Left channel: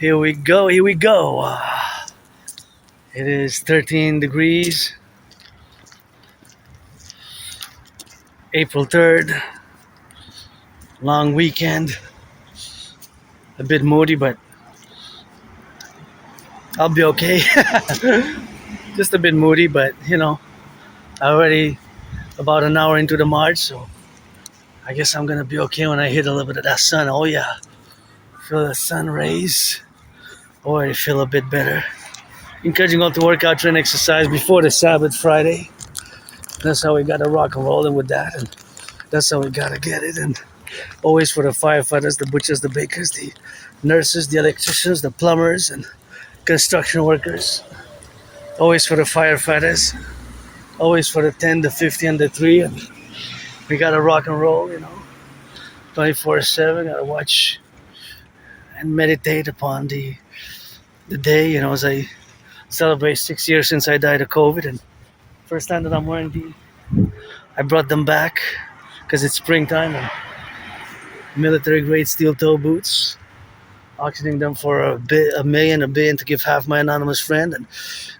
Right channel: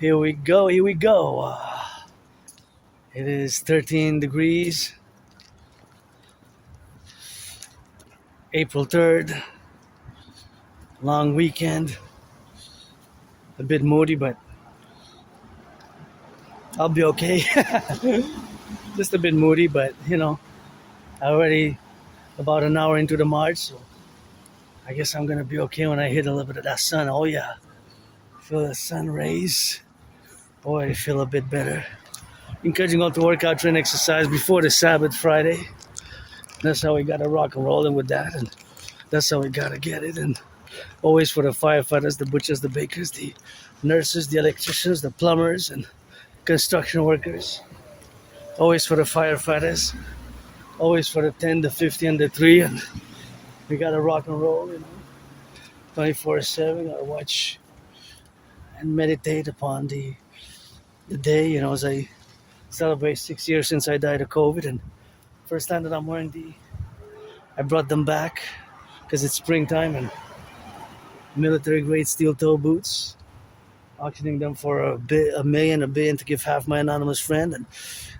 Here we go, here we go. It is 13 degrees, April 3rd, long weekend. A bit moody, but I'll be okay. Just a bit moody, but already about an hour into the March, so I guess I'm gonna be okay when I hit a little bit of that sun. Oh yeah, feel the sun rays. Boy, I feel a bit better. Encouraging all to work out, train, exercise before the Sabbath Friday. That's how we gotta rock and roll in with that, and that's how we gotta get it. And always for the firefighters, the butchers, the bakers, the nurses, the electricians, the plumbers, and construction workers. Always for the firefighters. Always for the 10, the 50, and the 3. And we gotta rock and roll, 24/7. Gotta watch and meditate upon the day, as I celebrate 6 years since I died of COVID. And first time that I'm wearing I brought them back because it's springtime, and military grade steel toe boots, auctioning them for a billion to give half my anonymous friend, and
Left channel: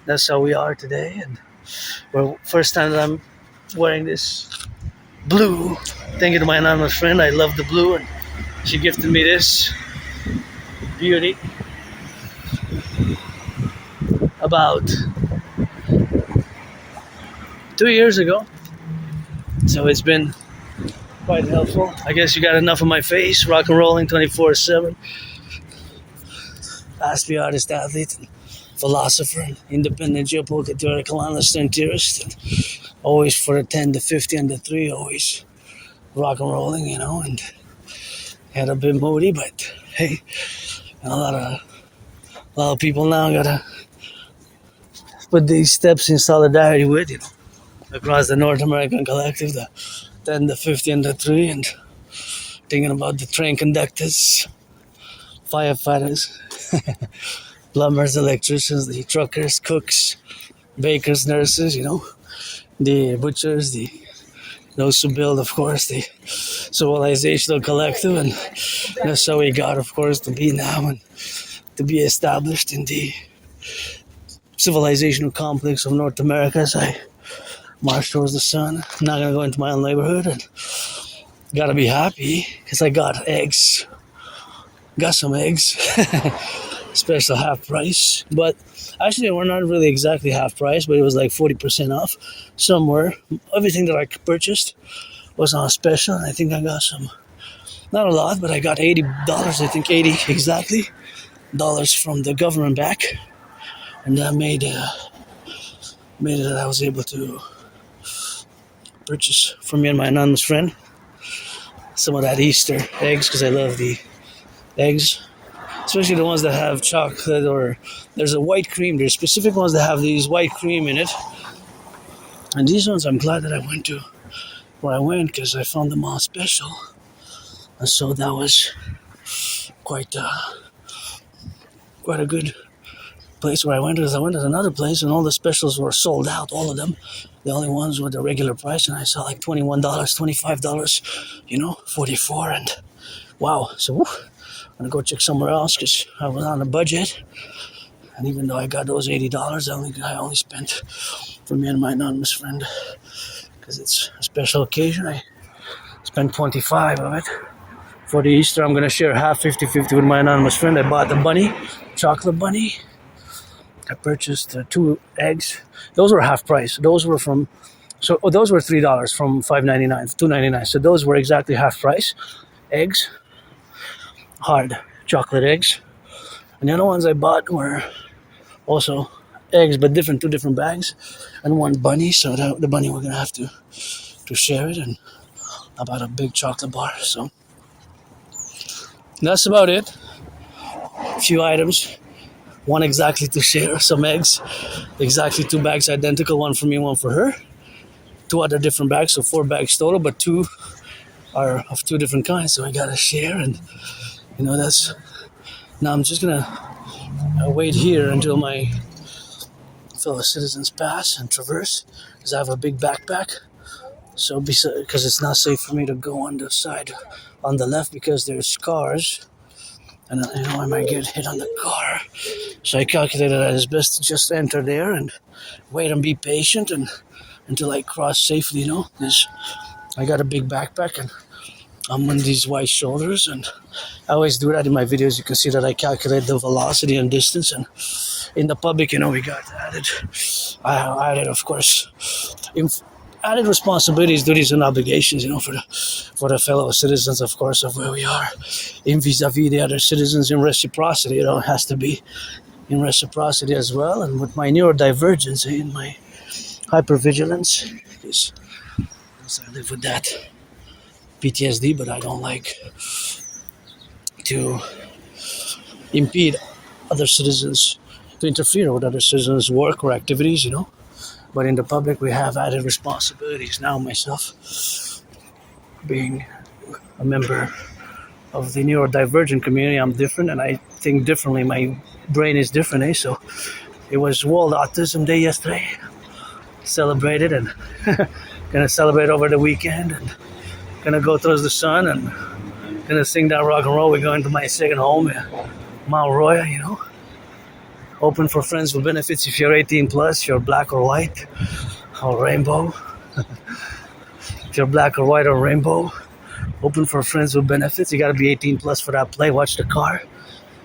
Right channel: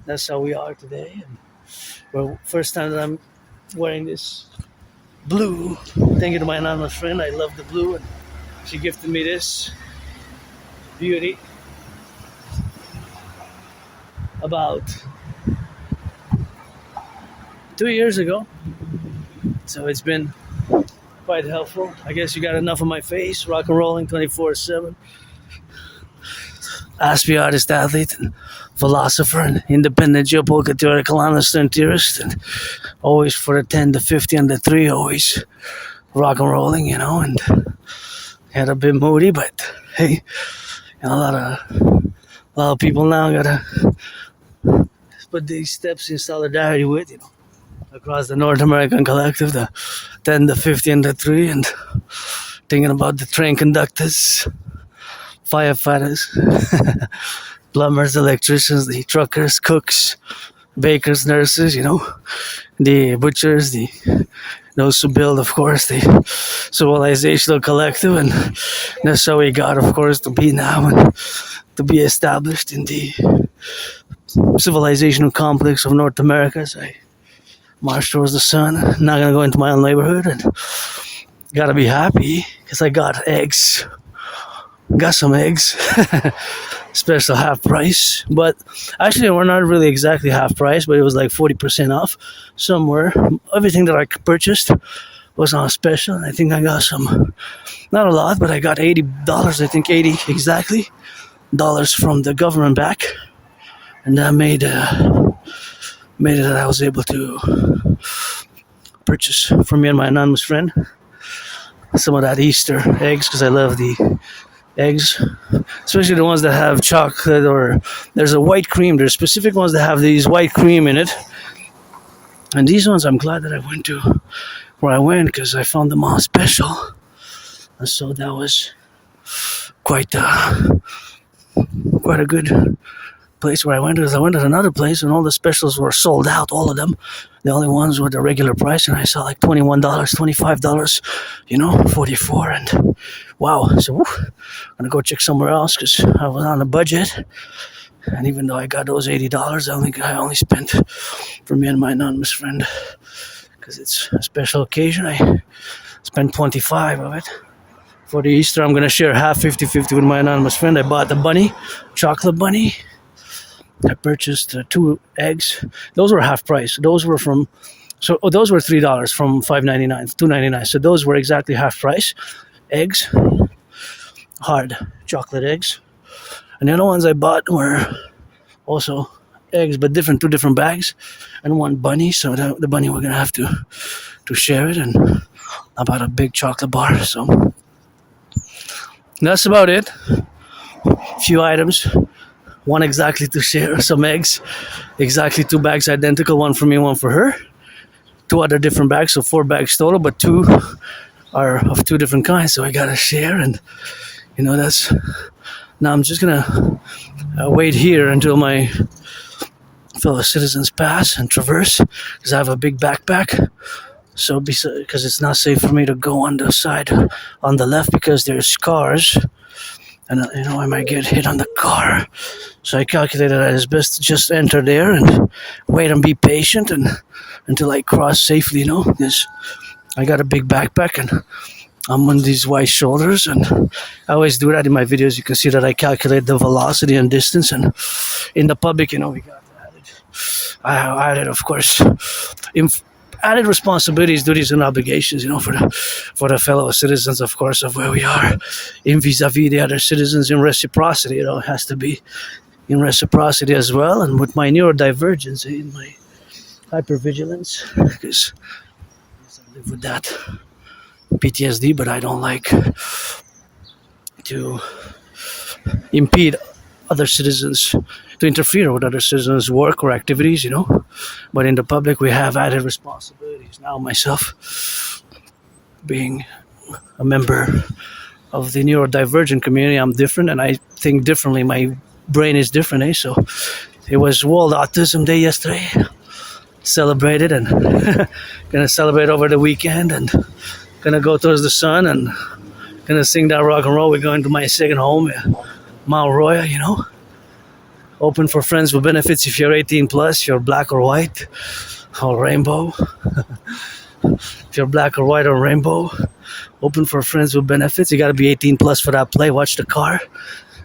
that's how we are today. And well, first time that I'm wearing this blue, thank you to my anonymous friend. I love the blue, and she gifted me this beauty about 2 years ago, so it's been quite helpful. I guess you got enough of my face, rock and rolling 24/7. Aspiesque artist, athlete, and philosopher, and independent geopolitical theoretical analyst and theorist, and always for the 10, the 50, and the 3, always rock and rolling, and had a bit moody, but hey, a lot of people now gotta put these steps in solidarity with, across the North American Collectif, the 10, the 50, and the 3, and thinking about the train conductors, firefighters, plumbers, electricians, the truckers, cooks, bakers, nurses, the butchers, those who build, of course, the civilizational collective, and that's how we got, of course, to be now and to be established in the civilizational complex of North America as I march towards the sun. I'm not gonna go into my own neighborhood, and gotta be happy because I got eggs. Got some eggs. Special half price, but actually we're not really exactly half price, but it was like 40% off somewhere. Everything that I purchased was on a special, and I think I got some, not a lot, but I got $80, I think 80 exactly dollars from the government back, and that made it that I was able to purchase for me and my anonymous friend some of that Easter eggs, because I love the eggs, especially the ones that have chocolate, or there's a white cream. There's specific ones that have these white cream in it, and these ones I'm glad that I went to where I went because I found them on special, and so that was quite a good place where I went. Because I went to another place and all the specials were sold out, all of them. The only ones were the regular price, and I saw like $21, $25, $44, and wow. So I'm gonna go check somewhere else because I was on a budget, and even though I got those $80, I only spent for me and my anonymous friend, because it's a special occasion. I spent 25 of it. For the Easter, I'm gonna share half, 50-50 with my anonymous friend. I bought the bunny, chocolate bunny. I purchased 2 eggs. Those were half price. Those were those were $3 from $5.99, $2.99. So those were exactly half price. Eggs, hard chocolate eggs. And the other ones I bought were also eggs, but two different bags, and one bunny. So the bunny, we're gonna have to share it. And I bought a big chocolate bar. So that's about it. A few items. One exactly to share, some eggs, exactly 2 bags identical, one for me, one for her. 2 other different bags, so 4 bags total, but 2 are of 2 different kinds, so I gotta share. And that's, now I'm just gonna wait here until my fellow citizens pass and traverse, because I have a big backpack. So because it's not safe for me to go on the side on the left, because there's cars and I might get hit on the car. So I calculated that it's best to just enter there and wait and be patient and until I cross safely, because I got a big backpack and I'm on these wide shoulders, and I always do that in my videos. You can see that I calculate the velocity and distance, and in the Publik, we got added, of course, added responsibilities, duties, and obligations, for the fellow citizens, of course, of where we are, in vis-a-vis the other citizens, in reciprocity. It has to be in reciprocity as well, and with my neurodivergence, in my hypervigilance, because I live with that PTSD, but I don't like to impede other citizens, to interfere with other citizens' work or activities, But in the Publik, we have added responsibilities. Now, myself, being a member of the neurodivergent community, I'm different and I think differently. My brain is different, So it was World Autism Day yesterday. Celebrated and gonna celebrate over the weekend and gonna go towards the sun and gonna sing that rock and roll. We're going to my second home, Mount Royal, Open for friends with benefits if you're 18 plus, you're black or white or rainbow. If you're black or white or rainbow, open for friends with benefits. You gotta be 18 plus for that play. Watch the car,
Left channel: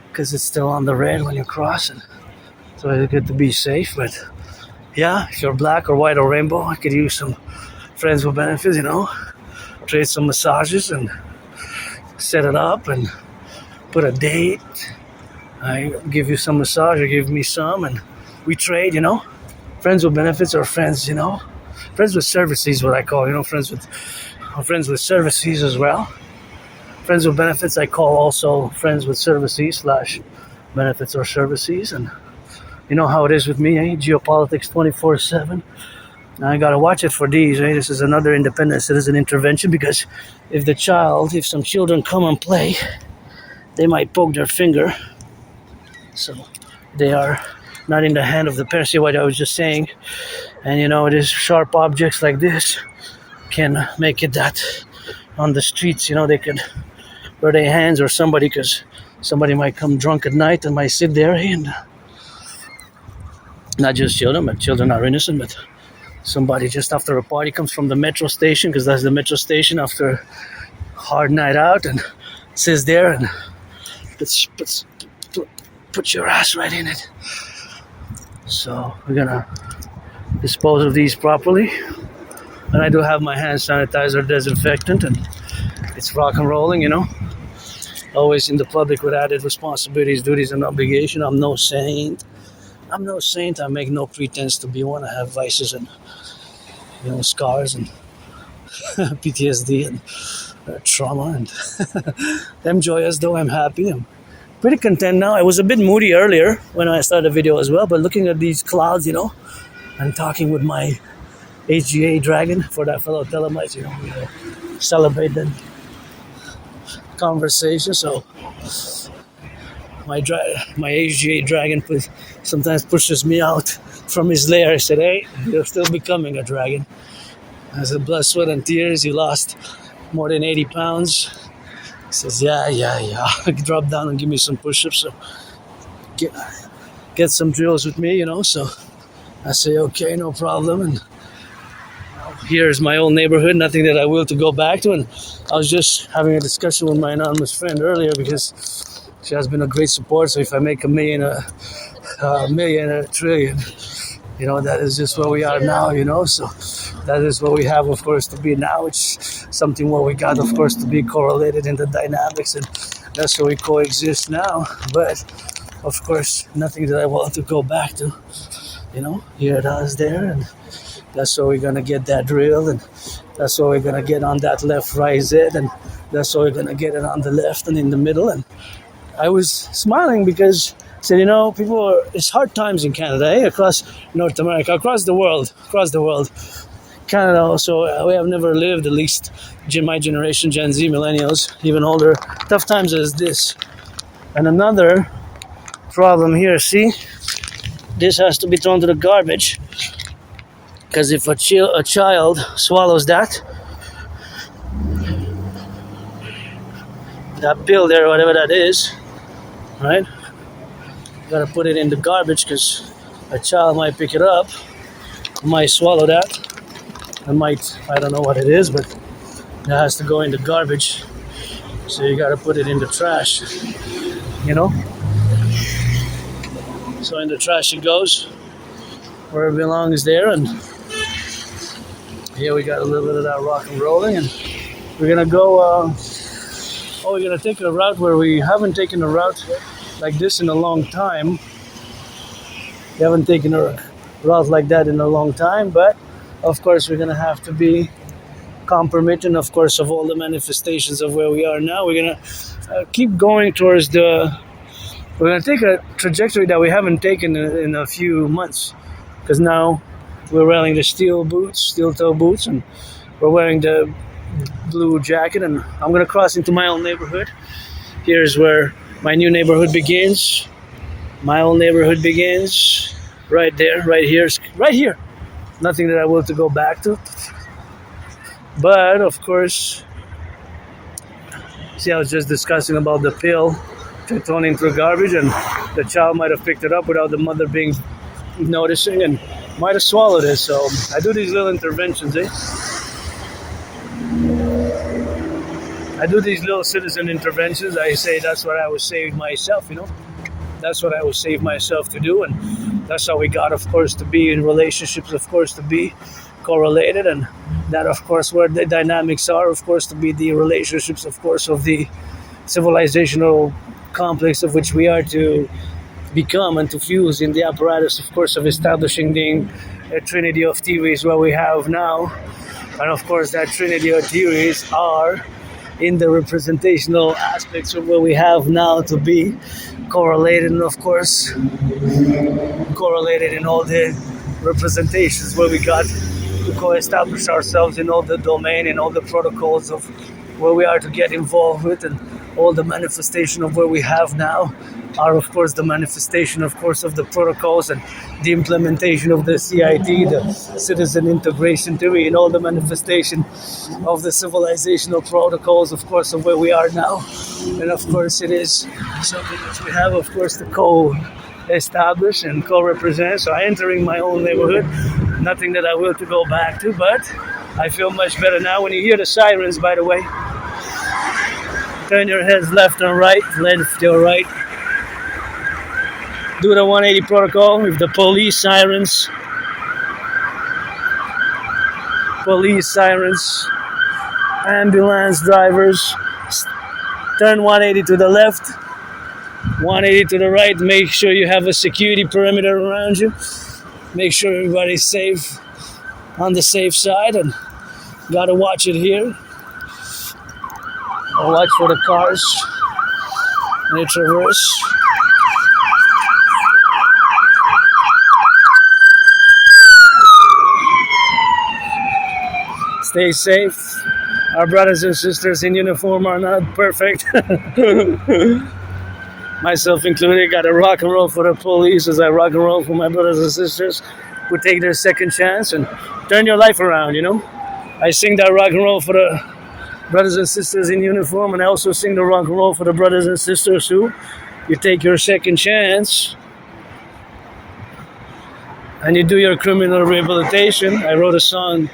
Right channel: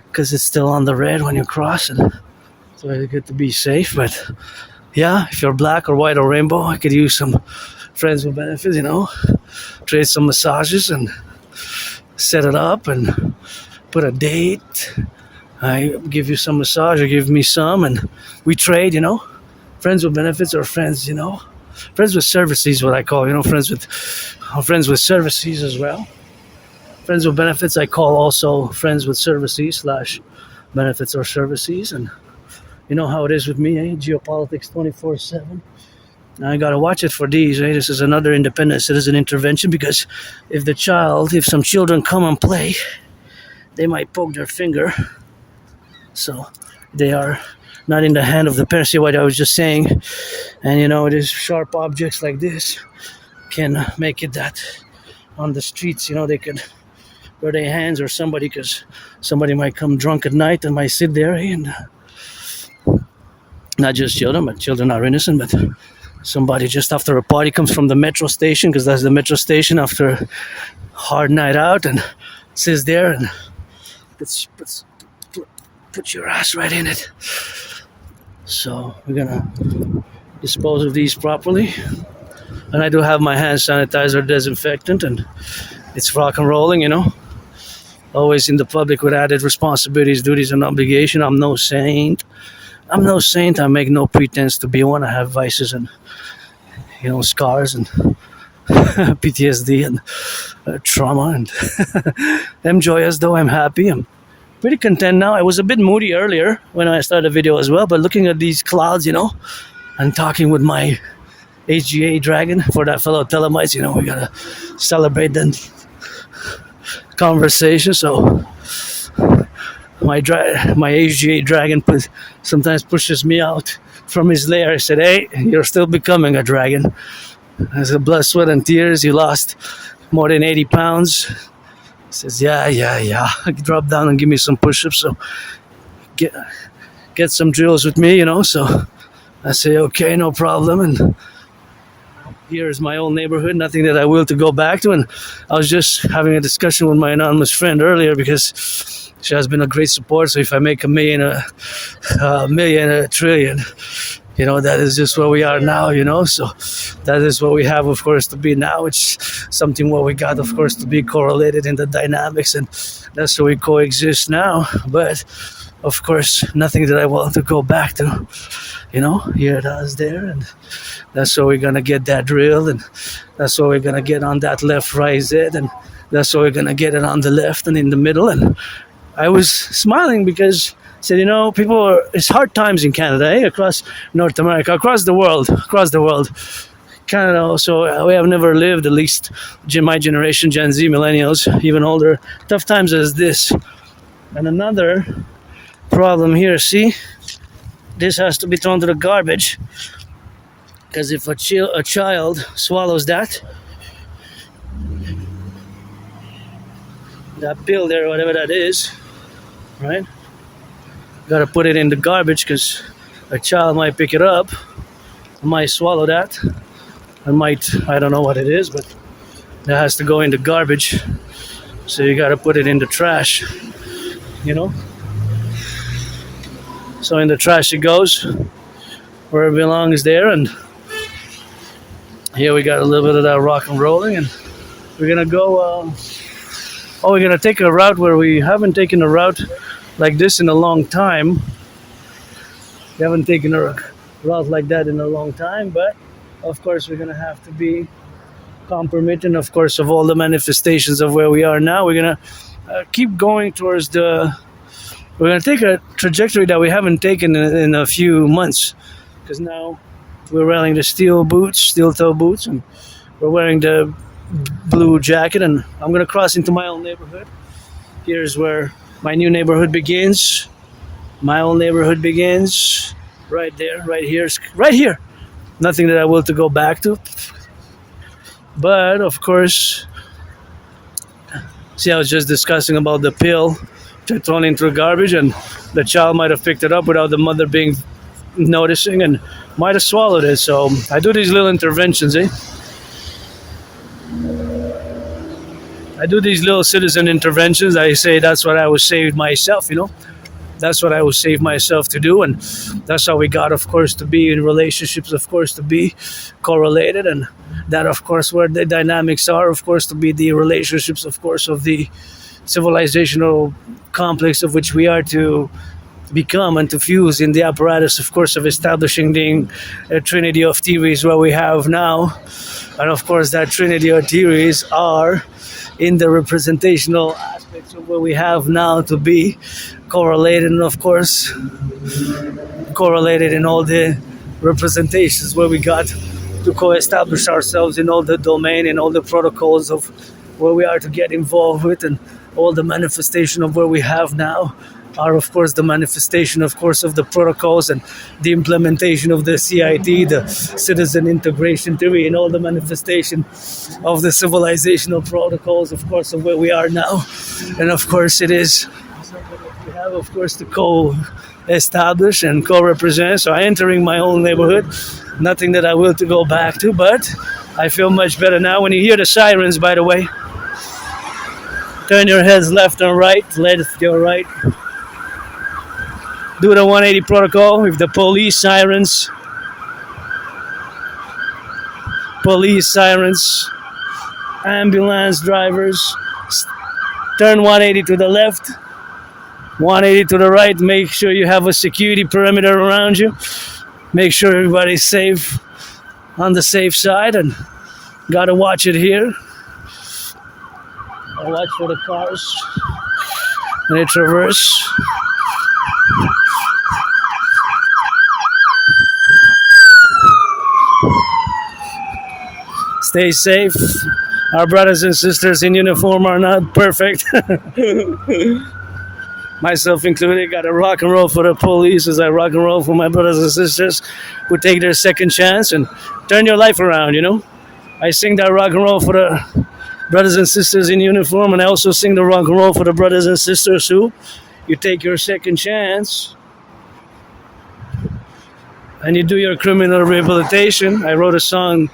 because it's still on the red when you cross, and so it's good to be safe. But yeah, if you're black or white or rainbow, I could use some friends with benefits, trade some massages and set it up and put a date. I give you some massage, you give me some, and we trade, Friends with benefits are friends, Friends with services, what I call, friends with services as well. Friends with benefits, I call also friends with services / benefits or services. And you know how it is with me, Geopolitics 24/7. I gotta watch it for these, This is another independent citizen intervention, because if some children come and play, they might poke their finger. So they are not in the hand of the parents. See what I was just saying? And it is sharp objects like this can make it that on the streets, they could wear their hands or somebody, because somebody might come drunk at night and might sit there, and not just children, but children are innocent, but somebody just after a party comes from the metro station, because that's the metro station after a hard night out, and sits there and put your ass right in it. So we're gonna dispose of these properly. And I do have my hand sanitizer, disinfectant, and it's rock and rolling, Always in the Publik with added responsibilities, duties, and obligation. I'm no saint. I make no pretense to be one. I have vices and, scars and PTSD and trauma. And I'm joyous, though. I'm happy. I'm pretty content now. I was a bit moody earlier when I started the video as well, but looking at these clouds, and talking with my HGA dragon for that fellow Thelema, we gotta celebrate that conversation. So my HGA dragon sometimes pushes me out from his lair. I said, "Hey, you're still becoming a dragon." As a blood, sweat, and tears, he lost more than 80 pounds. He says, yeah. Drop down and give me some push-ups. So get some drills with me, So I say, okay, no problem. And here's my old neighborhood, nothing that I will to go back to. And I was just having a discussion with my anonymous friend earlier, because she has been a great support. So if I make a million, a trillion, that is just where we are now, So that is what we have, of course, to be now. It's something what we got, of course, to be correlated in the dynamics, and that's where we coexist now. But, of course, nothing that I want to go back to, here it is there, and that's where we're going to get that drill, and that's where we're going to get on that left-right Z, and that's where we're going to get it on the left and in the middle. And I was smiling because I said, it's hard times in Canada, across North America, across the world. Canada also, we have never lived, at least my generation, Gen Z, millennials, even older, tough times as this. And another problem here, see, this has to be thrown to the garbage, because if a child swallows that pill there, whatever that is, right? Gotta put it in the garbage because a child might pick it up, might swallow that, and I don't know what it is, but that has to go in the garbage. So you gotta put it in the trash, you know? So in the trash it goes, where it belongs there, and here we got a little bit of that rock and rolling, and we're gonna go, we're gonna take a route where we haven't taken a route like this in a long time. We haven't taken a route like that in a long time, but of course we're gonna have to be compromising, of course, of all the manifestations of where we are now. We're gonna keep going towards we're gonna take a trajectory that we haven't taken in a few months, because now we're wearing the steel toe boots, and we're wearing the blue jacket, and I'm gonna cross into my own neighborhood. Here's where my new neighborhood begins. My own neighborhood begins right there, right here. Nothing that I will to go back to. But of course, see, I was just discussing about the pill thrown into the garbage, and the child might have picked it up without the mother noticing, and might have swallowed it. So I do these little interventions, I do these little citizen interventions. I say that's what I was saved myself, That's what I was saved myself to do, and that's how we got, of course, to be in relationships, of course, to be correlated, and that, of course, where the dynamics are, of course, to be the relationships, of course, of the civilizational complex of which we are to become and to fuse in the apparatus, of course, of establishing the trinity of theories where we have now. And of course, that trinity of theories are in the representational aspects of what we have now to be correlated, and of course correlated in all the representations where we got to co-establish ourselves in all the domain and all the protocols of where we are to get involved with, and all the manifestation of where we have now are, of course, the manifestation, of course, of the protocols and the implementation of the CIT, the citizen integration theory, and all the manifestation of the civilizational protocols, of course, of where we are now. And of course, it is something which we have, of course, to co-establish and co-represent. So I'm entering my own neighborhood, nothing that I will to go back to, but I feel much better now. When you hear the sirens, by the way, turn your heads left and right, left to right. Do the 180 protocol with the police sirens, ambulance drivers. Turn 180 to the left, 180 to the right. Make sure you have a security perimeter around you. Make sure everybody's safe, on the safe side, and gotta watch it here. Watch for the cars when they traverse. Stay safe. Our brothers and sisters in uniform are not perfect. Myself included, got to rock and roll for the police as I rock and roll for my brothers and sisters who take their second chance and turn your life around, I sing that rock and roll for the brothers and sisters in uniform, and I also sing the rock and roll for the brothers and sisters who you take your second chance and you do your criminal rehabilitation. I wrote a song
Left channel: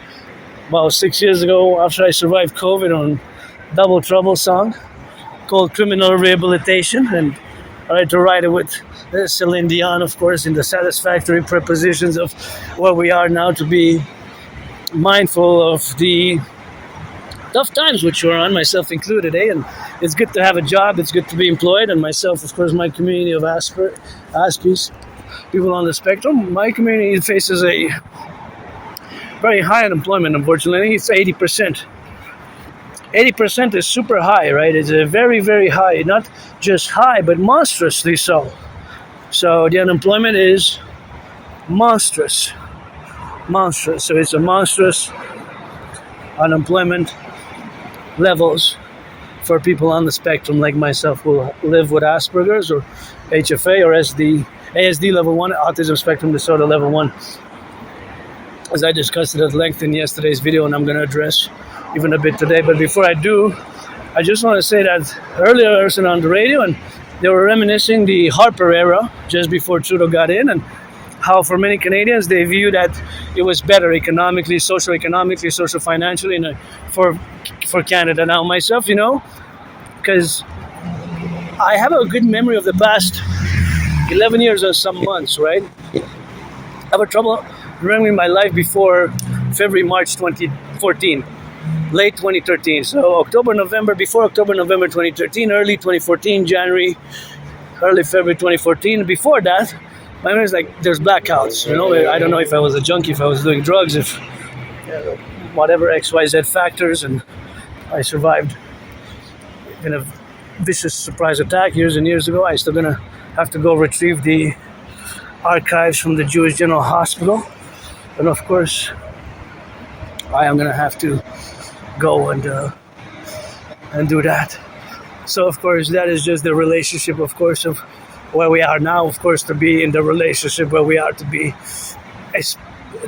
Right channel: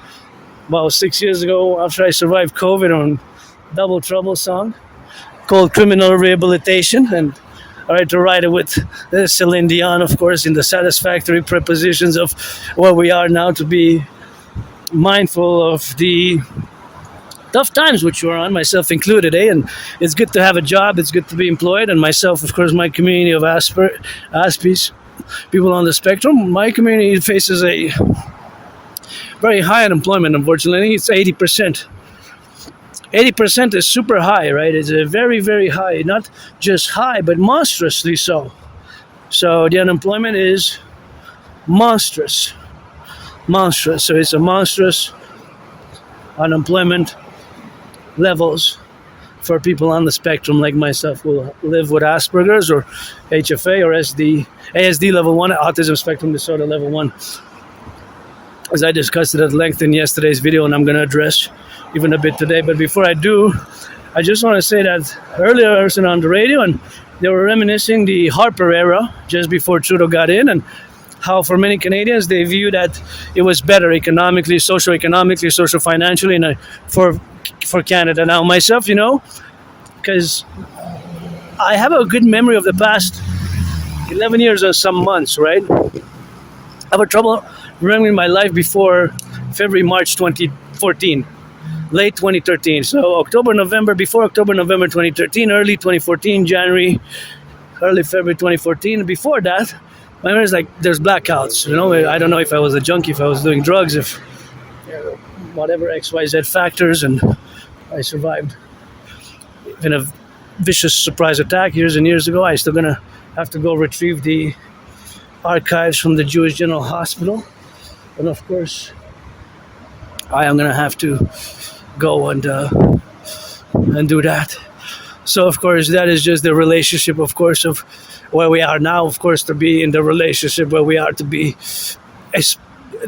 about 6 years ago after I survived COVID on Double Trouble song called Criminal Rehabilitation, and I had to write it with Celine Dion, of course, in the satisfactory prepositions of where we are now, to be mindful of the tough times which we're on, myself included, and it's good to have a job, it's good to be employed, and myself, of course, my community of Aspiesque, people on the spectrum, my community faces a very high unemployment, unfortunately. It's 80%. 80% is super high, right? It's a very, very high, not just high, but monstrously so. So the unemployment is monstrous. So it's a monstrous unemployment levels for people on the spectrum like myself who live with Asperger's or HFA or ASD level 1, autism spectrum disorder level 1. As I discussed it at length in yesterday's video, and I'm going to address even a bit today. But before I do, I just want to say that earlier I was on the radio, and they were reminiscing the Harper era just before Trudeau got in, and how for many Canadians they view that it was better economically, socio-economically, socio-financially, and for Canada. Now myself, because I have a good memory of the past 11 years and some months, right? I have a trouble remembering my life before February, March 2014, late 2013. So October, November, before October, November 2013, early 2014, January, early February 2014. Before that, my memory is like there's blackouts. I don't know if I was a junkie, if I was doing drugs, if whatever XYZ factors, and I survived in a vicious surprise attack years and years ago. I still gonna have to go retrieve the archives from the Jewish General Hospital, and of course I am gonna have to go and do that. So of course that is just the relationship, of course, of where we are now, of course, to be in the relationship where we are to be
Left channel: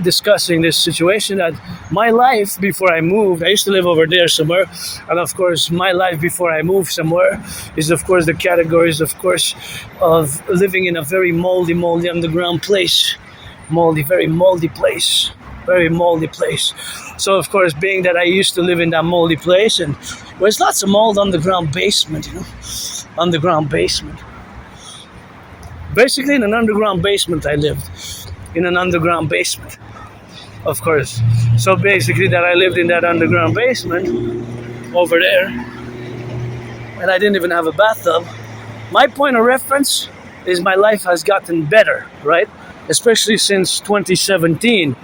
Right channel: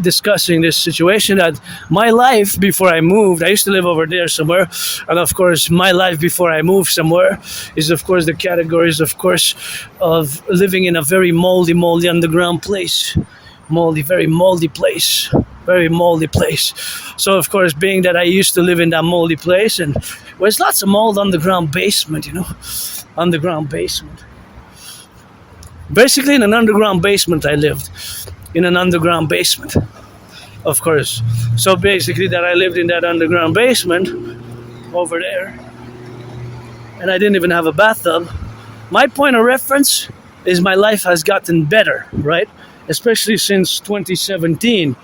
discussing this situation. That my life before I moved, I used to live over there somewhere, and of course my life before I moved somewhere is of course the categories, of course, of living in a very moldy underground place. Very moldy place. So of course, being that I used to live in that moldy place, and there's lots of mold underground basement, underground basement. Basically in an underground basement I lived. In an underground basement, of course. So basically that I lived in that underground basement over there, and I didn't even have a bathtub. My point of reference is my life has gotten better, right? Especially since 2017,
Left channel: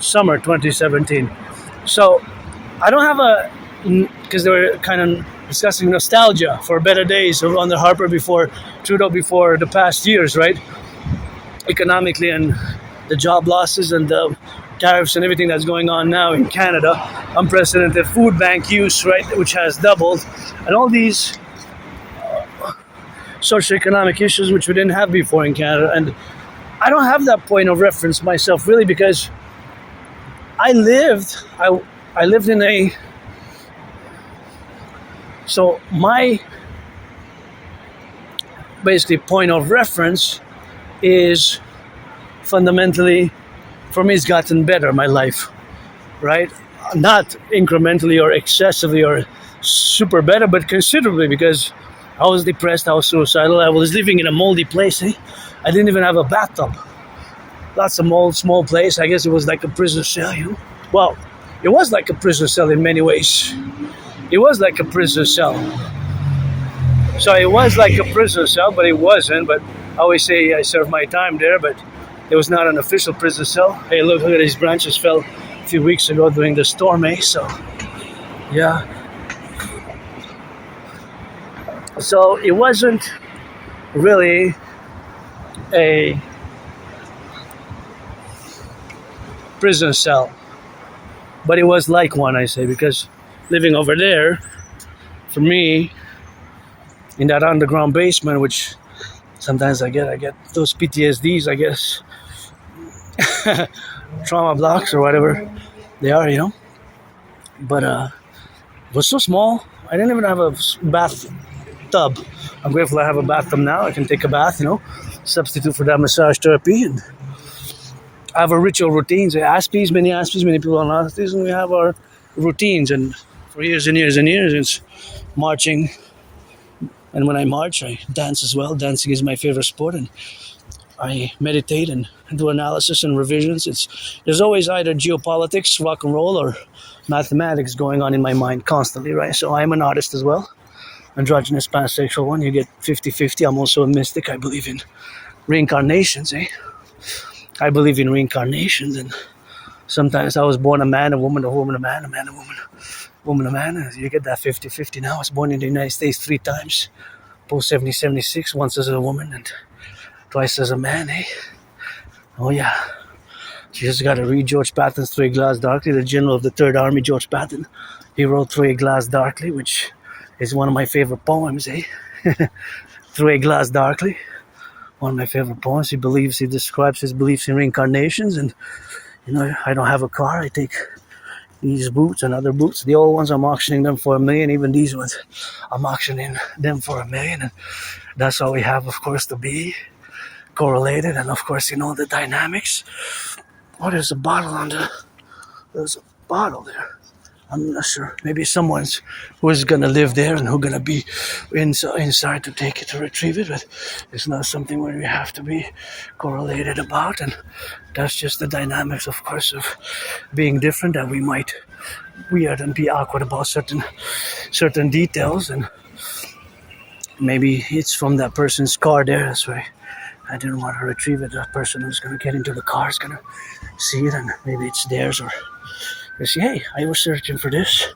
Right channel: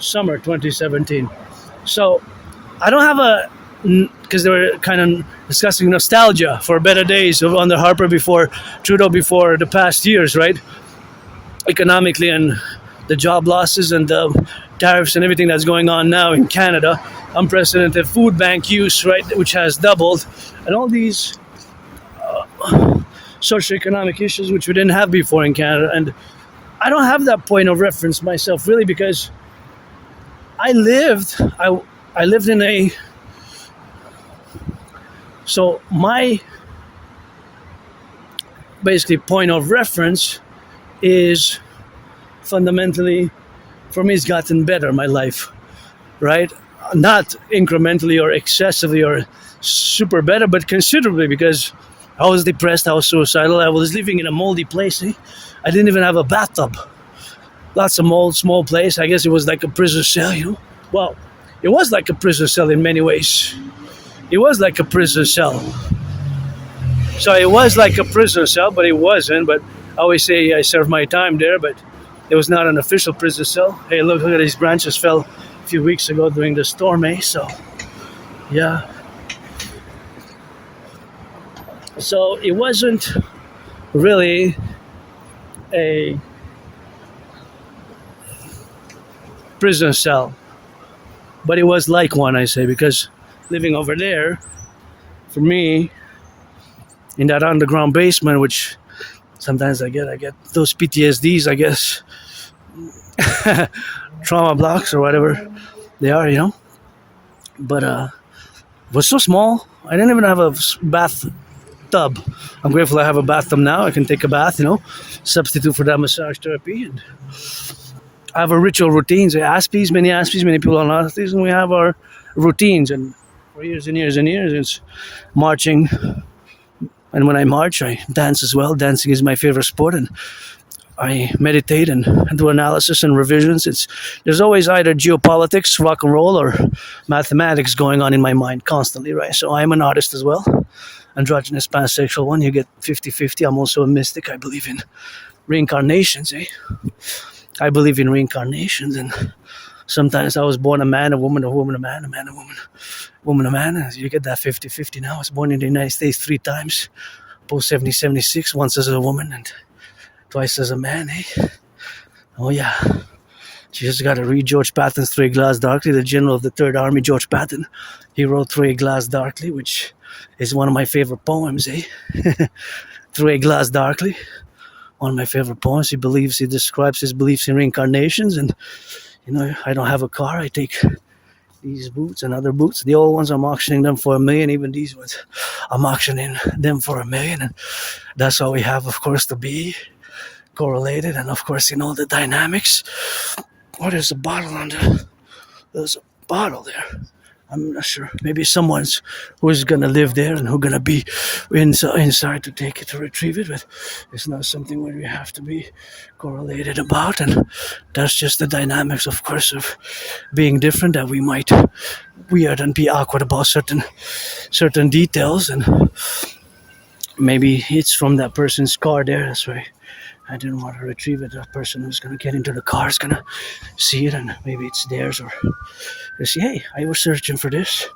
summer 2017. So I don't have because they were kind of discussing nostalgia for better days under Harper before Trudeau, before the past years, right? Economically, and the job losses and the tariffs and everything that's going on now in Canada, unprecedented food bank use, right, which has doubled, and all these socioeconomic issues which we didn't have before in Canada. And I don't have that point of reference myself, really, because I lived in a... So my basically point of reference is fundamentally, for me, it's gotten better, my life, right? Not incrementally or excessively or super better, but considerably, because I was depressed, I was suicidal, I was living in a moldy place. I didn't even have a bathtub. Lots of mold, small place. I guess it was like a prison cell, Well, it was like a prison cell in many ways. It was like a prison cell. So it was like a prison cell, but it wasn't. But I always say I served my time there, but it was not an official prison cell. Hey, look at these branches fell a few weeks ago during the storm, So, yeah. So it wasn't really a prison cell, but it was like one, I say, because living over there, for me, in that underground basement, which sometimes I get those PTSDs, I guess, trauma blocks or whatever they are, But it was so small. I didn't even have a bathtub. I'm grateful I have a bathtub now. I can take a bath, substitute for that massage therapy. And I have a ritual routines. Aspies, many people on Aspies, and we have our routines. And for years and years and years, it's marching. And when I march, I dance as well. Dancing is my favorite sport, and I meditate and do analysis and revisions. There's always either geopolitics, rock and roll, or mathematics going on in my mind constantly, right? So I'm an artist as well. Androgynous, pansexual one. You get 50-50. I'm also a mystic. I believe in reincarnations, I believe in reincarnations, and sometimes I was born a man, a woman, a woman, a man, a man, a woman, woman, a man. You get that 50-50 now. I was born in the United States 3 times, post 70-76, once as a woman and twice as a man, Oh yeah. You just gotta read George Patton's Through a Glass Darkly, the general of the Third Army, George Patton. He wrote Through a Glass Darkly, which is one of my favorite poems, Through a Glass Darkly. One of my favorite poems. He describes his beliefs in reincarnations, and I don't have a car. I take these boots and other boots. The old ones, I'm auctioning them for $1 million. Even these ones, I'm auctioning them for $1 million. And that's why we have, of course, to be correlated. And of course, the dynamics. Oh, there's a bottle there's a bottle there. I'm not sure. Maybe someone's who's gonna live there and who's gonna be inside to take it to retrieve it. But it's not something where we have to be correlated about. And that's just the dynamics, of course, of being different. That we might weird and be awkward about certain details. And maybe it's from that person's car there. That's why I didn't want to retrieve it. That person who's gonna get into the car is gonna see it, and maybe it's theirs, or they say, hey, I was searching for this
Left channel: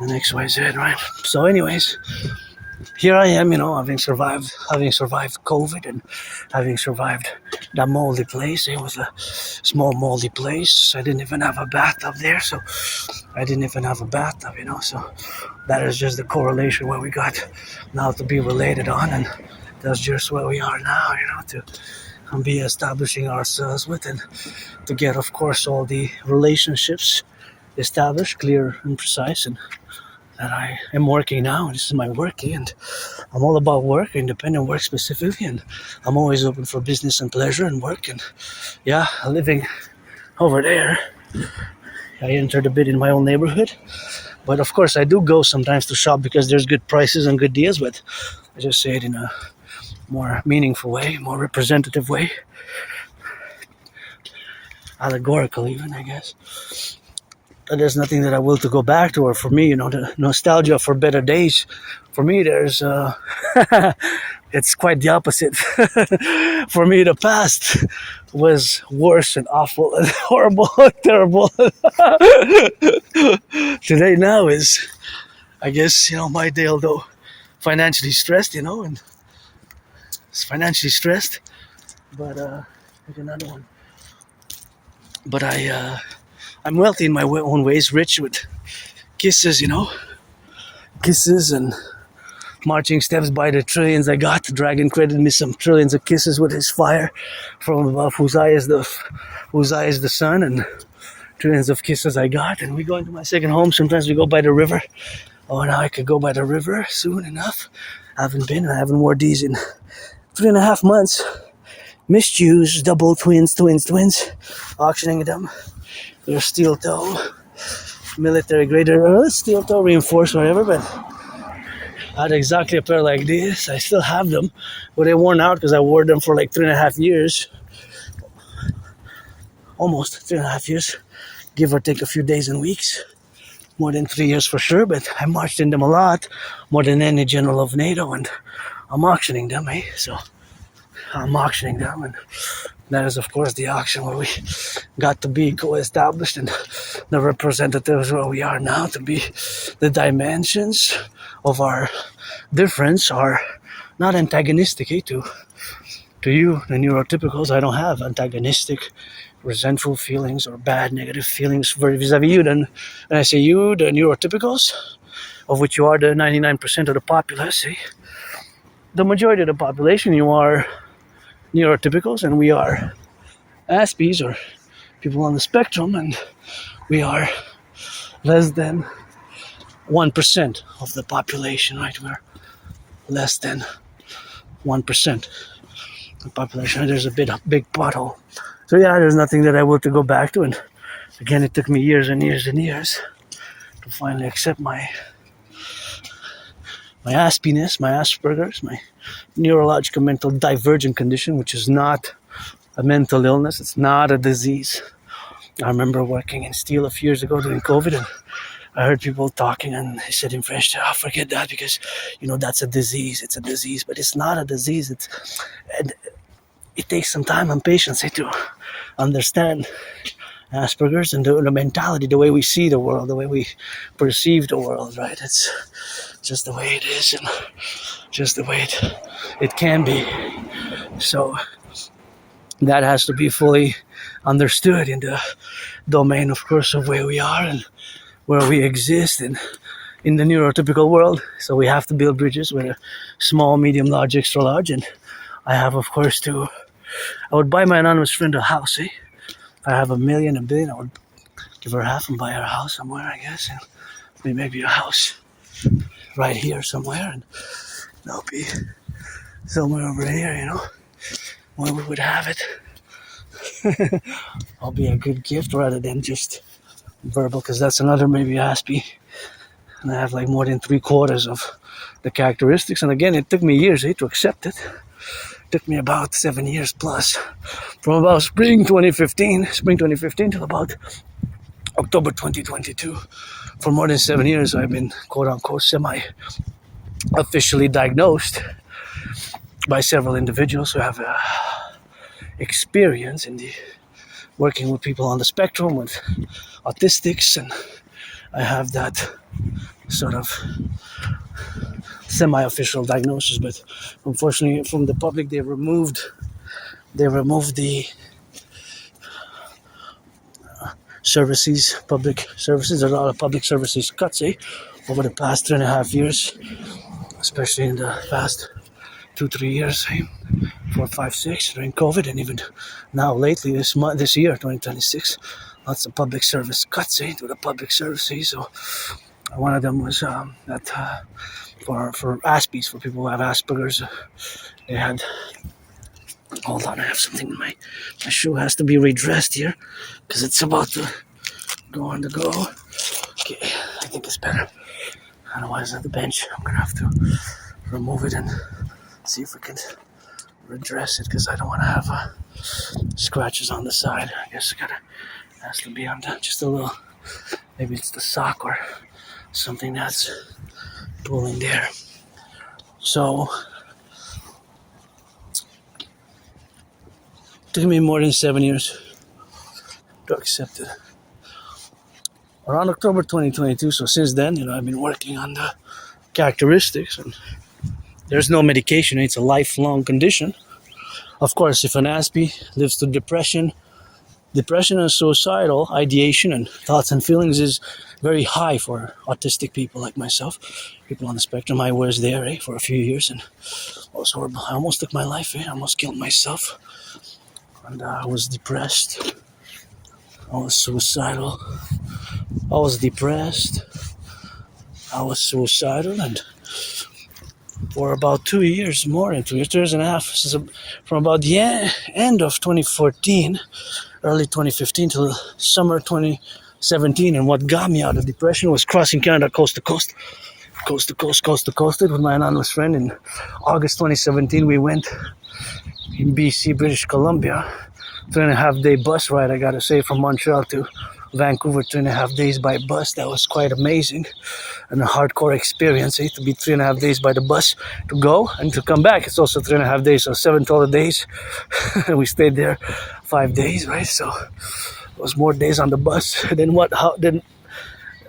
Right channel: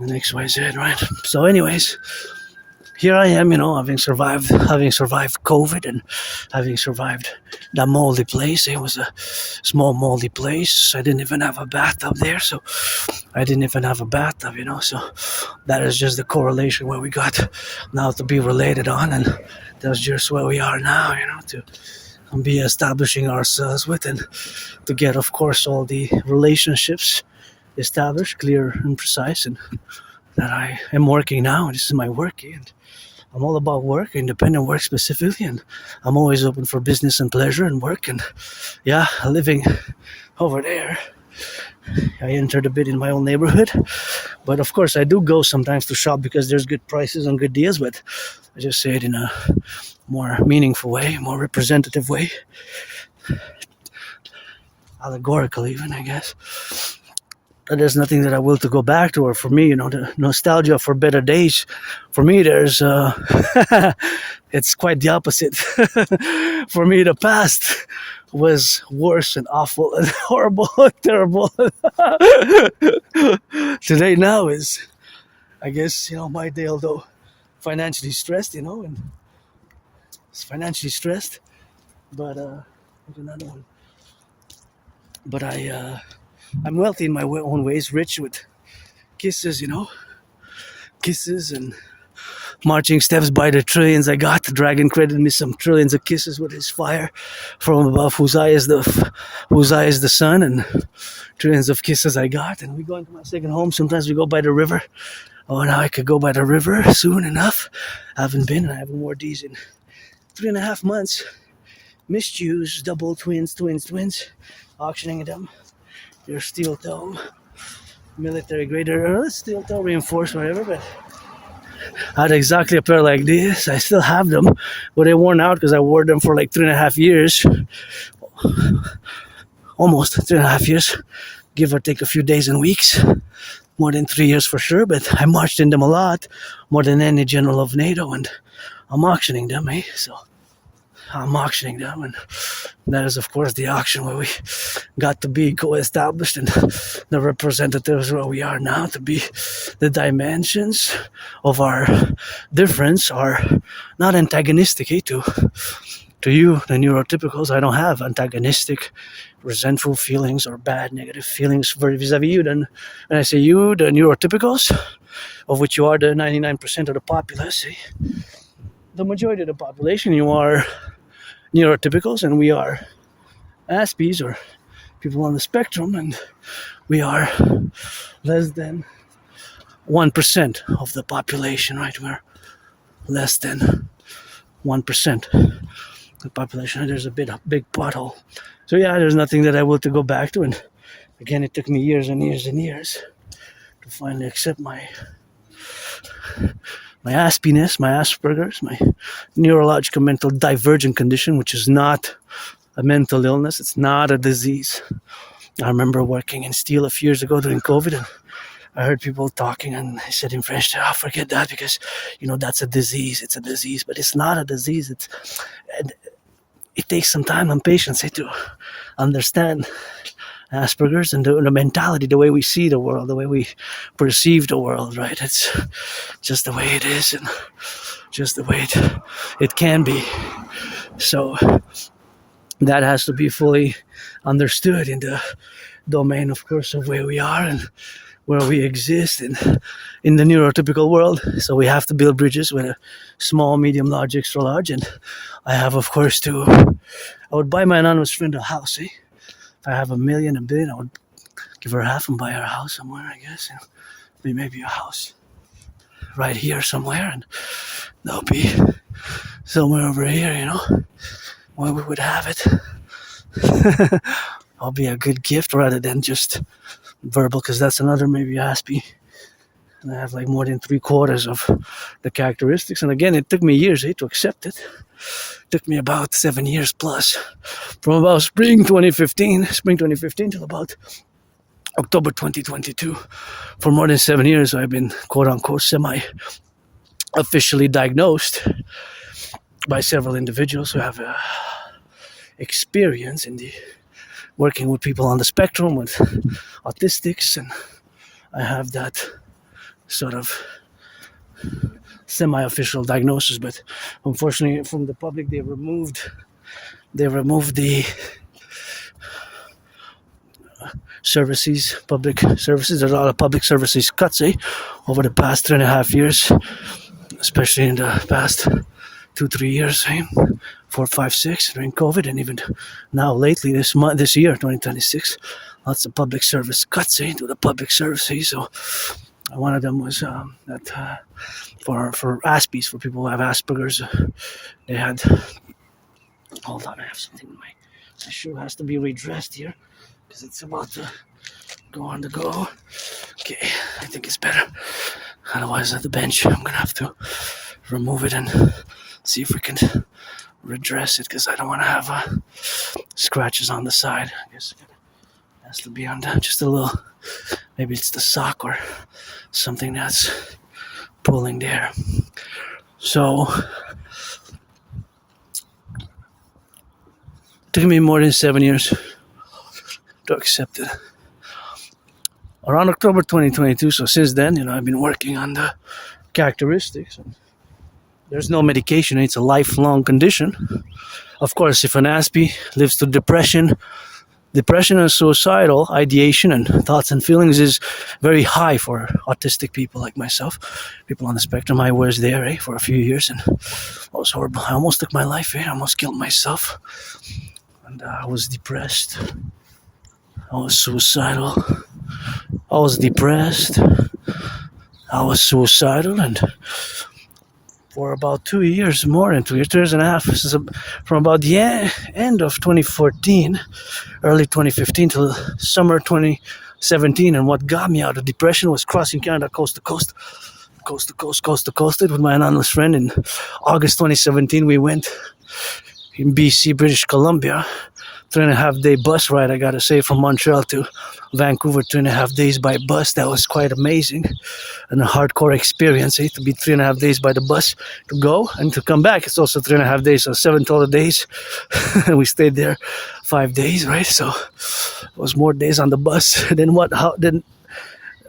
and XYZ, right? So anyways, here I am, having survived COVID and having survived that moldy place. It was a small moldy place. I didn't even have a bathtub there, so so that is just the correlation where we got now to be related on, and that's just where we are now, to be establishing ourselves with, and to get, of course, all the relationships established, clear and precise, and that I am working now. This is my work, and I'm all about work, independent work specifically, and I'm always open for business and pleasure and work. And yeah, living over there, I entered a bit in my own neighborhood, but of course I do go sometimes to shop because there's good prices and good deals, but I just say it in a more meaningful way, more representative way, allegorical even, I guess. And there's nothing that I will to go back to, or for me, the nostalgia for better days. For me, there's it's quite the opposite. For me, the past was worse and awful and horrible and terrible. Today now is, I guess, my day, although financially stressed, and it's financially stressed, but here's another one. But I'm wealthy in my own ways, rich with kisses, kisses and marching steps by the trillions I got. The dragon credited me some trillions of kisses with his fire from above, whose eye is the sun, and trillions of kisses I got. And we go into my second home. Sometimes we go by the river. Oh, now I could go by the river soon enough. I haven't worn these in 3.5 months. Misused, double twins, auctioning them. They're steel toe, military grade, steel toe reinforced, whatever, but I had exactly a pair like this. I still have them, but they worn out because I wore them for like 3.5 years. Almost 3.5 years, give or take a few days and weeks. More than 3 years for sure, but I marched in them a lot, more than any general of NATO, and I'm auctioning them, So I'm auctioning them, and that is, of course, the auction where we got to be co-established, and the representatives where we are now, to be the dimensions of our difference are not antagonistic, to you, the neurotypicals. I don't have antagonistic, resentful feelings or bad, negative feelings vis-a-vis you. Then, and I say you, the neurotypicals, of which you are the 99% of the populace, the majority of the population, you are neurotypicals, and we are Aspies, or people on the spectrum, and we are less than 1% of the population, right? We're less than 1% of the population. There's a big pothole. So yeah, there's nothing that I will to go back to, and again, it took me years and years and years to finally accept my Aspiness, my Asperger's, my neurological mental divergent condition, which is not a mental illness. It's not a disease. I remember working in steel a few years ago during COVID, and I heard people talking, and they said in French, forget that, because, that's a disease. It's a disease, but it's not a disease. It takes some time and patience to understand Asperger's and the mentality, the way we see the world, the way we perceive the world, right? It's just the way it is, and just the way it can be. So that has to be fully understood in the domain, of course, of where we are and where we exist and in the neurotypical world. So we have to build bridges with a small, medium, large, extra large. And I have, of course, I would buy my anonymous friend a house, If I have $1 million, $1 billion, I would give her half and buy her a house somewhere, I guess, and maybe a house right here somewhere, and that'll be somewhere over here, you know, where we would have it. I'll be a good gift rather than just verbal, because that's another maybe Aspie. And I have like more than 3/4 of the characteristics. And again, it took me years to accept it. It took me about 7 years plus. From about spring 2015 till about October 2022. For more than 7 years, I've been quote unquote semi-officially diagnosed by several individuals who have experience in the working with people on the spectrum, with autistics, and I have that sort of semi-official diagnosis. But unfortunately, from the Publik, they removed the services, public services. There's a lot of public services cuts over the past 3.5 years, especially in the past 2-3 years, 4, 5, 6 during COVID, and even now lately this year 2026, lots of public service cuts to the public services. So one of them was that for Aspies, for people who have Asperger's, they had. Hold on, I have something in my shoe has to be redressed here because it's about to go on the go. Okay, I think it's better. Otherwise, at the bench, I'm gonna have to remove it and see if we can redress it, because I don't want to have scratches on the side. I guess it has to be on just a little. Maybe it's the sock or something that's pulling there. So it took me more than 7 years to accept it. Around October 2022, so since then, I've been working on the characteristics, and there's no medication. It's a lifelong condition. Of course, if an Aspie lives through depression and suicidal ideation and thoughts and feelings is very high for autistic people like myself, people on the spectrum. I was there for a few years, and it was horrible. I almost took my life. I almost killed myself, and I was depressed. I was suicidal. I was depressed. I was suicidal, and for about 2 years, more than 2 years, 2.5 years, from about the end of 2014, early 2015 till summer 2017. And what got me out of depression was crossing Canada coast to coast with my anonymous friend. In August 2017, we went in BC, British Columbia, 3.5 day bus ride, I gotta say, from Montreal to Vancouver, 2.5 days by bus. That was quite amazing and a hardcore experience, to be 3.5 days by the bus to go and to come back. It's also 3.5 days, so 7 total days. And we stayed there 5 days, right? So it was more days on the bus than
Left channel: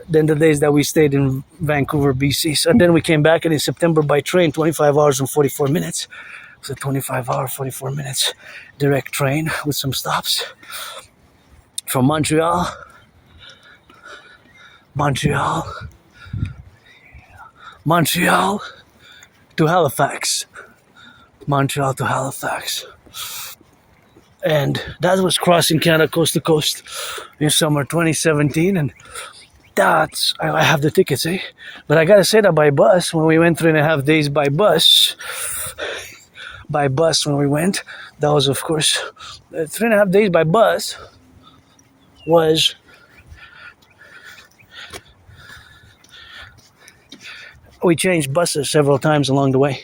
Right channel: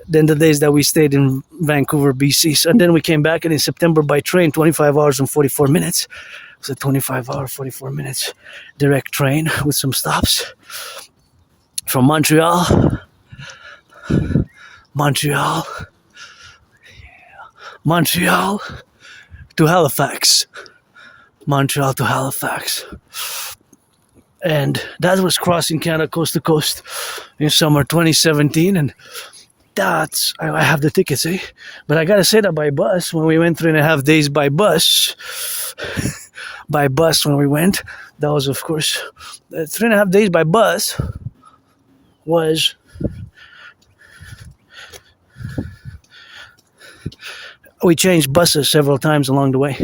the days that we stayed in Vancouver, BC. So, and then we came back, and in September by train, 25 hours and 44 minutes. It was a 25-hour, 44 minutes direct train with some stops from Montreal to Halifax. And that was crossing Canada coast to coast in summer 2017. And I have the tickets, But I gotta say that by bus, when we went 3.5 days by bus, when we went, that was, of course, 3.5 days by bus was we changed buses several times along the way.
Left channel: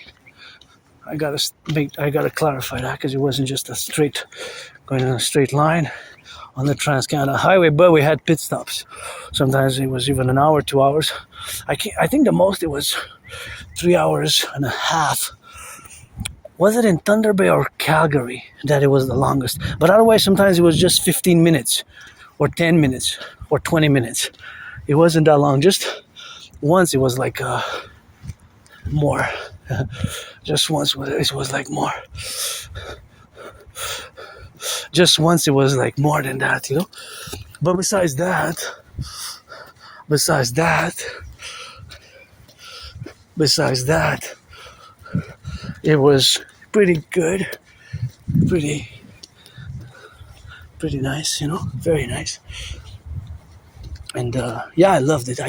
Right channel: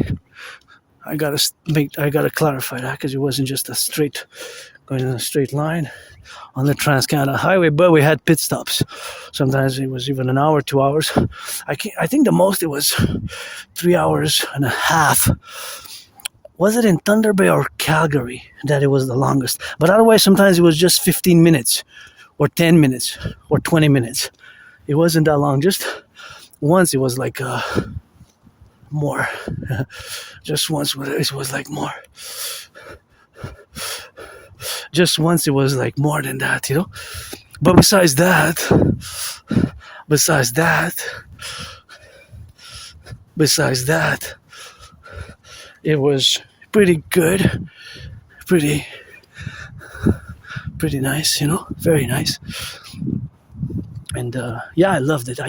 I gotta clarify that, because it wasn't just going in a straight line on the Trans-Canada Highway, but we had pit stops. Sometimes it was even an hour, 2 hours. I think the most it was 3.5 hours. Was it in Thunder Bay or Calgary that it was the longest? But otherwise, sometimes it was just 15 minutes or 10 minutes or 20 minutes. It wasn't that long. Just once it was like more. Just once it was like more. Just once it was like more than that, But besides that, it was pretty good, pretty nice, very nice. And yeah, I loved it.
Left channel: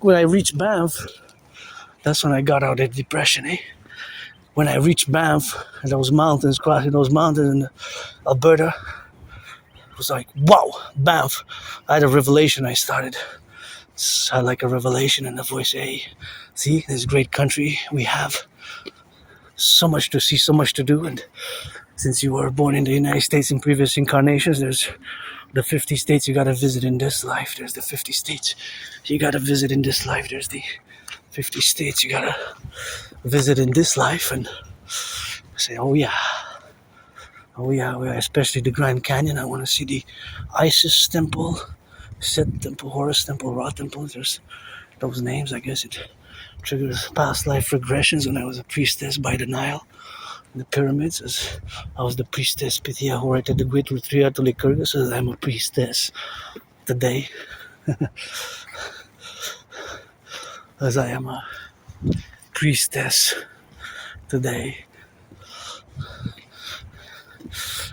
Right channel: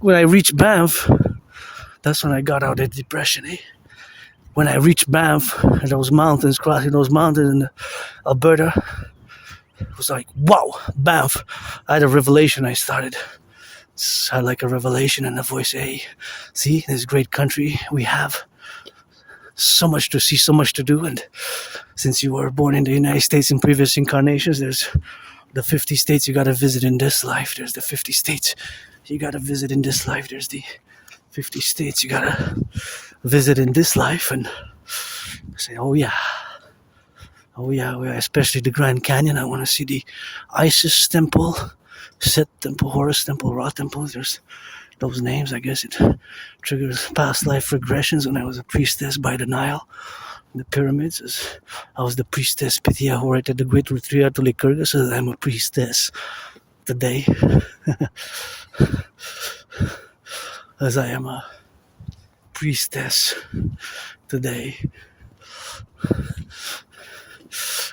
When I reached Banff, that's when I got out of depression. When I reached Banff, and those mountains, crossing those mountains in Alberta, it was like, wow, Banff. I had a revelation. I had like a revelation in the voice. Hey, see, this great country we have. So much to see, so much to do. And since you were born in the United States in previous incarnations, there's the 50 states you got to visit in this life. There's the 50 states you got to visit in this life. There's the 50 states you got to visit in this life. And I say, oh yeah, especially the Grand Canyon. I want to see the Isis temple, Set temple, Horus temple, Ra temple. There's those names. I guess it triggers past life regressions when I was a priestess by the Nile. The pyramids, as I was the priestess Pythia who wrote the great retreat to Lycurgus, so that I'm a priestess today. As I am a priestess today.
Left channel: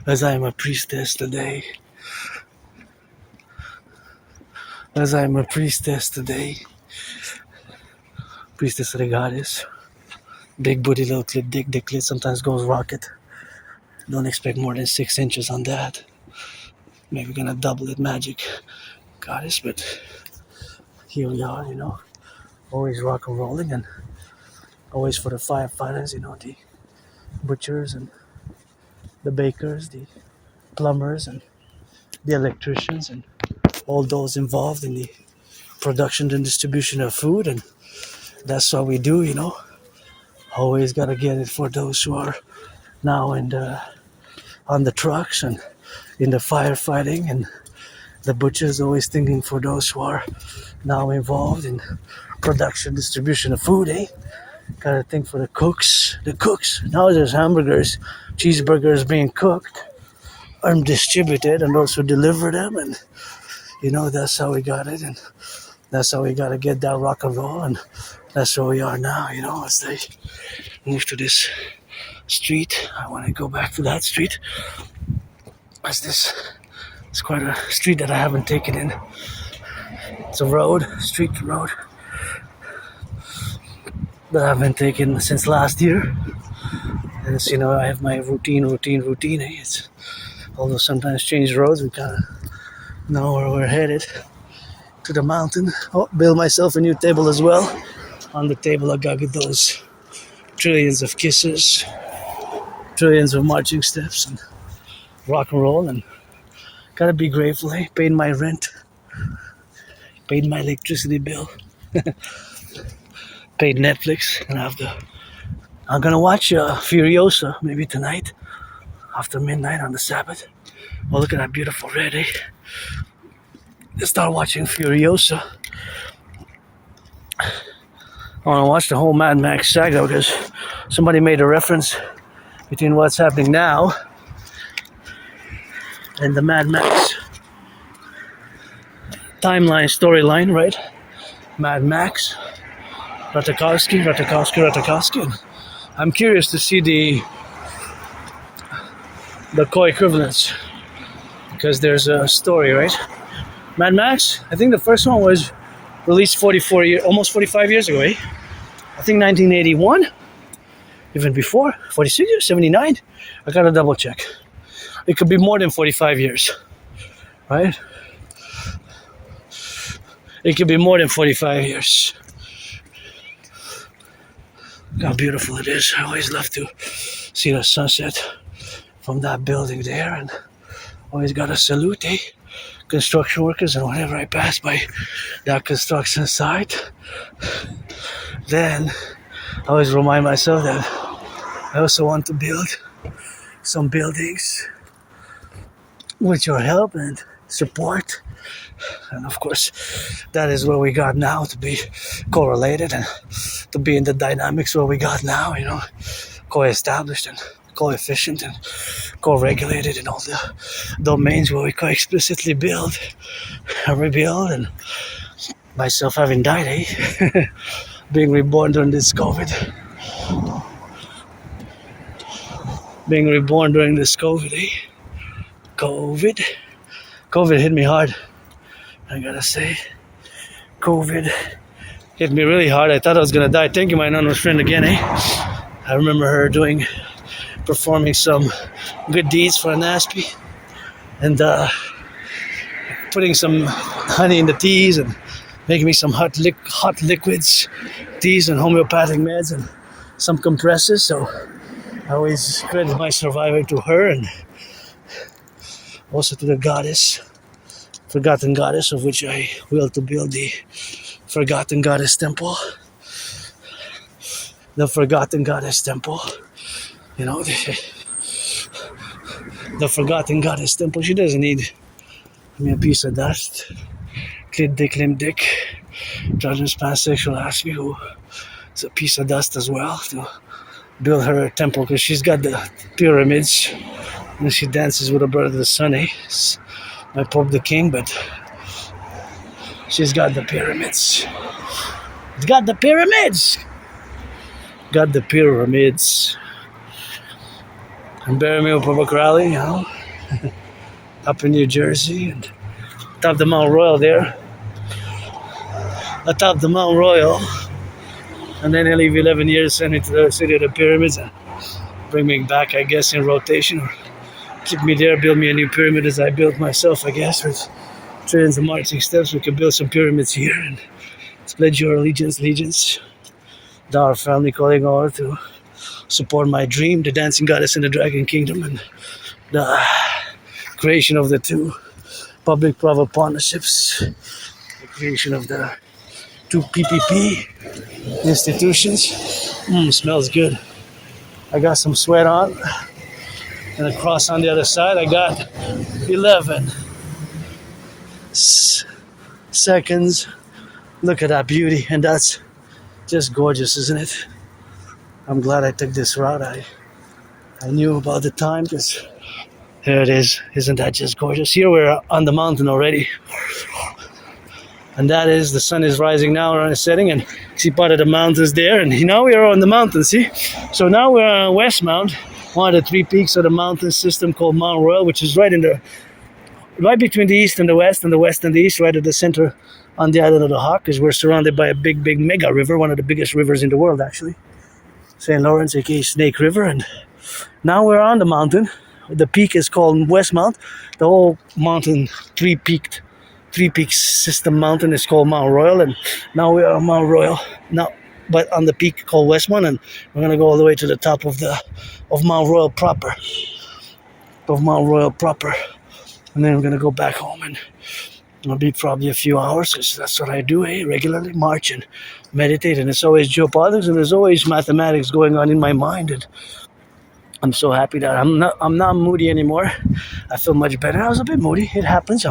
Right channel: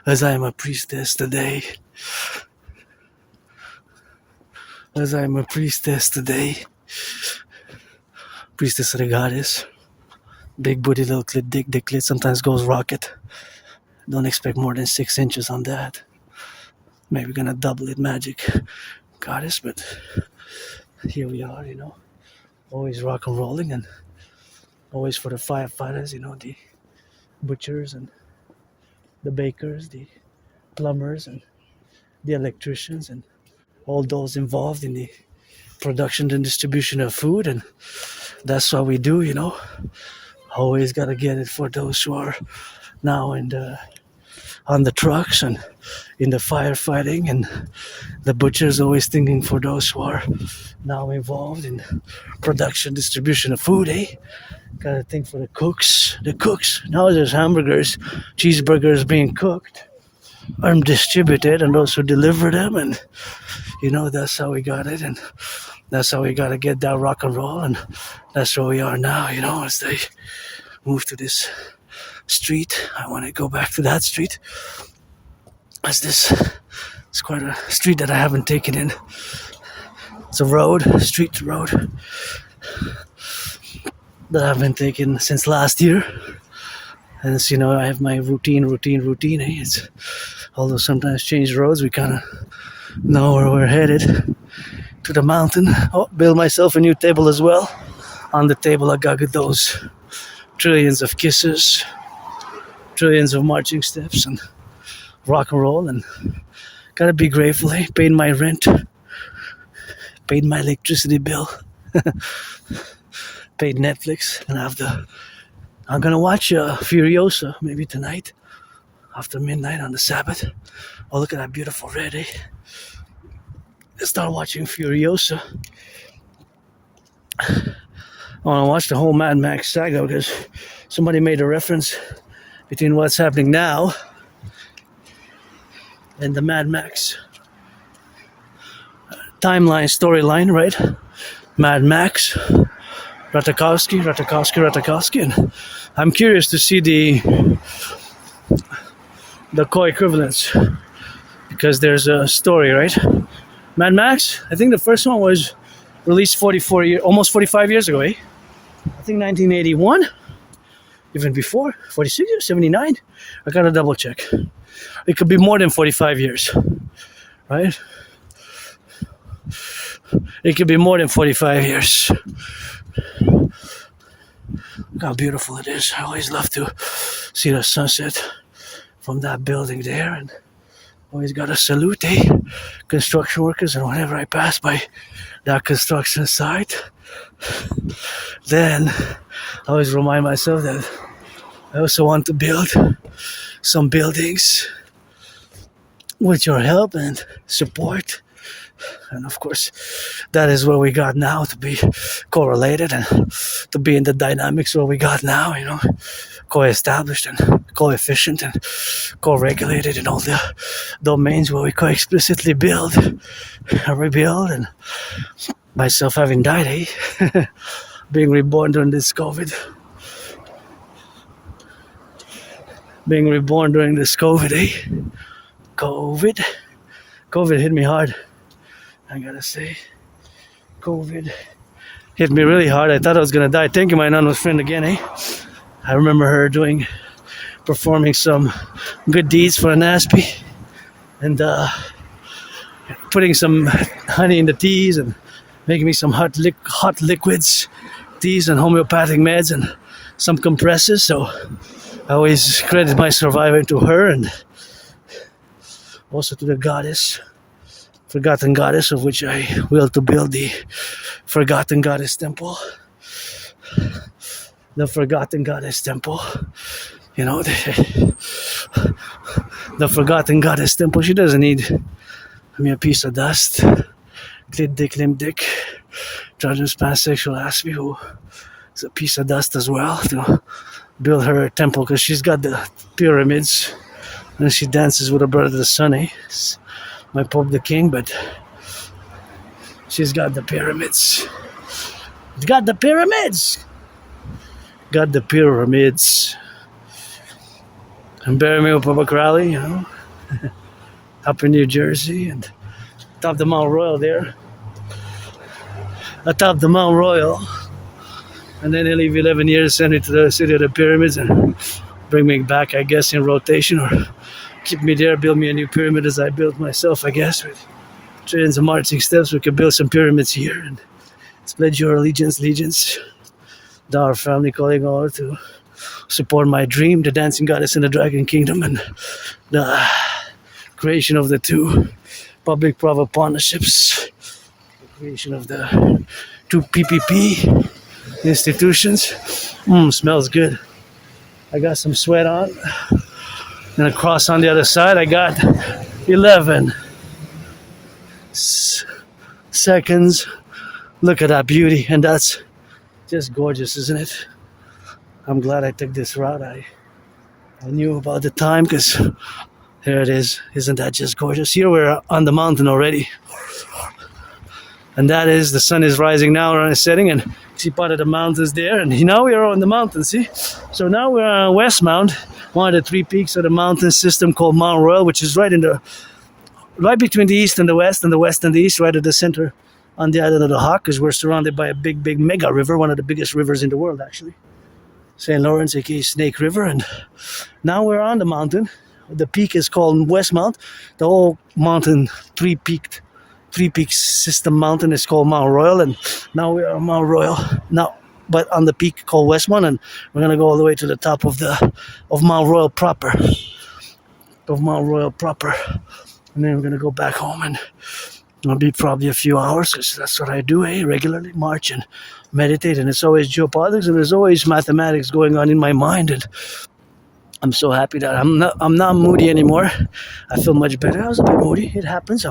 As I am a priestess today. As I am a priestess today. Priestess of the goddess. Big booty, little clit, dick clit, sometimes goes rocket. Don't expect more than 6 inches on that. Maybe gonna double it, magic goddess, but here we are, always rock and rolling, and always for the firefighters, the butchers and the bakers, the plumbers and the electricians, and all those involved in the production and distribution of food. And that's what we do, Always gotta get it for those who are now on the trucks and in the firefighting, and the butchers always thinking for those who are now involved in production, distribution of food, Gotta think for the cooks. Now there's hamburgers, cheeseburgers being cooked and distributed, and those who deliver them, and that's how we got it, and that's how we gotta get that rock and roll, and that's where we are now, as they move to this street. I want to go back to that street. It's quite a street that I haven't taken in. It's a street road that I haven't taken since last year. And it's, I have my routine. It's, although sometimes change roads, we kind of know where we're headed. To the mountain. Build myself a new table as well. On the table I got those trillions of kisses, trillions of marching steps, and rock and roll, and gotta be grateful. Paid my rent, paid my electricity bill, paid Netflix, and I'm gonna watch Furiosa maybe tonight after midnight on the Sabbath. Oh, look at that beautiful red, Let's start watching Furiosa. I want to watch the whole Mad Max saga because somebody made a reference between what's happening now and the Mad Max storyline, right? Mad Max, Ratajkowski, and I'm curious to see the co-equivalence, because there's a story, right? Mad Max, I think the first one was released almost 45 years ago, I think 1981, even before, 46 years, 79. I gotta double check. It could be more than 45 years, right? It could be more than 45 years. Look how beautiful it is. I always love to see the sunset from that building there, and always gotta salute construction workers, and whenever I pass by that construction site, then I always remind myself that I also want to build some buildings with your help and support. And of course, that is what we got now, to be correlated and to be in the dynamics what we got now, co-established and co-efficient and co-regulated in all the domains where we co-explicitly build and rebuild. And myself having died, being reborn during this COVID. Being reborn during this COVID, COVID hit me hard. I gotta say, COVID hit me really hard. I thought I was gonna die. Thank you, my anonymous friend, again, eh? I remember her performing some good deeds for N.A.C.W.P and putting some honey in the teas and making me some hot liquids, teas and homeopathic meds and some compressors. So I always credit my survivor to her and also to the goddess, forgotten goddess, of which I will to build the forgotten goddess temple. The forgotten goddess temple. You know, the forgotten goddess temple. She doesn't need a piece of dust. Clit dick, limb dick. Trans pansexual Aspiesque, who is a piece of dust as well, to build her temple, because she's got the pyramids. And she dances with her brother the sun, eh? My Pope the King, but she's got the pyramids. Got the pyramids! Got the pyramids. And bury me with Publik rally, you know, up in New Jersey, and top the Mount Royal there. Atop the Mount Royal. And then he'll leave 11 years, send me to the city of the pyramids, and bring me back, I guess, in rotation, or keep me there, build me a new pyramid as I built myself, I guess, with trillions of marching steps. We can build some pyramids here and pledge your allegiance. Our family calling over to support my dream, the dancing goddess in the dragon kingdom, and the creation of the two public-private partnerships, the creation of the two PPP institutions. Smells good. I got some sweat on. Gonna cross on the other side. I got 11 seconds. Look at that beauty, and that's just gorgeous, isn't it? I'm glad I took this route. I knew about the time, because there it is. Isn't that just gorgeous? Here we're on the mountain already. And that is, the sun is rising now or setting, and see part of the mountains there, and now we are on the mountain, see? So now we're on West Mount, one of the three peaks of the mountain system called Mount Royal, which is right between the east and the west and the east, right at the center on the island of the Hawk, because we're surrounded by a big mega river, one of the biggest rivers in the world, actually. St. Lawrence, aka Snake River. And now we're on the mountain. The peak is called West Mount. The whole mountain, three peak system mountain, is called Mount Royal, and now we are on Mount Royal now, but on the peak called West Mount, and we're gonna go all the way to the top of Mount Royal proper, and then we're gonna go back home, and I'll be probably a few hours, because that's what I do, regularly march and meditate, and it's always geopolitics, and there's always mathematics going on in my mind, and I'm so happy that I'm not moody anymore. I feel much better. I was a bit moody. It happens.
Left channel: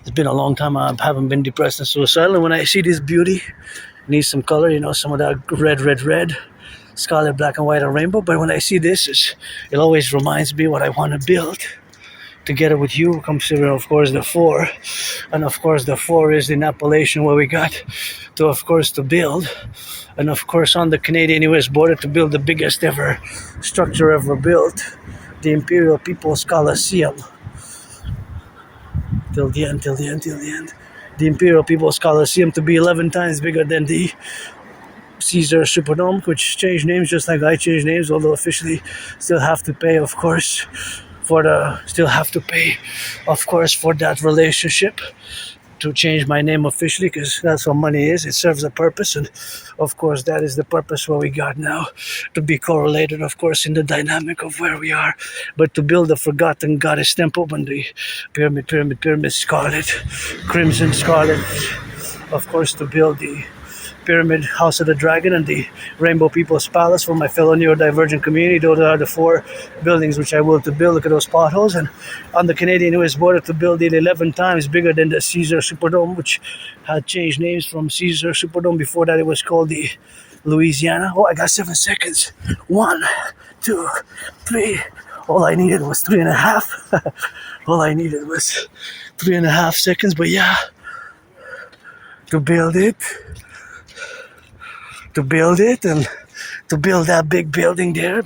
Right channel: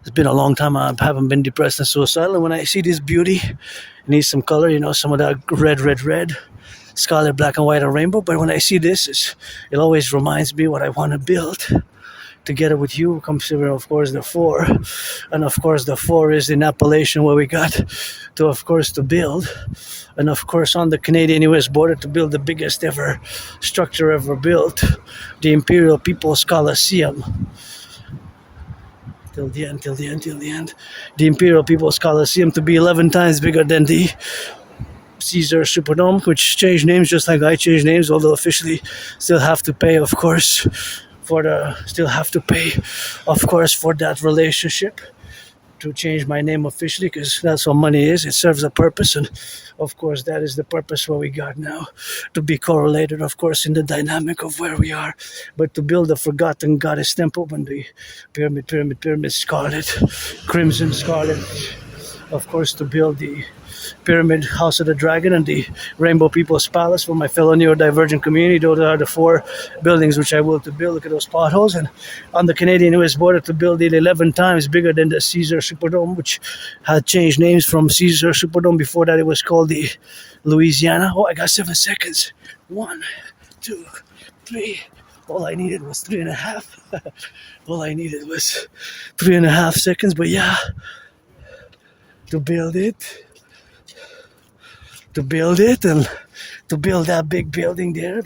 It's been a long time I haven't been depressed and suicidal. And when I see this beauty, it needs some color, some of that red, scarlet, black and white, and rainbow. But when I see this, it always reminds me what I want to build. Together with you, considering, of course, the four. And of course, the four is in Appalachian, where we got to build. And of course, on the Canadian-US border, to build the biggest ever structure ever built, the Imperial People's Coliseum. Till the end. The Imperial People's Coliseum to be 11 times bigger than the Caesar Superdome, which changed names just like I changed names, although officially still have to pay, of course, for that relationship, to change my name officially, because that's what money is. It serves a purpose, and of course that is the purpose what we got now, to be correlated, of course, in the dynamic of where we are, but to build a forgotten goddess temple when the pyramid scarlet, crimson scarlet, of course, to build the Pyramid, House of the Dragon, and the Rainbow People's Palace for my fellow neurodivergent community. Those are the four buildings which I will to build. Look at those potholes. And on the Canadian-US border, to build it 11 times bigger than the Caesar Superdome, which had changed names from Caesar Superdome. Before that, it was called the Louisiana. Oh, I got 7 seconds. 1, 2, 3. All I needed was 3.5. All I needed was 3.5 seconds. But yeah, to build it and to build that big building there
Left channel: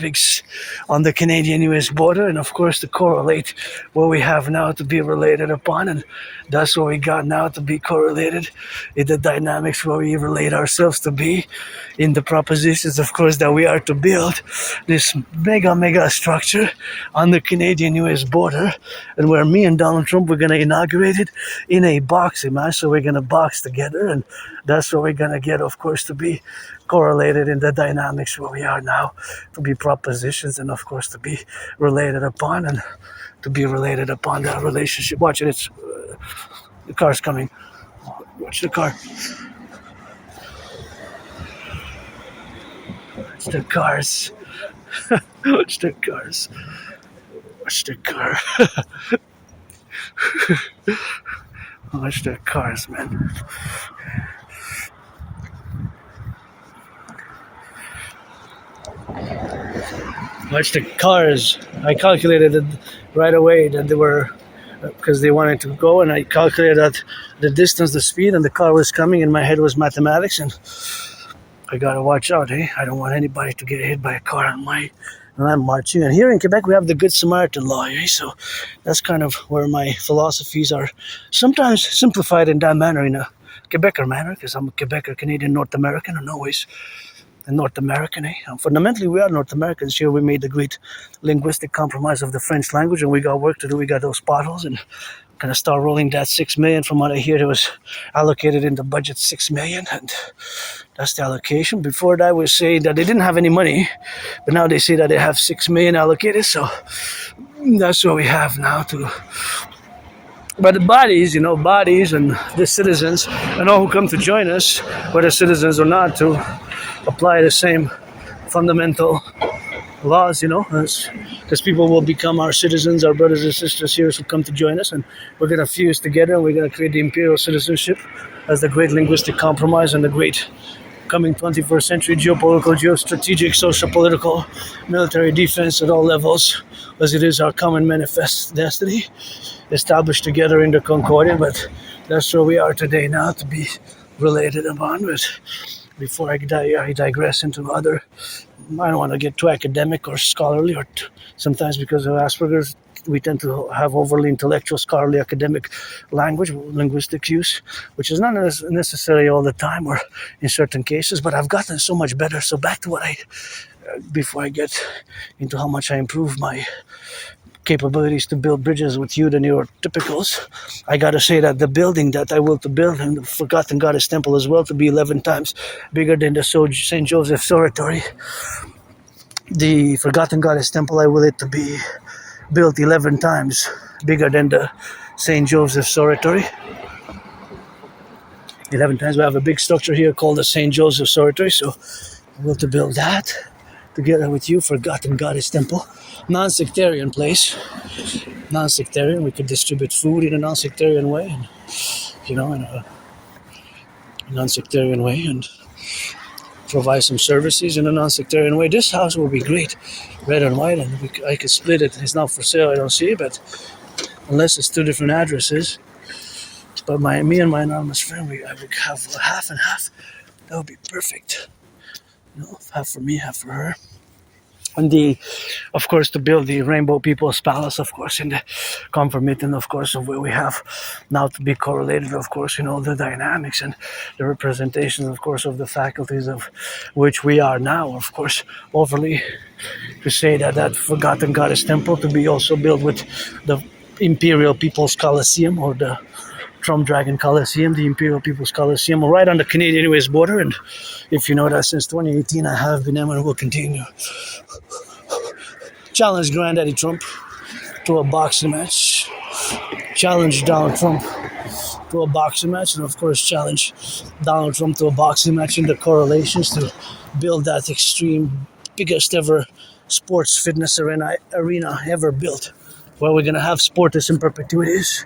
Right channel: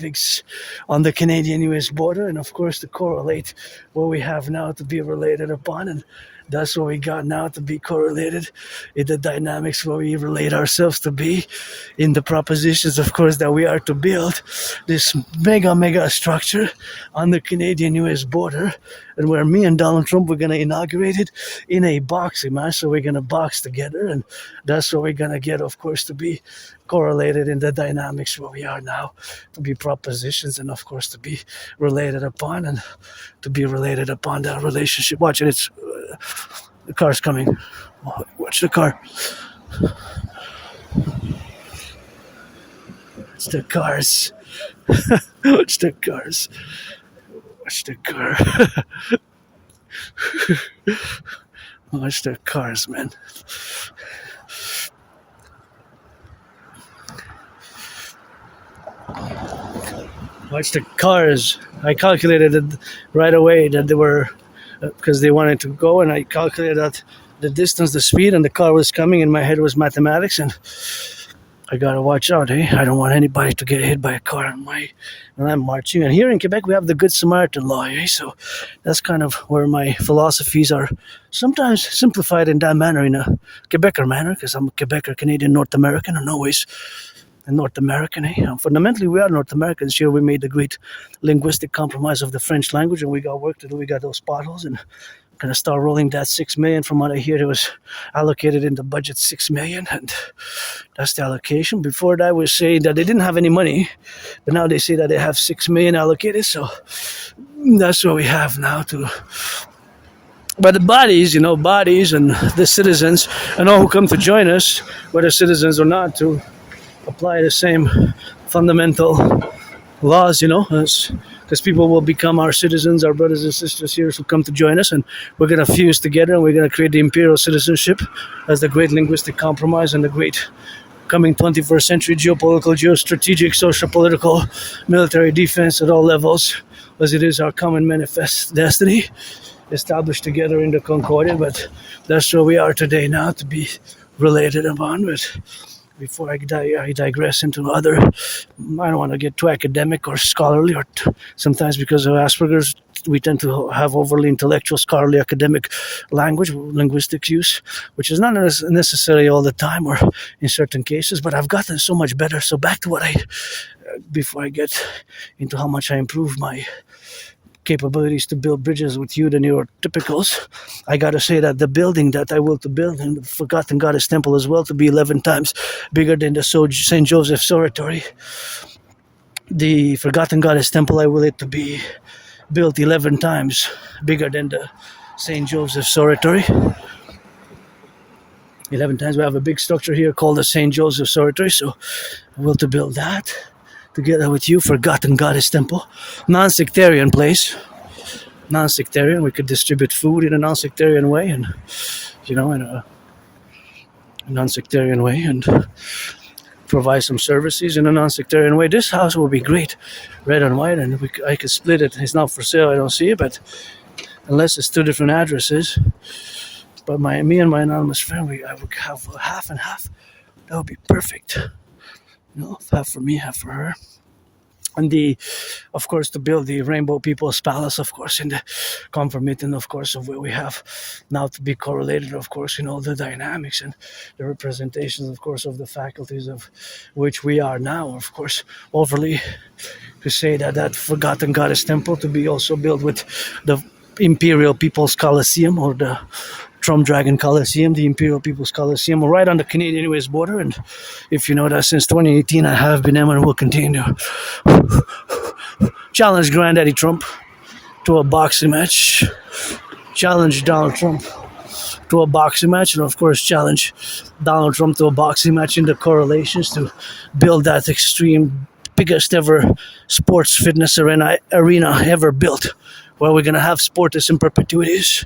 on the Canadian-US border, and of course to correlate what we have now to be related upon, and that's what we got now to be correlated in the dynamics where we relate ourselves to be in the propositions, of course, that we are to build this mega structure on the Canadian-US border, and where me and Donald Trump were going to inaugurate it in a boxing match. So we're going to box together, and that's what we're going to get, of course, to be correlated in the dynamics where we are now, to be propositions, and of course to be related upon, and to be related upon that relationship. Watch it, it's the car's coming. Watch the car. Watch the cars. Watch the cars. Watch the car. Watch the cars, man. Watch the cars. I calculated it right away that they were, because they wanted to go, and I calculated that the distance, the speed, and the car was coming. In my head was mathematics, and I gotta watch out, eh? I don't want anybody to get hit by a car when I'm marching. And here in Quebec, we have the Good Samaritan law, eh? So that's kind of where my philosophies are sometimes simplified in that manner, in a Quebecer manner, because I'm a Quebecer, Canadian, North American, and always a North American, eh? Fundamentally, we are North Americans. Here we made the great linguistic compromise of the French language, and we got work to do. We got those potholes, and going to start rolling that 6 million. From what I hear, it was allocated in the budget 6 million, and that's the allocation. Before that, we say that they didn't have any money, but now they say that they have 6 million allocated. So that's what we have now to. But the bodies, bodies and the citizens and all who come to join us, whether citizens or not, to apply the same fundamental laws, because people will become our citizens, our brothers and sisters here who come to join us, and we're going to fuse together, and we're going to create the imperial citizenship as the great linguistic compromise and the great coming 21st century geopolitical, geostrategic, social, political, military defense at all levels, as it is our common manifest destiny, established together in the Concordia. But that's where we are today now, to be related upon. But before I digress into other, I don't want to get too academic or scholarly, or sometimes because of Asperger's, we tend to have overly intellectual, scholarly, academic language, linguistic use, which is not necessarily all the time or in certain cases, but I've gotten so much better. So back to before I get into how much I improved my capabilities to build bridges with you, the neurotypicals, I gotta say that the building that I will to build, and the Forgotten Goddess Temple as well, to be 11 times bigger than the St. Joseph's Oratory. The Forgotten Goddess Temple, I will it to be built 11 times bigger than the St. Joseph's Oratory. 11 times. We have a big structure here called the St. Joseph's Oratory, so I will to build that together with you, Forgotten Goddess Temple. Non-sectarian place. Non-sectarian. We could distribute food in a non-sectarian way, and in a non-sectarian way, and provide some services in a non-sectarian way. This house will be great, red and white, and I could split it. It's not for sale. I don't see it, but unless it's 2 different addresses. But me and my anonymous friend, I would have half and half. That would be perfect. Half for me, half for her. And of course, to build the Rainbow People's Palace, of course, in the concomitant, of course, of where we have now to be correlated, of course, in all the dynamics and the representations, of course, of the faculties of which we are now, of course, overly to say that Forgotten Goddess Temple to be also built with the Imperial People's Coliseum, or the Trump Dragon Coliseum, the Imperial People's Coliseum, right on the Canadian-US border. And if you know that, since 2018, I have been and will continue to challenge Granddaddy Trump to a boxing match, challenge Donald Trump to a boxing match, and of course challenge Donald Trump to a boxing match in the correlations to build that extreme, biggest ever sports fitness arena ever built, where we're going to have sports in perpetuities,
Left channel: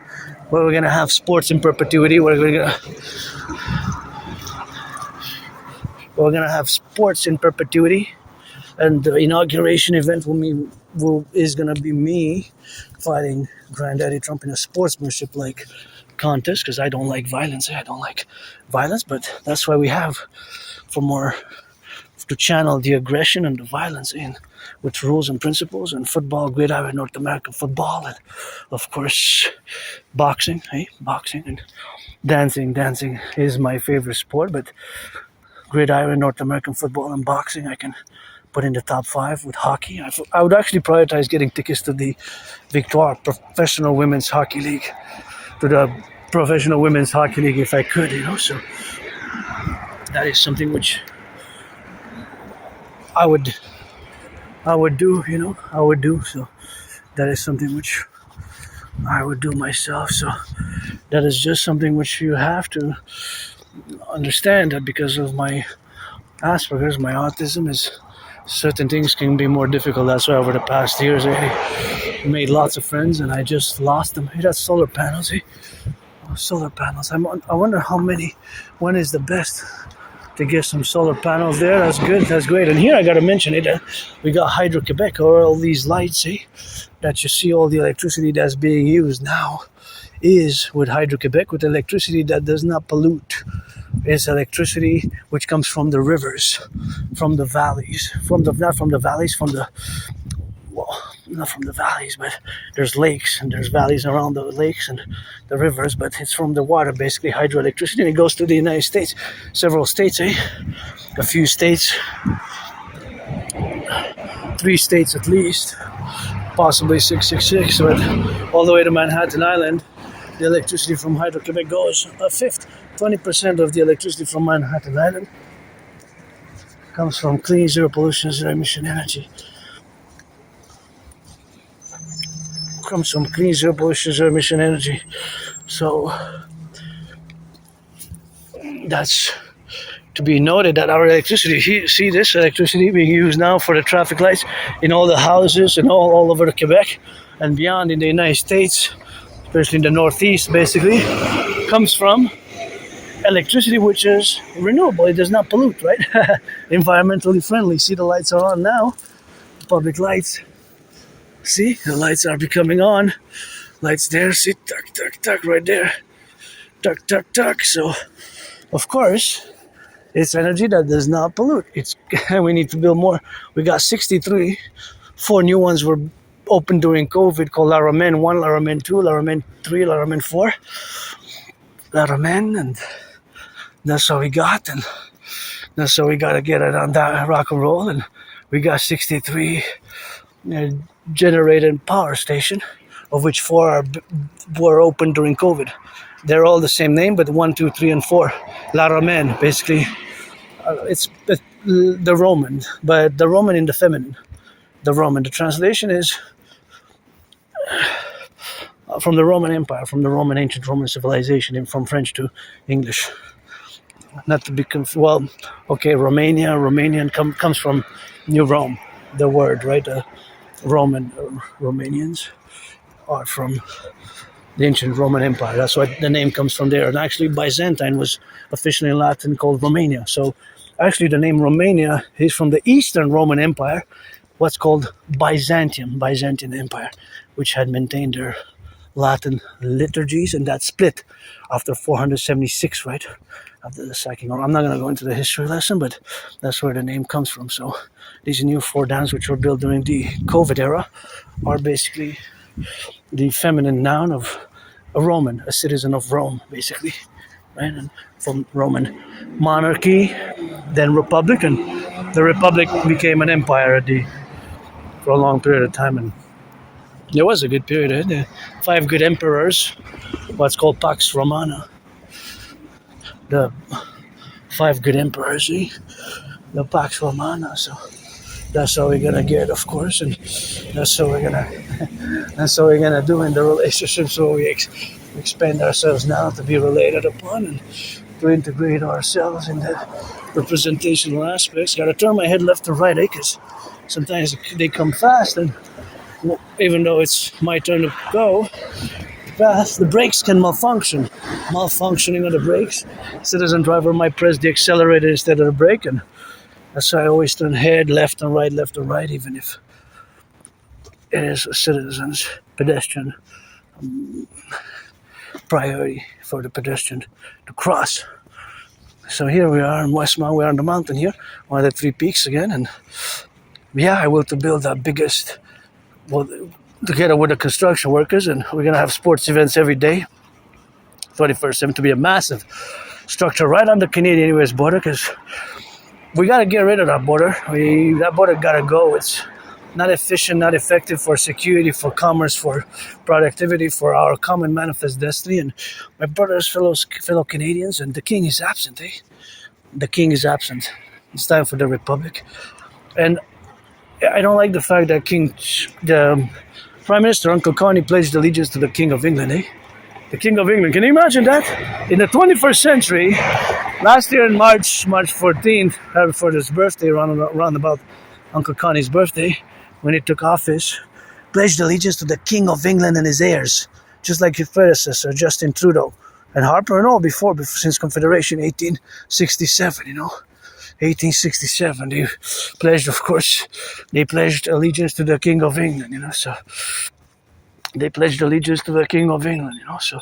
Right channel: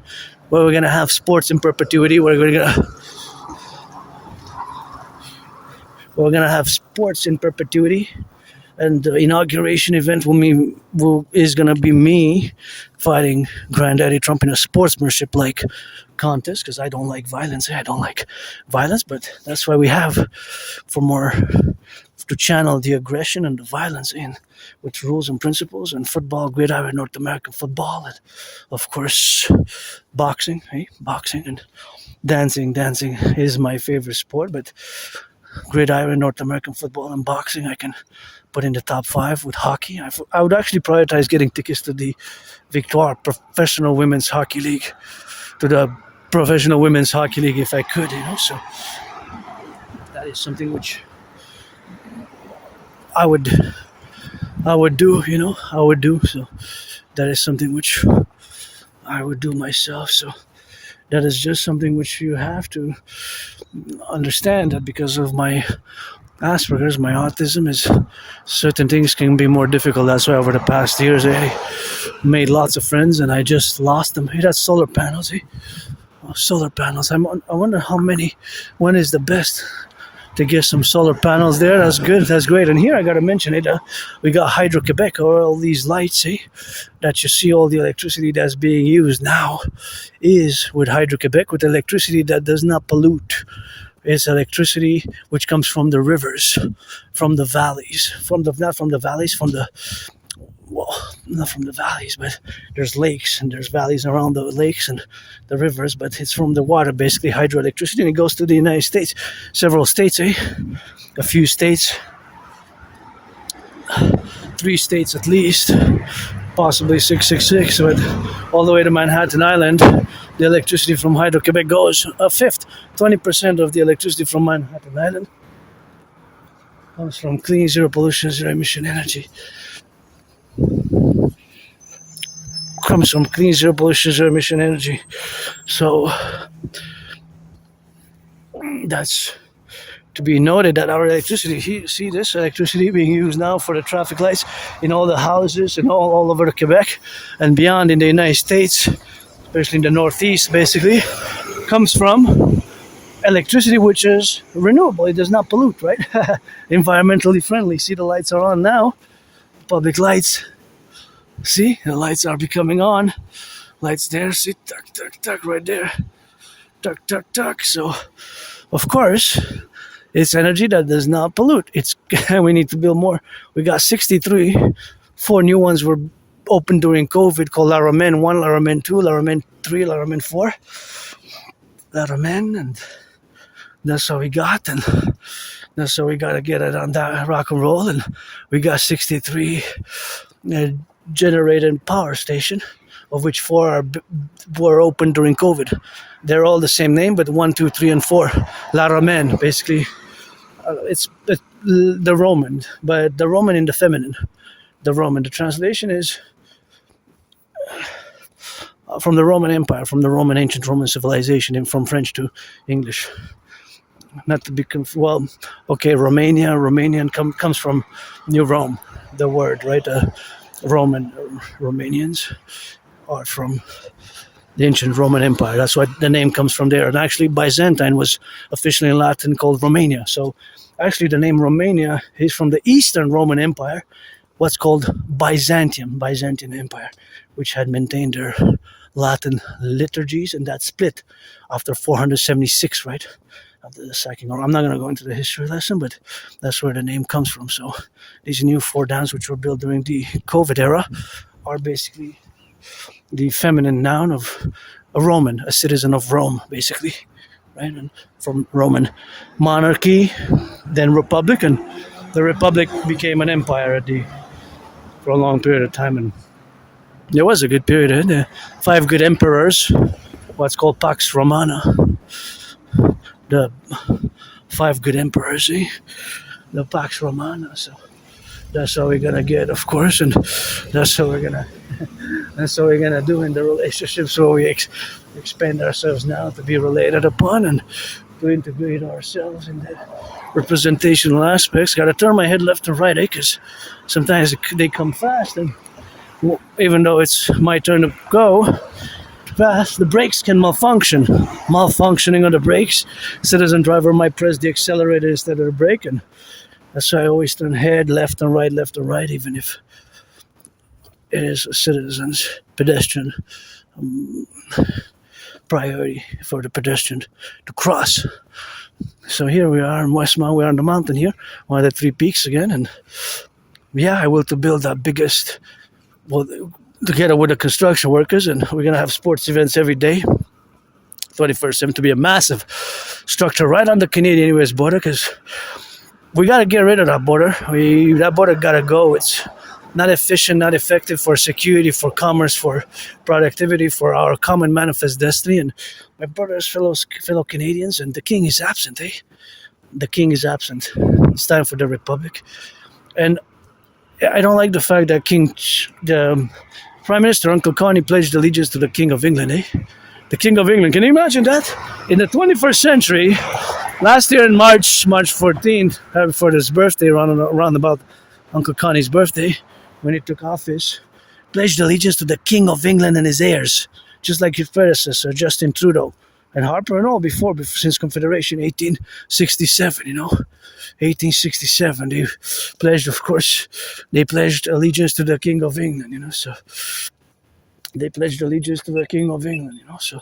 where we're going to have sports in perpetuity, where we're going to have sports in perpetuity, And the inauguration event is going to be me fighting Granddaddy Trump in a sportsmanship like contest, because I don't like violence. I don't like violence, but that's why we have to channel the aggression and the violence in with rules and principles, and football, gridiron, North American football, and of course boxing, boxing, and dancing. Dancing is my favorite sport, but gridiron, North American football, and boxing I can put in the top 5 with hockey. I would actually prioritize getting tickets to the Victoire Professional Women's Hockey League, if I could, so that is something which I would do, so that is something which I would do myself. So that is just something which you have to understand, that because of my Asperger's, my autism, is certain things can be more difficult. That's why over the past years I made lots of friends and I just lost them. Hey, that's solar panels. Solar panels. I wonder when is the best to get some solar panels there. That's good. That's great. And here I got to mention it. We got Hydro-Quebec, or all these lights, that you see. All the electricity that's being used now is with Hydro-Quebec, with electricity that does not pollute. It's electricity which comes from the rivers, from the valleys, not from the valleys, but there's lakes and there's valleys around the lakes and the rivers, but it's from the water, basically hydroelectricity, and it goes to the United States, several states, a few states, 3 states at least, possibly 666, but all the way to Manhattan Island, the electricity from Hydro-Quebec goes a fifth, 20% of the electricity from Manhattan Island comes from clean, zero pollution, zero emission energy. So that's to be noted, that our electricity, see this electricity being used now for the traffic lights in all the houses and all over the Quebec and beyond in the United States, especially in the Northeast, basically, comes from electricity which is renewable. It does not pollute, right? Environmentally friendly. See, the lights are on now. Public lights. See, the lights are becoming on. Lights there, see, tuck, tuck, tuck, right there. Tuck, tuck, tuck. So, of course, it's energy that does not pollute. We need to build more. We got 63. 4 new ones were opened during COVID, called Laramen 1, Laramen 2, Laramen 3, Laramen 4. Laramen, and that's how we got, and that's how we got to get it on that Rock&Roll, and we got 63 generated power station, of which 4 were open during COVID. They're all the same name, but 1, 2, 3, and 4. Laramen, basically, it's the Roman, but the Roman in the feminine. The Roman. The translation is from the Roman Empire, from the Roman ancient Roman civilization, and from French to English. Not to be Romanian comes from New Rome, the word, right? Romanians are from the ancient Roman Empire. That's why the name comes from there. And actually, Byzantine was officially in Latin called Romania. So actually, the name Romania is from the Eastern Roman Empire, what's called Byzantium Empire, which had maintained their Latin liturgies, and that split after 476, right? After the sacking. I'm not going to go into the history lesson, but that's where the name comes from. So these new 4 dams, which were built during the COVID era, are basically the feminine noun of a Roman, a citizen of Rome, basically, right? And from Roman monarchy, then republic, and the republic became an empire for a long period of time, and there was a good period. The 5 good emperors, what's called Pax Romana, the 5 good emperors, the Pax Romana. So that's how we're gonna get, of course, and that's how we're gonna do in the relationships where we expand ourselves now to be related upon and to integrate ourselves in the representational aspects. Got to turn my head left and right, because sometimes they come fast, and even though it's my turn to go fast, the brakes can malfunction. Malfunctioning of the brakes, citizen driver might press the accelerator instead of the brake, and That's why I always turn head left and right, even if it is a citizen's pedestrian priority for the pedestrian to cross. So here we are in Westmount. We're on the mountain here, one of the three peaks again, and I will to build the biggest, well, together with the construction workers, and we're gonna have sports events every day. 21st to be a massive structure right on the Canadian-US border, because we gotta get rid of that border. That border gotta go. It's not efficient, not effective for security, for commerce, for productivity, for our common manifest destiny. And my brothers, fellow Canadians, and the king is absent, eh? The king is absent. It's time for the Republic. And I don't like the fact that the Prime Minister, Uncle Connie, pledged allegiance to the King of England, eh? The King of England. Can you imagine that? In the 21st century, last year in March 14th, for his birthday, around about Uncle Connie's birthday, when he took office, pledged allegiance to the King of England and his heirs, just like his predecessor, Justin Trudeau, and Harper and all before since Confederation, 1867, 1867, they pledged allegiance to the King of England, so they pledged allegiance to the King of England, so,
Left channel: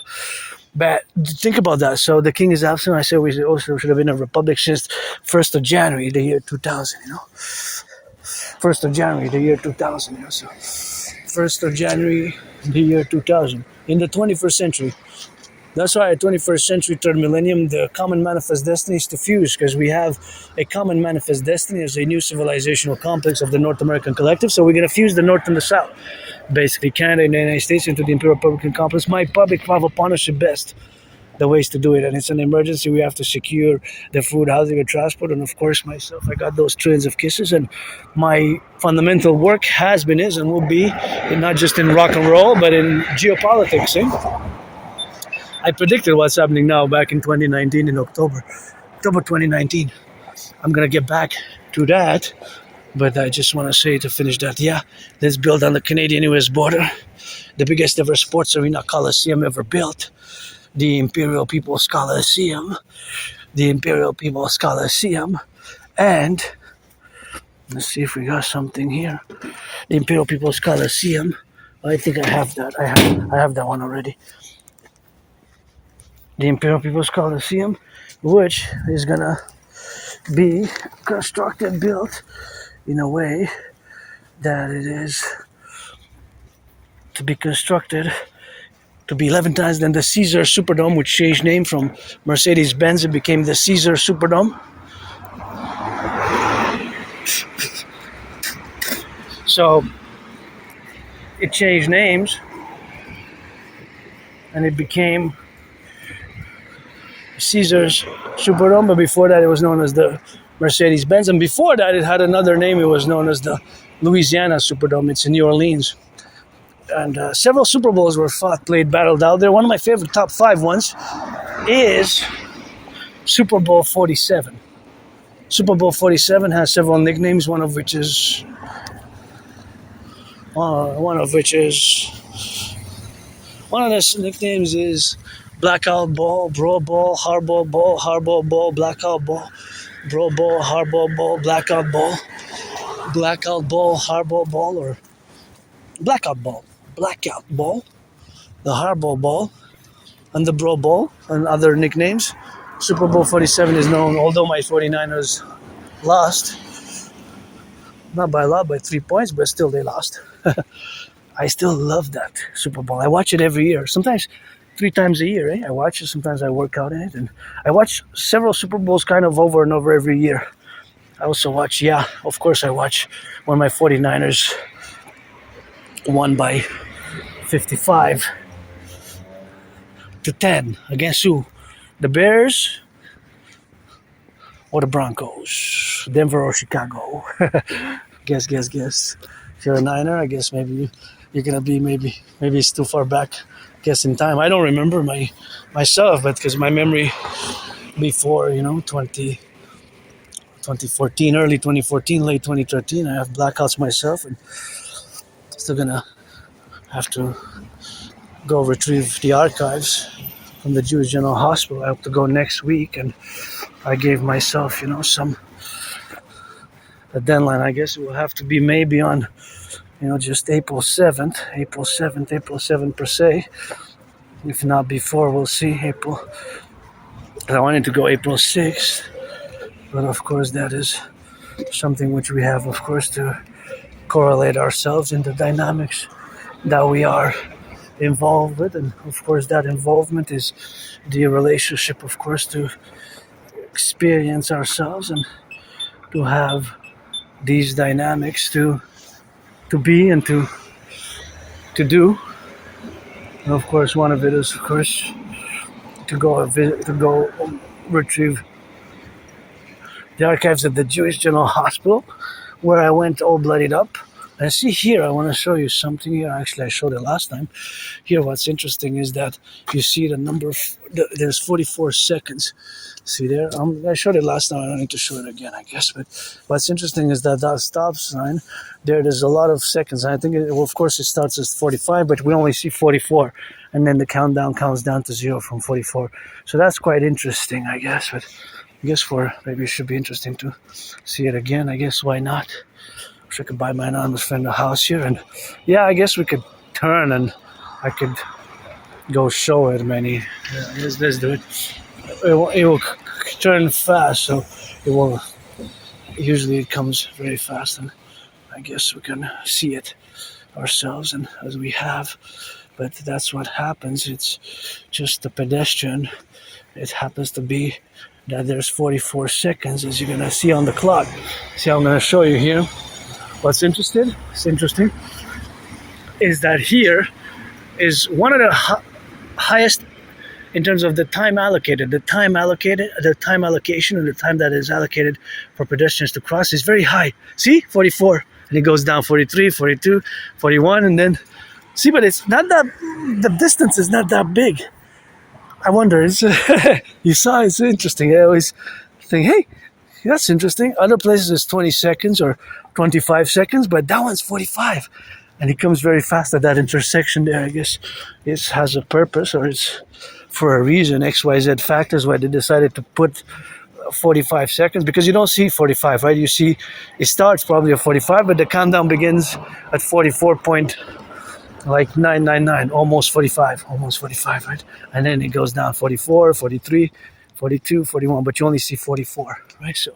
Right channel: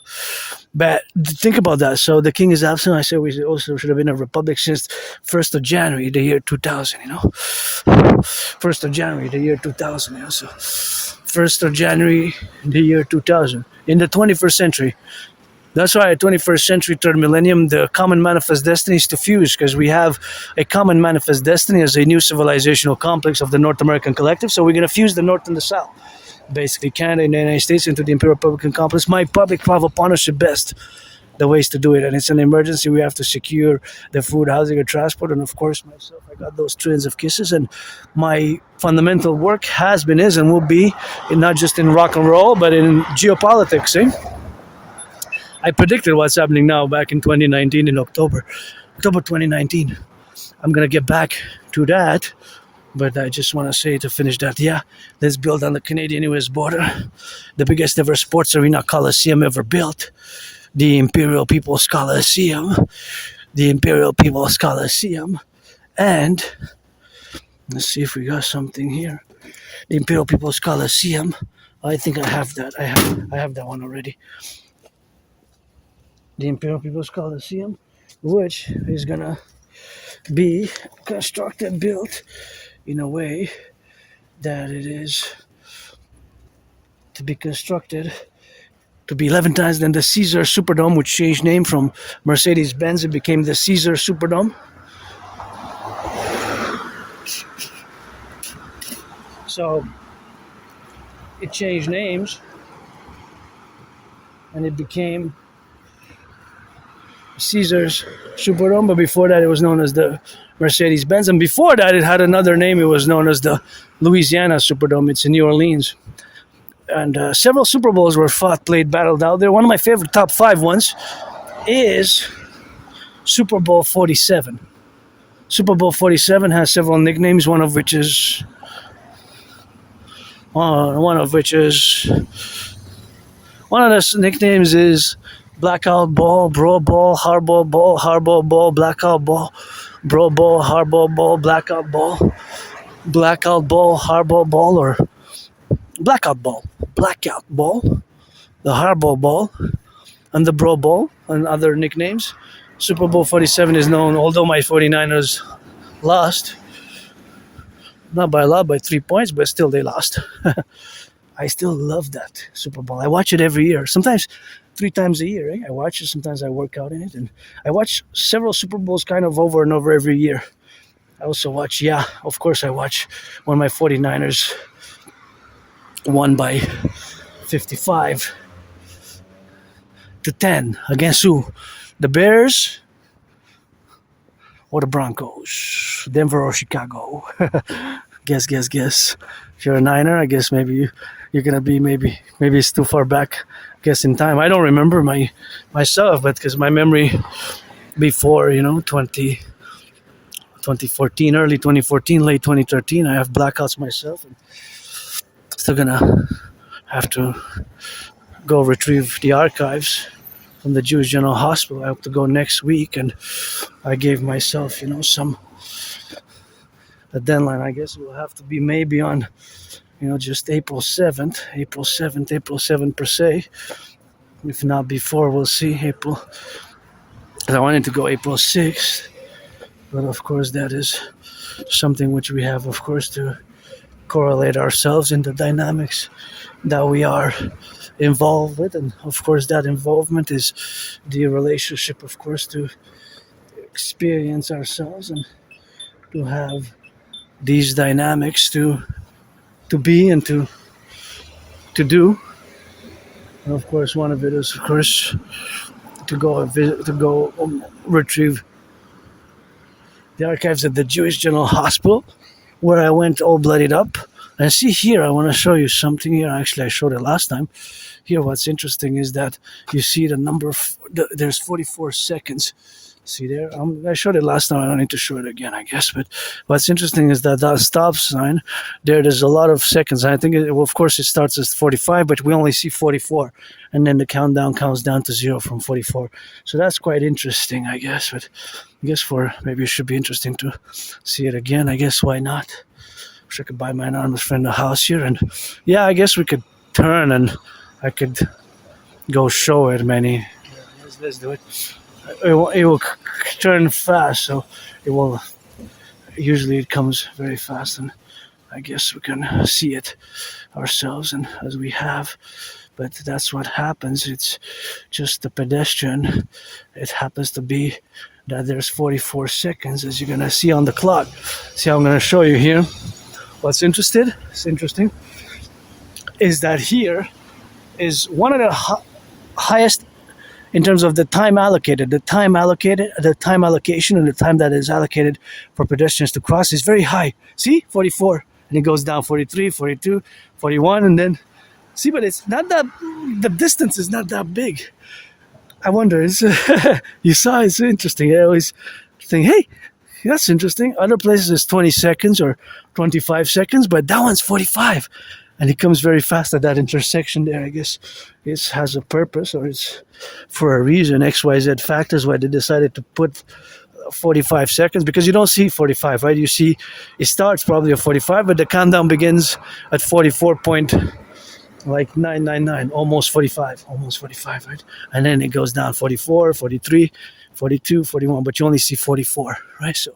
but think about that. So the king is absent. I said we also should have been a republic since 1st of January, the year 2000, 1st of January, the year 2000, so 1st of January, the year 2000, in the 21st century. That's why at 21st century, third millennium, the common manifest destiny is to fuse, because we have a common manifest destiny as a new civilizational complex of the North American Collective. So we're going to fuse the North and the South, basically Canada and the United States, into the Imperial Republican complex. My public travel partnership best the ways to do it, and it's an emergency. We have to secure the food, housing, and transport, and of course myself, I got those trillions of kisses, and my fundamental work has been, is, and will be not just in rock and roll, but in geopolitics. I predicted what's happening now back in 2019 in October 2019. I'm gonna get back to that, but I just want to say to finish that, let's build on the Canadian-US border, the biggest ever sports arena coliseum ever built, the Imperial People's Coliseum, and let's see if we got something here. The Imperial People's Coliseum. I think I have that. I have that one already. The Imperial People's Coliseum, which is gonna be built in a way that it is to be constructed to be 11 times than the Caesar Superdome, which changed name from Mercedes-Benz. It became the Caesar Superdome. So it changed names and it became Caesar's Superdome, but before that it was known as the Mercedes-Benz, and before that it had another name. It was known as the Louisiana Superdome. It's in New Orleans, and several Super Bowls were battled out there. One of my favorite top 5 ones is Super Bowl 47. Super Bowl 47 has several nicknames, one of the nicknames is Blackout Ball, Bro Ball, Hardball Ball, Blackout Ball, Bro Ball, Hardball Ball, Blackout Ball, Hardball Ball, or Blackout Ball, the Hardball Ball, and the Bro Ball, and other nicknames. Super Bowl 47 is known, although my 49ers lost, not by a lot, by 3 points, but still they lost. I still love that Super Bowl. I watch it every year, sometimes 3 times a year. I watch it, sometimes I work out in it, and I watch several Super Bowls kind of over and over every year. I also watch, of course I watch when my 49ers won by 55-10 against who? The Bears or the Broncos? Denver or Chicago? Guess. If you're a Niner, I guess maybe you're gonna be maybe it's too far back. Guess in time. I don't remember myself, but because my memory before 2014, early 2014, late 2013, I have blackouts myself, and still gonna have to go retrieve the archives from the Jewish General Hospital. I hope to go next week, and I gave myself some the deadline, I guess, will have to be maybe on, just April 7th, April 7th per se. If not before, we'll see. I wanted to go April 6th, but of course that is something which we have, of course, to correlate ourselves in the dynamics that we are involved with. And of course that involvement is the relationship, of course, to experience ourselves and to have these dynamics to be and to do. And of course one of it is, of course, to go retrieve the archives of the Jewish General Hospital, where I went all bloodied up. And see here, I want to show you something here. Actually, I showed it last time. Here, what's interesting is that you see the number there's 44 seconds. See there? I showed it last time. I don't need to show it again, I guess. But what's interesting is that stop sign, there's a lot of seconds. I think, of course, it starts as 45, but we only see 44. And then the countdown counts down to 0 from 44. So that's quite interesting, I guess. But I guess maybe it should be interesting to see it again. I guess why not? Wish I could buy my anonymous friend a house here. And yeah, I guess we could turn and I could go show it many. Yeah, let's do it. It will turn fast, so it will. Usually it comes very fast, and I guess we can see it ourselves, and as we have. But that's what happens. It's just a pedestrian. It happens to be that there's 44 seconds, as you're gonna see on the clock. See, I'm gonna show you here. What's interesting is that here is one of the highest in terms of the time allocation, and the time that is allocated for pedestrians to cross is very high. See, 44, and it goes down 43, 42, 41, and then see, but it's not that, the distance is not that big. I wonder, you saw, it's interesting. I always think, hey, that's interesting. Other places it's 20 seconds or 25 seconds, but that one's 45. And it comes very fast at that intersection there. I guess it has a purpose, or it's for a reason, XYZ factors, why they decided to put 45 seconds, because you don't see 45, right? You see it starts probably at 45, but the countdown begins at 44.999, almost 45, right? And then it goes down 44, 43, 42, 41, but you only see 44, right? So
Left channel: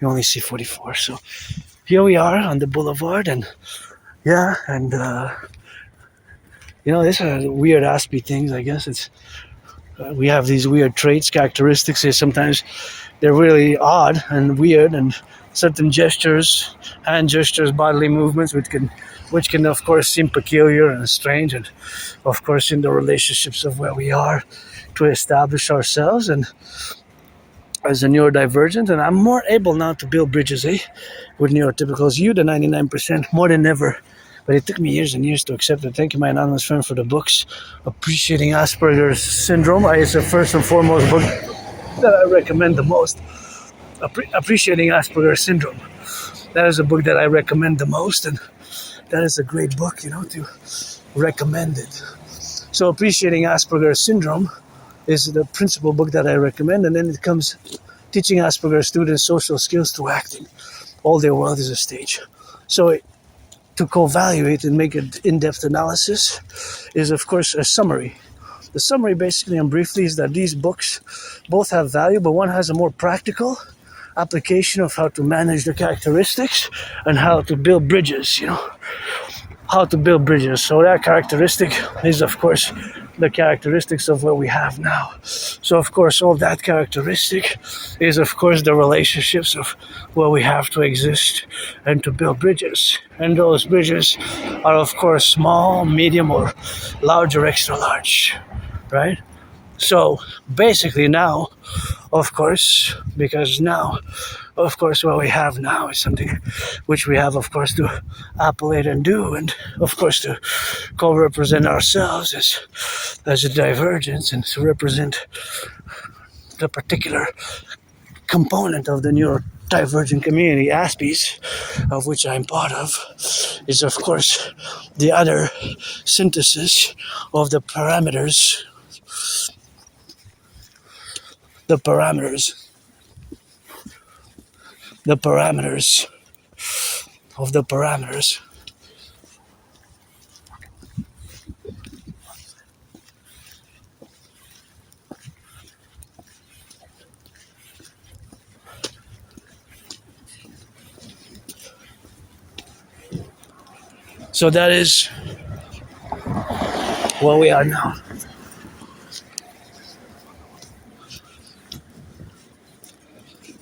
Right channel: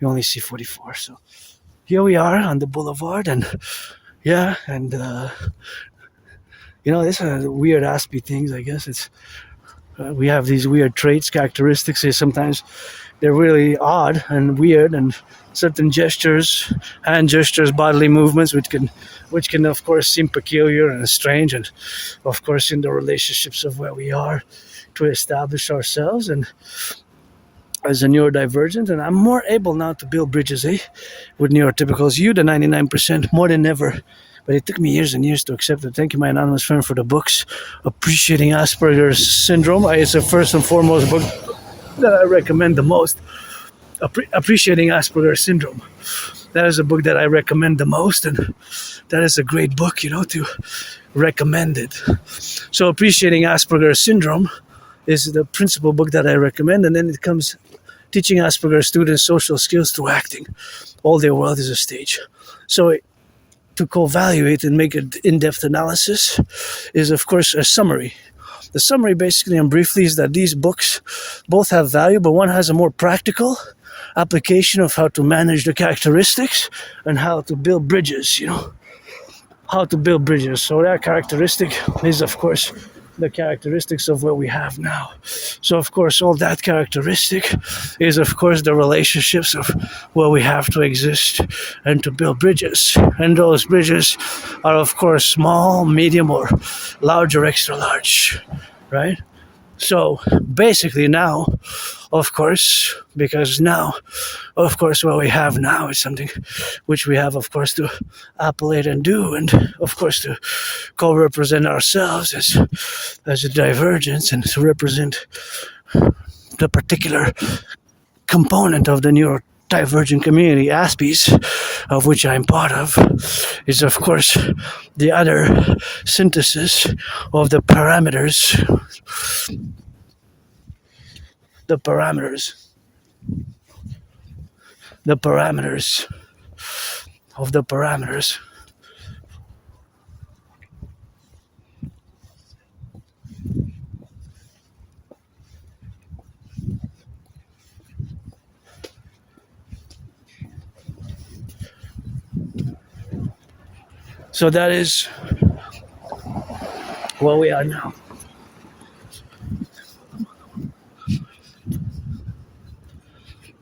you only see 44. So here we are on the boulevard, and yeah, and these are weird Aspie things, I guess. It's we have these weird traits, characteristics. Sometimes they're really odd and weird, and certain gestures, hand gestures, bodily movements, which can of course seem peculiar and strange, and of course in the relationships of where we are to establish ourselves and as a neurodivergent. And I'm more able now to build bridges with neurotypicals. You, the 99%, more than ever. But it took me years and years to accept it. Thank you, my anonymous friend, for the books. Appreciating Asperger's Syndrome. It's the first and foremost book that I recommend the most. Appreciating Asperger's Syndrome. That is a book that I recommend the most, and that is a great book, to recommend it. So Appreciating Asperger's Syndrome is the principal book that I recommend, and then it comes Teaching Asperger's Students Social Skills Through Acting. All their world is a stage. So to co-evaluate and make an in-depth analysis is, of course, a summary. The summary, basically and briefly, is that these books both have value, but one has a more practical application of how to manage the characteristics and how to build bridges, how to build bridges. So that characteristic is, of course, the characteristics of what we have now. So, of course, all that characteristic is, of course, the relationships of where we have to exist and to build bridges. And those bridges are, of course, small, medium, or large or extra large, right? So, basically now, of course, because now, of course, what we have now is something which we have, of course, to appellate and do, and, of course, to co-represent ourselves as a divergence and to represent the particular component of the neurodivergent community, Aspies, of which I'm part of, is, of course, the other synthesis of the parameters the parameters of the parameters. So that is where we are now.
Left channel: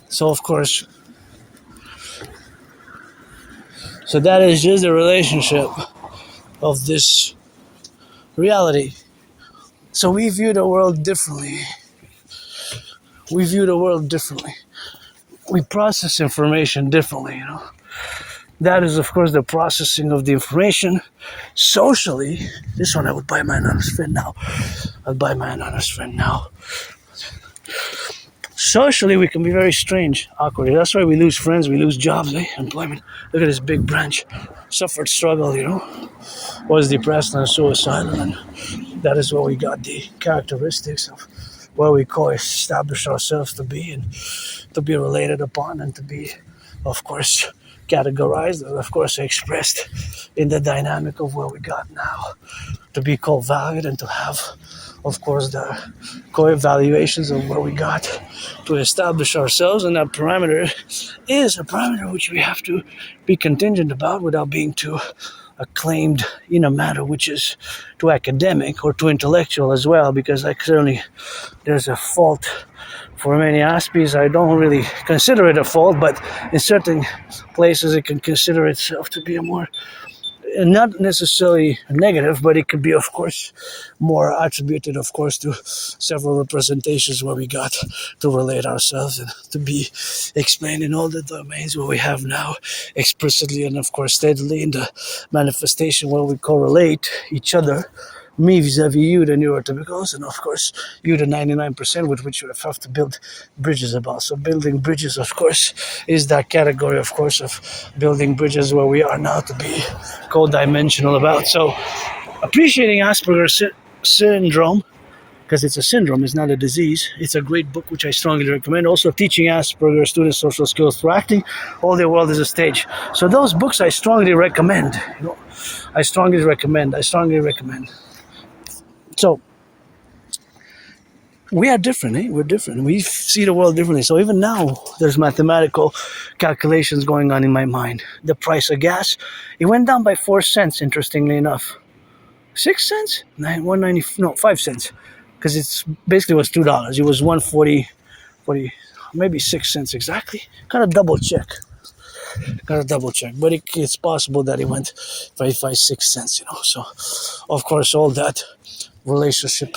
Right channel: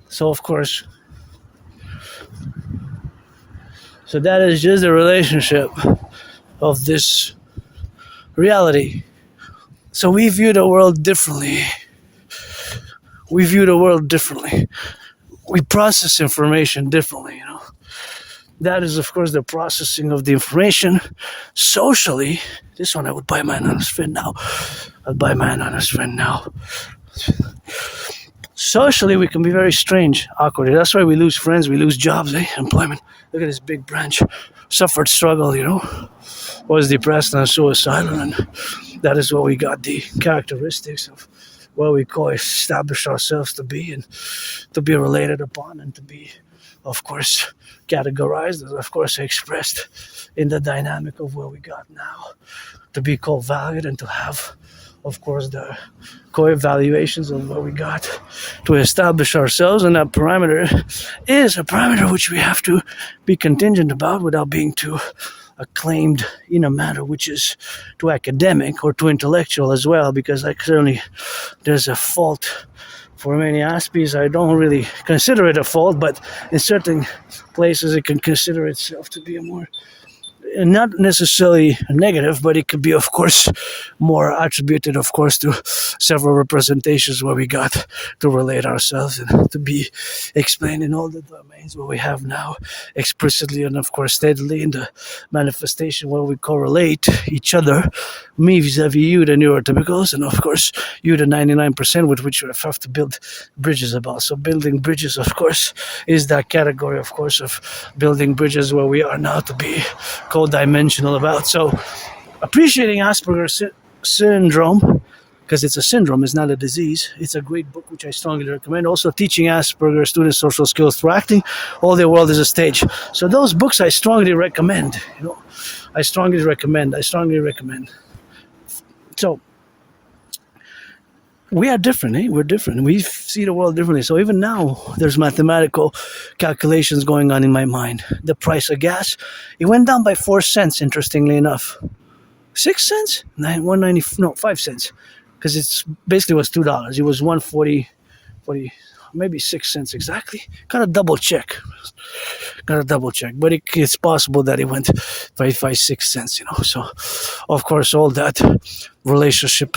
So of course, so that is just the relationship of this reality. So we view the world differently. We view the world differently. We process information differently, you know. That is, of course, the processing of the information. Socially, this one I would buy my anonymous friend now. I'd buy my anonymous friend now. Socially, we can be very strange, awkward. That's why we lose friends, we lose jobs, employment. Look at this big branch. Suffered struggle, you know. Was depressed and suicidal, and that is what we got the characteristics of what we call establish ourselves to be, and to be related upon, and to be, of course, categorized, and of course expressed in the dynamic of what we got now. To be called valued and to have, of course, the co-evaluations of what we got to establish ourselves, and that parameter is a parameter which we have to be contingent about without being too acclaimed in a matter which is too academic or too intellectual as well, because like certainly there's a fault for many Aspies. I don't really consider it a fault, but in certain places it can consider itself to be a more, not necessarily a negative, but it could be, of course, more attributed, of course, to several representations where we got to relate ourselves and to be explained in all the domains where we have now explicitly and, of course, steadily in the manifestation where we correlate each other, me vis-a-vis you, the neurotypicals, and, of course, you, the 99% with which we have to build bridges about. So building bridges, of course, is that category, of course, of building bridges where we are now to be dimensional about. So appreciating Asperger's syndrome, because it's a syndrome, it's not a disease. It's a great book which I strongly recommend. Also teaching Asperger students social skills through acting. All the world is a stage. So those books I strongly recommend. You know, I strongly recommend. So we are different, We're different. We see the world differently. So even now, there's mathematical calculations going on in my mind. The price of gas, it went down by 4 cents, interestingly enough. 6 cents? 5 cents. Because it's basically was $2. It was 140, maybe 6 cents exactly. Gotta double check. But it's possible that it went by 6 cents, you know. So, of course, all that relationship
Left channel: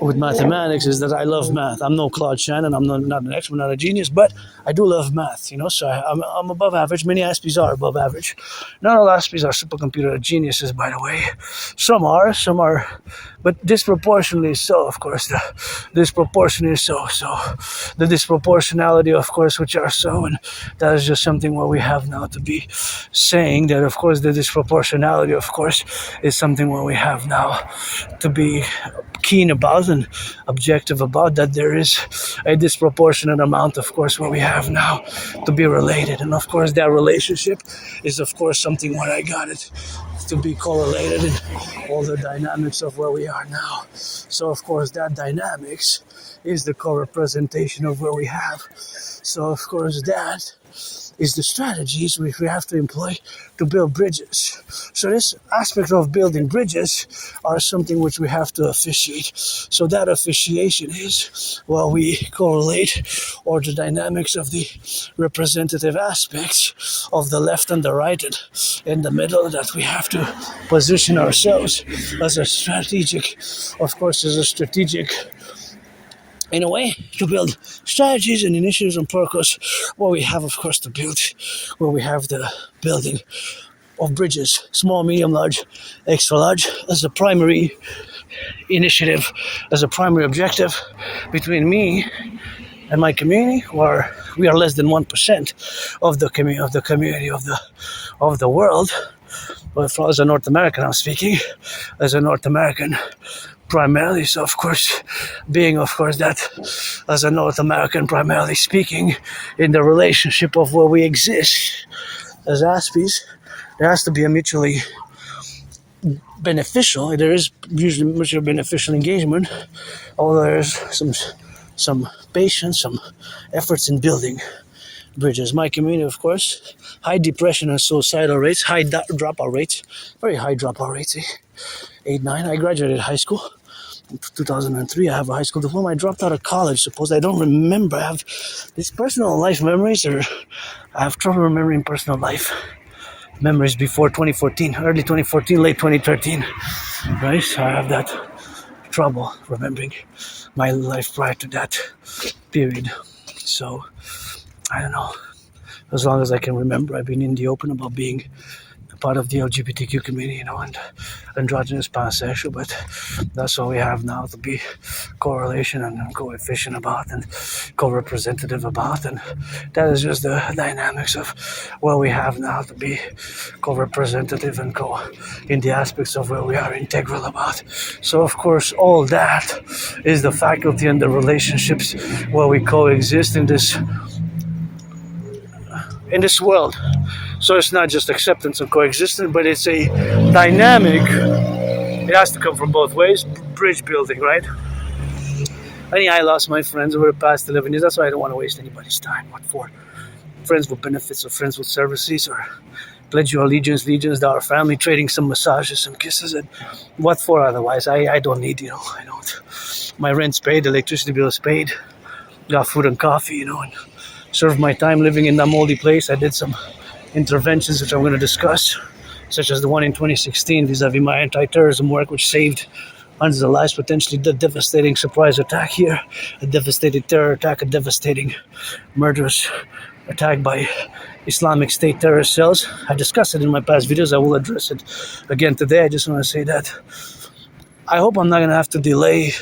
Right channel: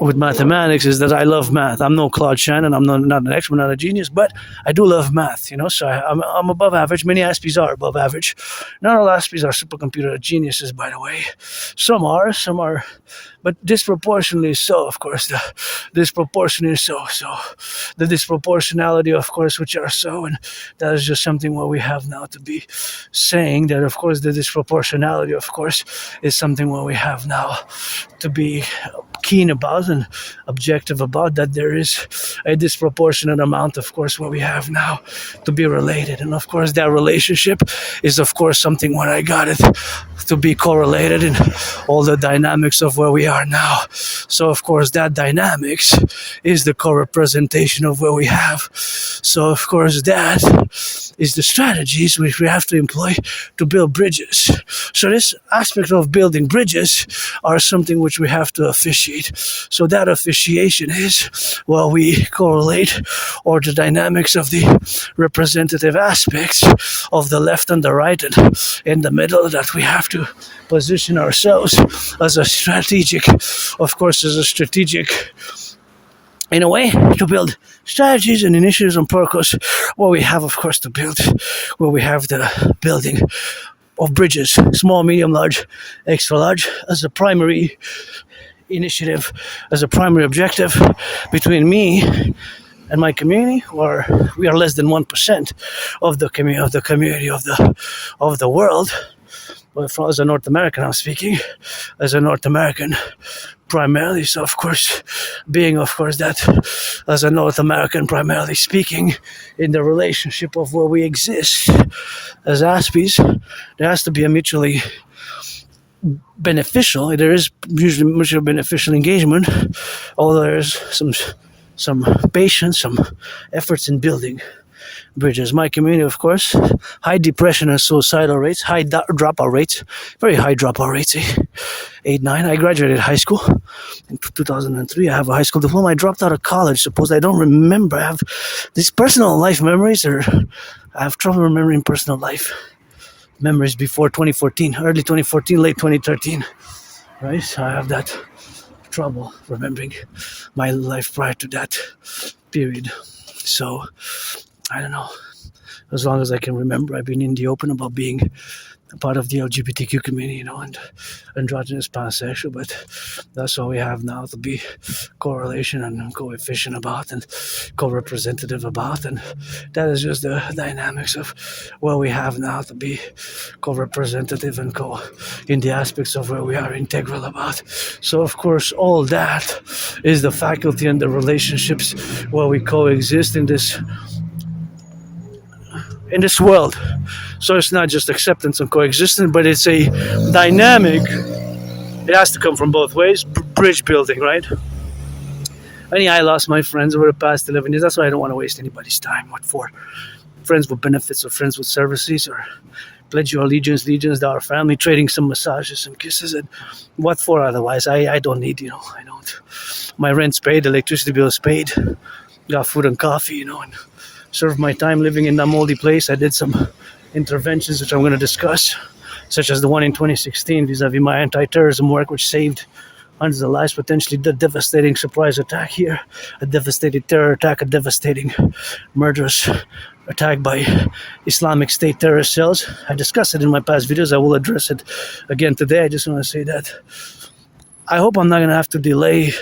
with mathematics is that I love math. I'm no Claude Shannon. I'm not an expert, not a genius, but I do love math, you know. So I'm above average. Many Aspies are above average. Not all Aspies are supercomputer geniuses, by the way. Some are, but disproportionately so, of course. The disproportionality, of course, which are so, and that is just something what we have now to be saying that, of course, the disproportionality, of course, is something what we have now to be keen about and objective about, that there is a disproportionate amount, of course, what we have now to be related. And of course, that relationship is, of course, something where I got it to be correlated in all the dynamics of where we are now. So, of course, that dynamics is the co-representation of where we have. So, of course, that is the strategies which we have to employ to build bridges. So this aspect of building bridges are something which we have to officiate. So that officiation is while we correlate or the dynamics of the representative aspects of the left and the right and in the middle, that we have to position ourselves as a strategic, in a way, to build strategies and initiatives and purpose where we have, of course, to build, where we have the building of bridges, small, medium, large, extra large, as a primary initiative, as a primary objective between me and my community, where we are less than 1% of the community of the world. Well, as a North American, I'm speaking as a North American, primarily. So, of course, being, of course, that as a North American, primarily speaking, in the relationship of where we exist as Aspies, there has to be a mutually beneficial. There is usually mutually beneficial engagement, although there's some patience, some efforts in building bridges. My community, of course, high depression and suicidal rates, high dropout rates, very high dropout rates, 8, 9. I graduated high school in 2003. I have a high school diploma. I dropped out of college. Suppose I don't remember. I have these personal life memories, or I have trouble remembering personal life memories before 2014, early 2014, late 2013, right? So I have that trouble remembering my life prior to that period. So I don't know. As long as I can remember, I've been in the open about being a part of the LGBTQ community, and androgynous, pansexual, but that's all we have now to be correlation and coefficient about and co-representative about, and that is just the dynamics of what we have now to be co-representative and in the aspects of where we are integral about. So of course all that is the faculty and the relationships where we coexist in this world. So it's not just acceptance and coexistence, but it's a dynamic. It has to come from both ways. Bridge building, right? And yeah, I lost my friends over the past 11 years. That's why I don't want to waste anybody's time. What for? Friends with benefits or friends with services, or pledge your allegiance to our family, trading some massages, some kisses, and what for otherwise? I don't need, I don't. My rent's paid, electricity bill's paid, got food and coffee, and served my time living in that moldy place. I did some interventions which I'm going to discuss, such as the one in 2016 vis-a-vis my anti-terrorism work, which saved hundreds of lives, potentially the devastating surprise attack here, a devastating terror attack, a devastating murderous attack by Islamic State terrorist cells. I discussed it in my past videos. I will address it again today. I just want to say that I hope I'm not going to have to delay.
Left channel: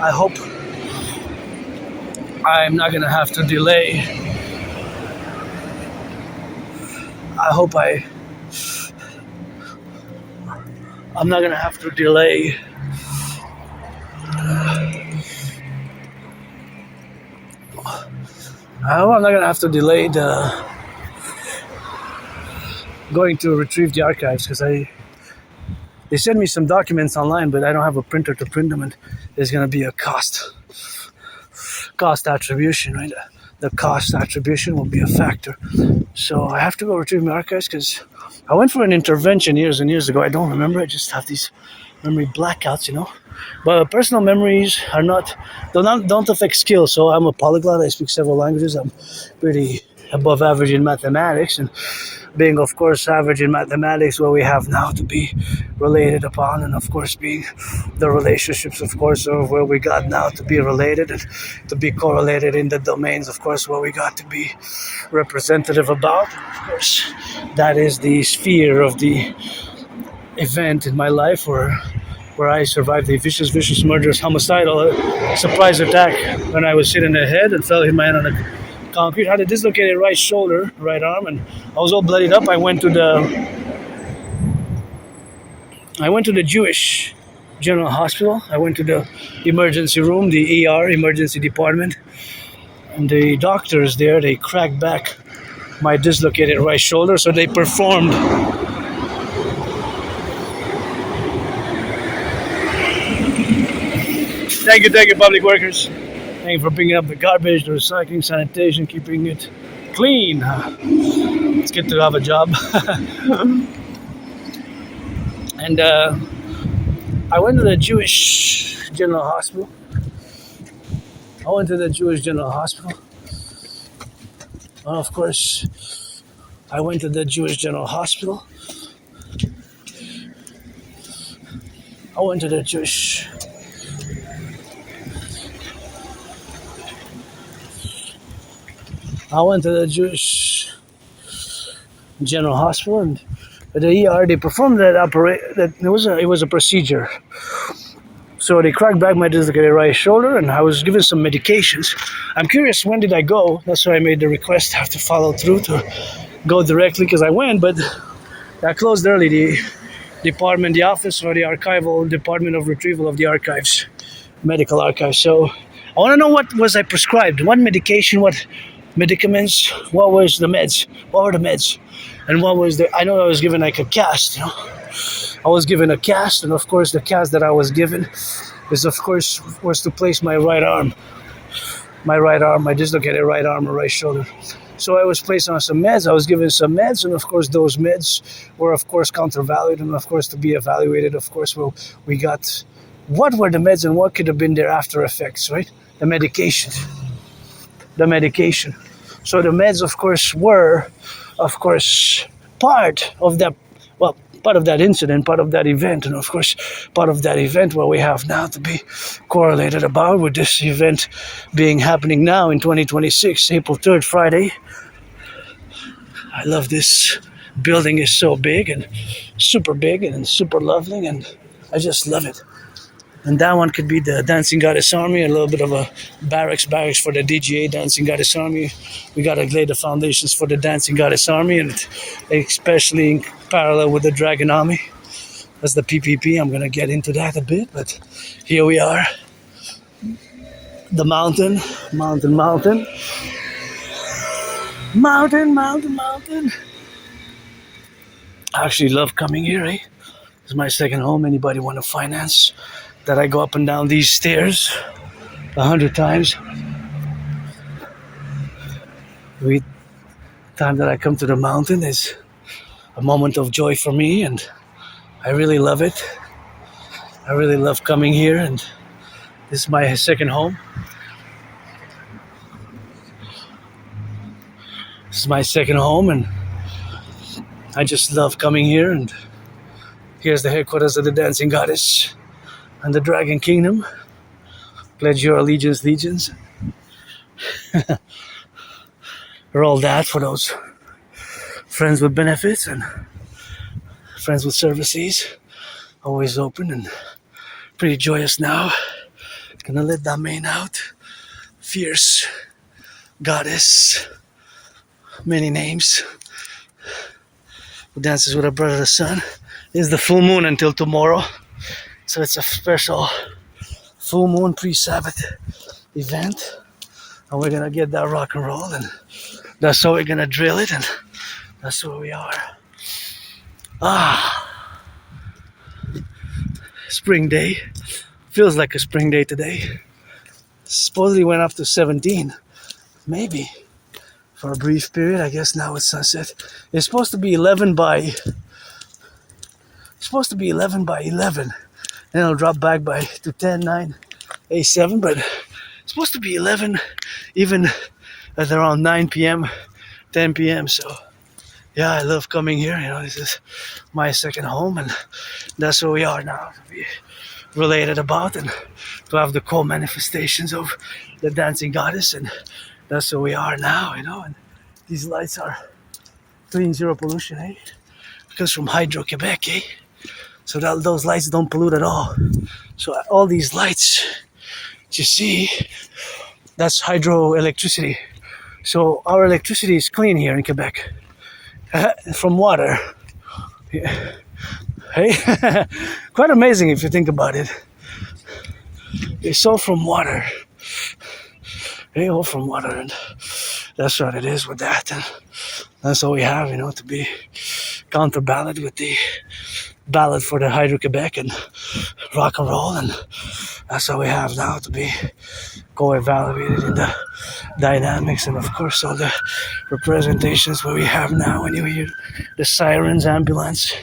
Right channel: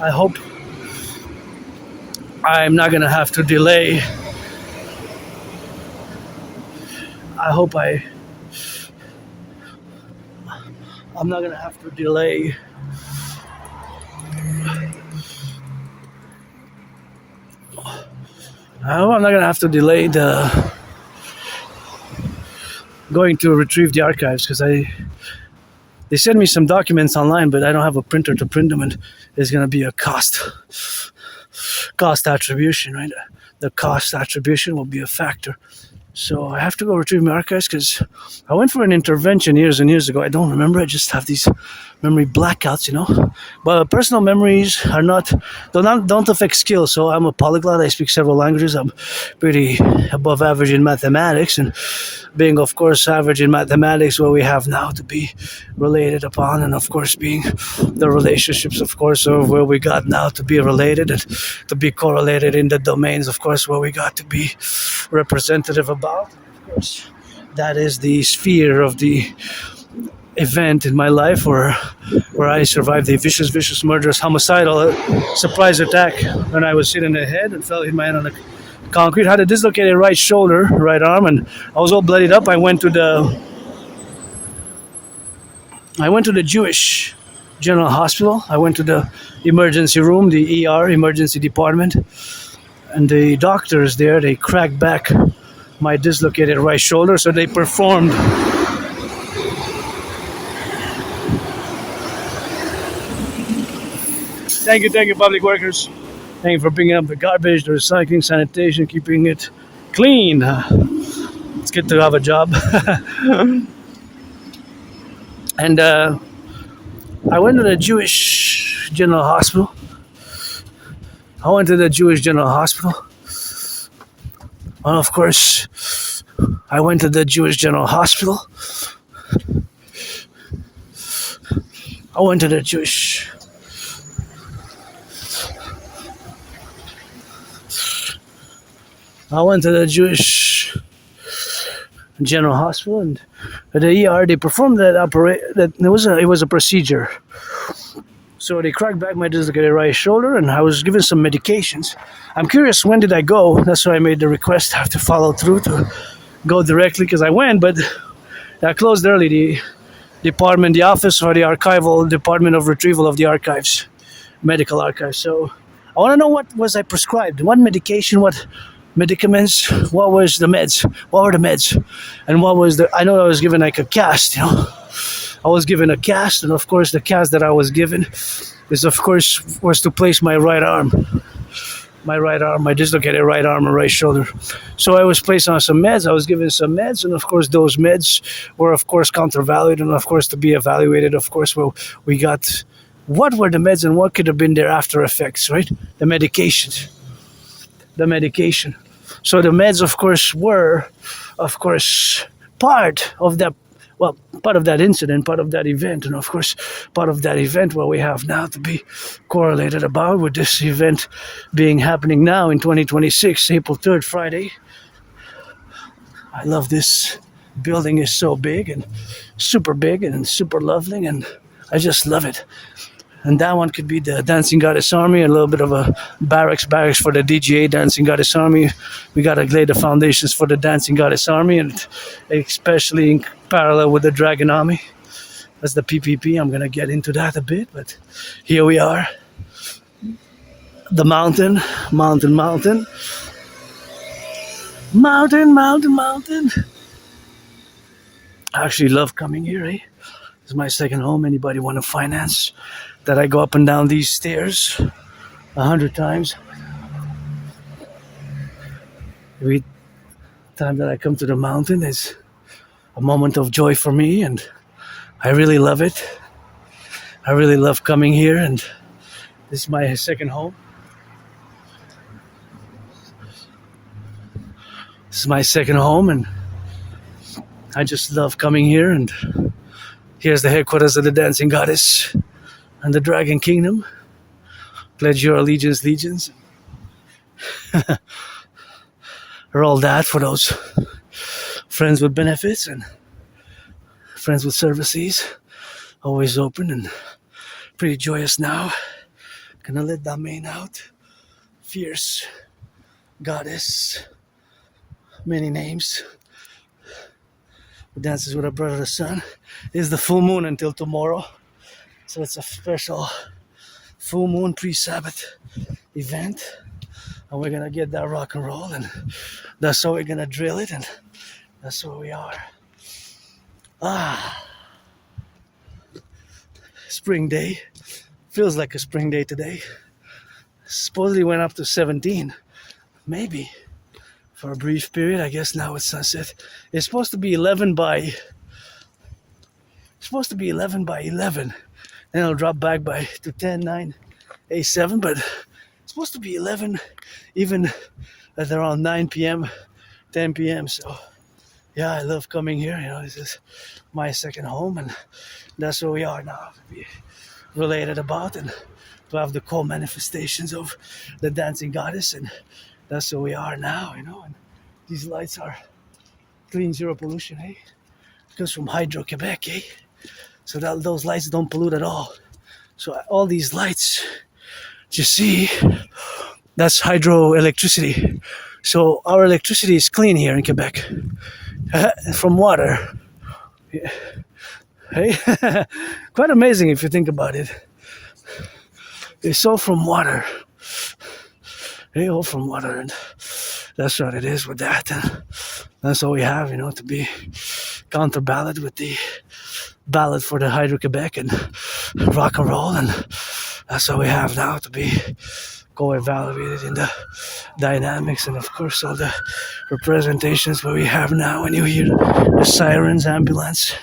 I hope I'm not going to have to delay. I'm not going to have to delay. I hope I'm not going to have to delay going to retrieve the archives, because they sent me some documents online, but I don't have a printer to print them, and there's going to be a cost attribution, right? The cost attribution will be a factor. So I have to go retrieve my archives, because I went for an intervention years and years ago. I don't remember. I just have these memory blackouts, But personal memories don't affect skills. So I'm a polyglot. I speak several languages. I'm pretty above average in mathematics, and being, of course, average in mathematics, what we have now to be related upon, and of course being the relationships, of course, of where we got now to be related and to be correlated in the domains, of course, where we got to be representative about. Of course, that is the sphere of the event in my life where I survived a vicious, murderous, homicidal surprise attack when I was hit in the head and hit my head on the concrete. Had a dislocated right shoulder, right arm, and I was all bloodied up. I went to the Jewish General Hospital. I went to the emergency room, the ER, emergency department, and the doctors there, they cracked back my dislocated right shoulder, so they performed Thank you, public workers. Thank you for picking up the garbage, the recycling, sanitation, keeping it clean. It's good to have a job. And I went to the Jewish General Hospital. And of course, I went to the Jewish General Hospital. I went to the Jewish General Hospital, and at the ER they performed that operation. It was a procedure. So they cracked back my dislocated right shoulder, and I was given some medications. I'm curious, when did I go? That's why I made the request. I have to follow through to go directly, because I went, but that closed early. department, the office for the archival department of retrieval of the archives, medical archives. So I want to know what was I prescribed, what medication, what medicaments, what was the meds, what were the meds, and what was the, I know I was given like a cast, you know. I was given a cast, and of course the cast that I was given is, of course, was to place my right arm. My dislocated right arm and right shoulder. So I was placed on some meds. I was given some meds, and of course those meds were, of course, countervalued, and of course to be evaluated. Of course, well, we got what were the meds and what could have been their after effects, right? The medication. So the meds, of course, were, of course, part of that. Well, part of that incident, part of that event, and of course, part of that event what we have now to be correlated about with this event being happening now in 2026, April 3rd, Friday. I love this building. Is so big and super lovely, and I just love it. And that one could be the Dancing Goddess Army, a little bit of a barracks for the DGA Dancing Goddess Army. We got to lay the foundations for the Dancing Goddess Army, and especially in parallel with the Dragon Army. That's the PPP. I'm going to get into that a bit, but here we are. The mountain. I actually love coming here, eh? It's my second home. Anybody want to finance that I go up and down these stairs 100 times? Every time that I come to the mountain is a moment of joy for me, and I really love it. I really love coming here, and this is my second home. And I just love coming here, and here's the headquarters of the Dancing Goddess and the Dragon Kingdom. Pledge your allegiance, legions. Or all that for those friends with benefits and friends with services. Always open and pretty joyous now. Gonna let that mane out. Fierce goddess. Many names. Who dances with her brother the sun. It is the full moon until tomorrow. So it's a special full moon pre-Sabbath event. And we're gonna get that rock and roll, and that's how we're gonna drill it, and that's where we are. Spring day. Feels like a spring day today. Supposedly went up to 17. Maybe. For a brief period. I guess now it's sunset. It's supposed to be 11 by 11. Then it'll drop back to 10, 9, 8, 7. But it's supposed to be 11 even at around 9 p.m., 10 p.m. So, yeah, I love coming here. You know, this is my second home, and that's where we are now to be related about and to have the co-manifestations of the Dancing Goddess, and that's where we are now, you know. And these lights are clean, zero pollution, eh? Because from Hydro-Quebec, eh? So that those lights don't pollute at all. So all these lights, you see, that's hydroelectricity. So our electricity is clean here in Quebec from water. Yeah. Hey, quite amazing if you think about it. It's all from water. Hey, all from water, and that's what it is with that. And that's all we have, you know, to be counterballot with the ballot for the Hydro-Quebec and Rock&Roll, and that's all we have now to be co-evaluated in the dynamics, and of course all the representations what we have now. When you hear the sirens, ambulance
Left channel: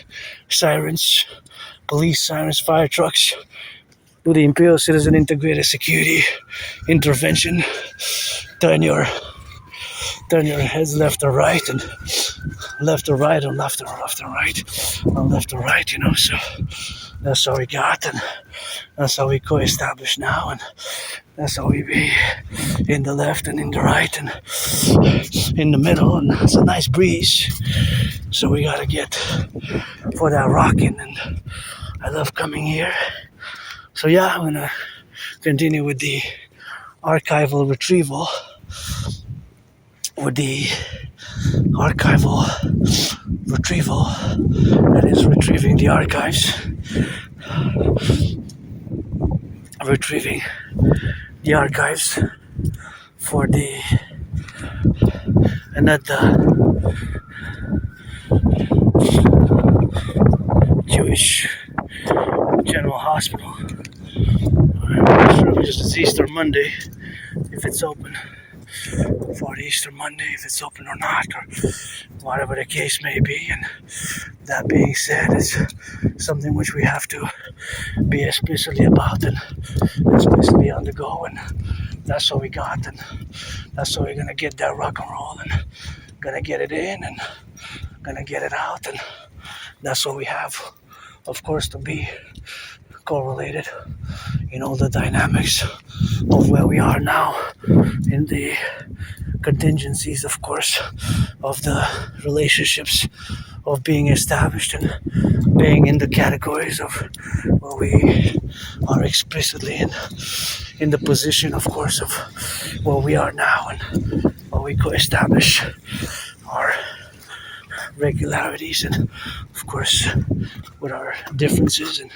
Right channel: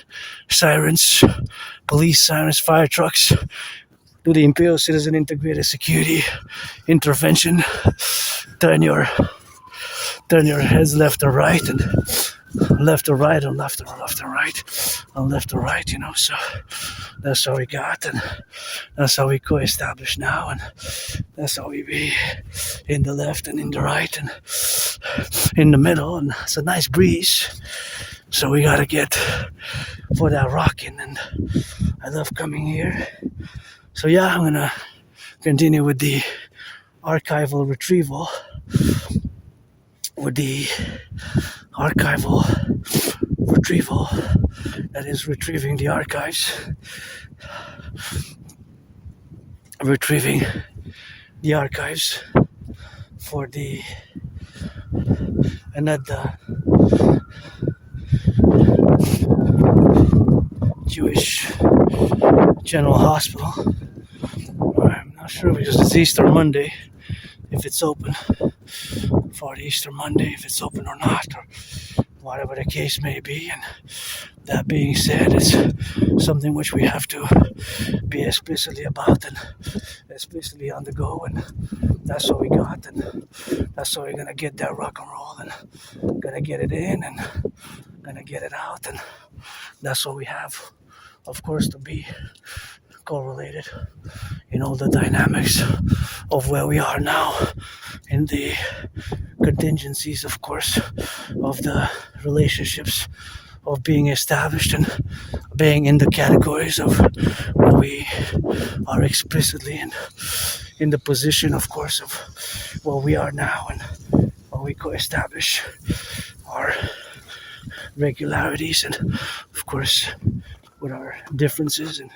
sirens, police sirens, fire trucks, do the Imperial Citizen Integrated Security Intervention, turn your heads left or right, and left or right, and left or right, and left or right, you know. So that's how we got, and that's how we co-establish now, and that's how we be in the left and in the right and in the middle, and it's a nice breeze. So we gotta get for that rocking, and I love coming here. So yeah, I'm gonna continue with the archival retrieval, with the archival retrieval, that is retrieving the archives, retrieving the archives for the the Jewish General Hospital. I'm not sure because it's Easter Monday if it's open, for the Easter Monday if it's open or not, or whatever the case may be. And that being said, it's something which we have to be explicitly about and explicitly undergo, and that's what we got, and that's how we're gonna get that rock and roll, and gonna get it in and gonna get it out, and that's what we have, of course, to be correlated in all the dynamics of where we are now, in the contingencies, of course, of the relationships of being established and being in the categories of where we are explicitly in the position, of course, of where we are now, and where we co-establish our regularities and, of course, with our differences and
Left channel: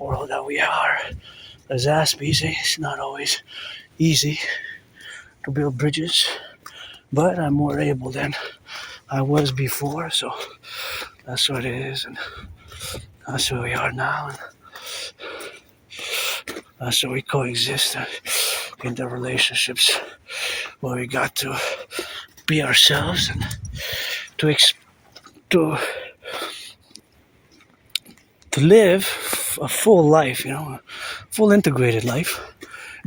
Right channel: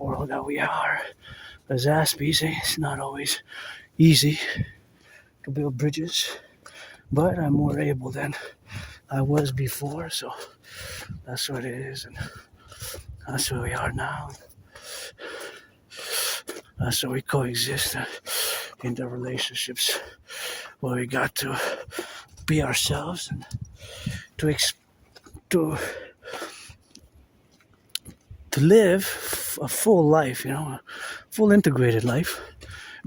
world that we are as Aspiesque. It's not always easy to build bridges, but I'm more able than I was before, so that's what it is, and that's where we are now, and that's where we coexist in the relationships where we got to be ourselves and to live a full life, a full integrated life,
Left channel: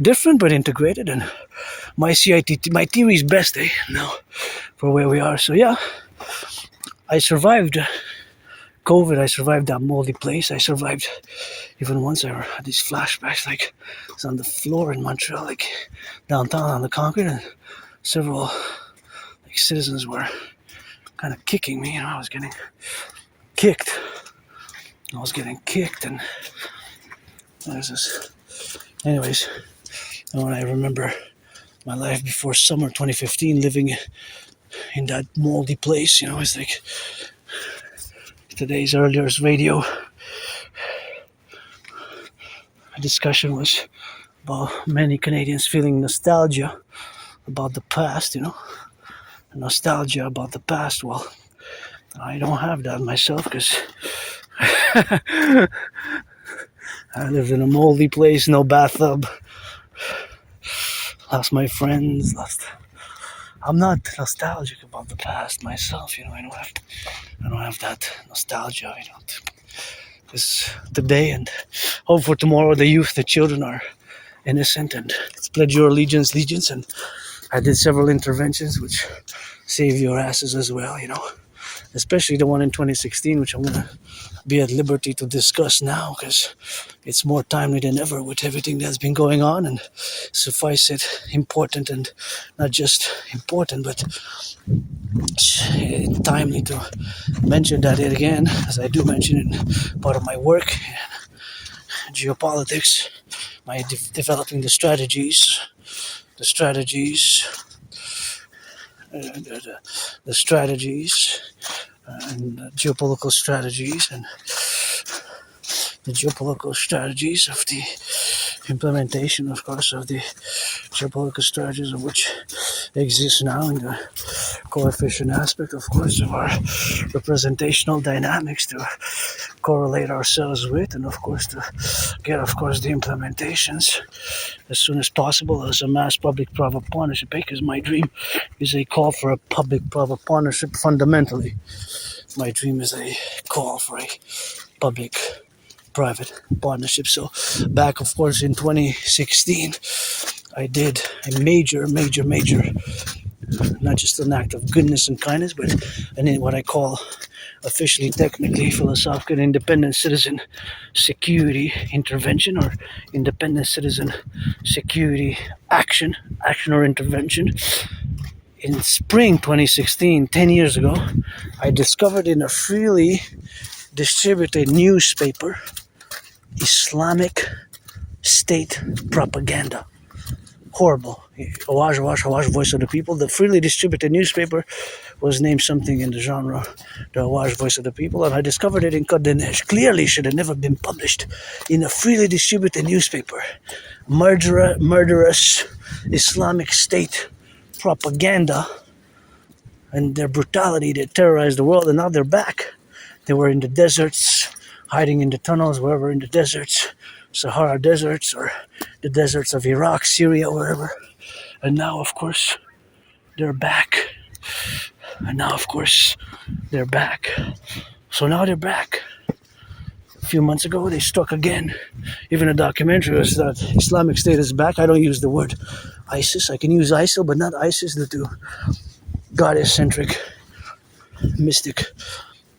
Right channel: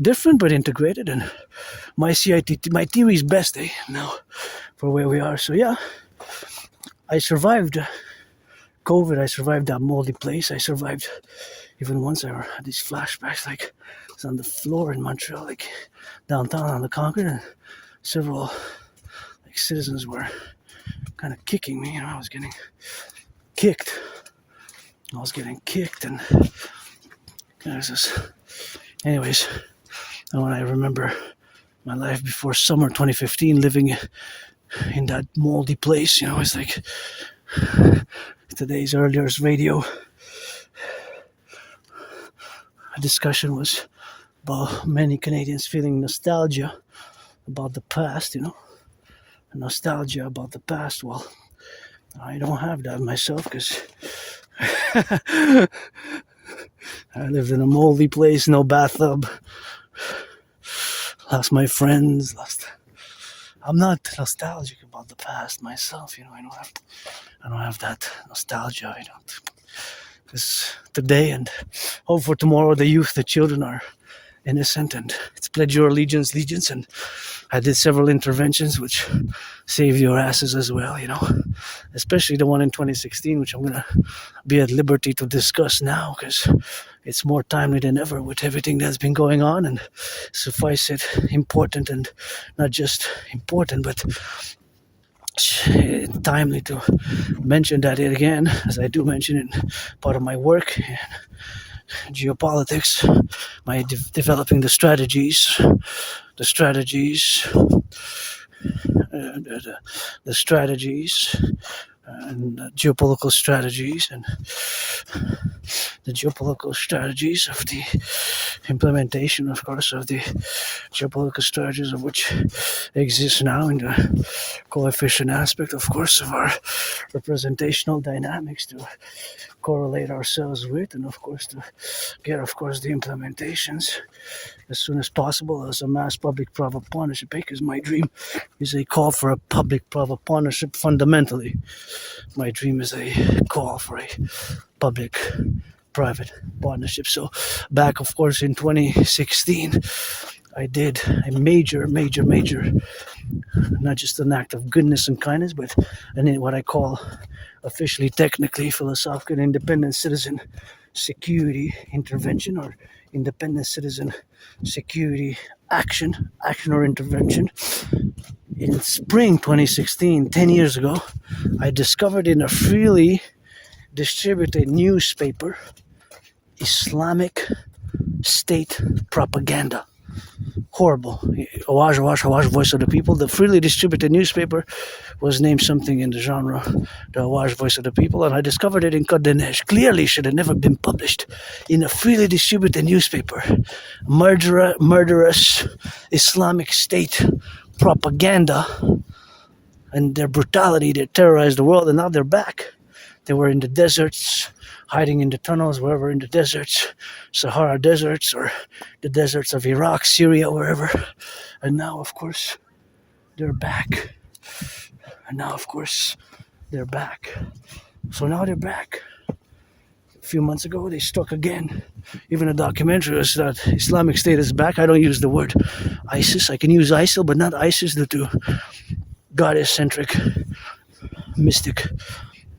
different but integrated. And my theory is best, now for where we are. So yeah, I survived COVID. I survived that moldy place. I survived even once. I had these flashbacks, like I was on the floor in Montreal, like downtown on the concrete, and several citizens were kind of kicking me. I was getting kicked. And anyways, when I remember my life before summer 2015, living in that moldy place, it's like today's earlier radio discussion was about many Canadians feeling nostalgia about the past, nostalgia about the past. Well, I don't have that myself, because I lived in a moldy place, no bathtub, lost my friends, I'm not nostalgic about the past myself, I don't have that nostalgia, because today and hope for tomorrow, the youth, the children are innocent, and it's pledge your allegiance, and I did several interventions which saved your asses as well, especially the one in 2016, which I'm going to be at liberty to discuss now, because it's more timely than ever with everything that's been going on, and suffice it, important, and not just important, but timely to mention that again, as I do mention it, part of my work in geopolitics, my developing the strategies and geopolitical strategies, and the geopolitical strategies of the implementation, of course, of the geopolitical strategies of which exist now in the coefficient aspect, of course, of our representational dynamics to correlate ourselves with, and of course to get, of course, the implementations as soon as possible as a mass public-private partnership, because my dream is a call for a public-private partnership. Fundamentally, my dream is a call for a public-private partnership. So back, of course, in 2016, I did a major, not just an act of goodness and kindness, but what I call officially, technically, philosophical, independent citizen security intervention, or independent citizen security action or intervention. In spring 2016, 10 years ago, I discovered in a freely distributed newspaper Islamic State propaganda. Horrible. Awaj, Voice of the People, the freely distributed newspaper was named something in the genre, the Wise Voice of the People, and I discovered it in N.A.C.W.P. Clearly should have never been published in a freely distributed newspaper. Murderous Islamic State propaganda and their brutality that terrorized the world, and now they're back. They were in the deserts, hiding in the tunnels, wherever in the deserts, Sahara deserts, or the deserts of Iraq, Syria, wherever. And now, of course, they're back. So now they're back. A few months ago, they struck again. Even a documentary was that Islamic State is back. I don't use the word ISIS. I can use ISIL, but not ISIS due to goddess-centric, mystic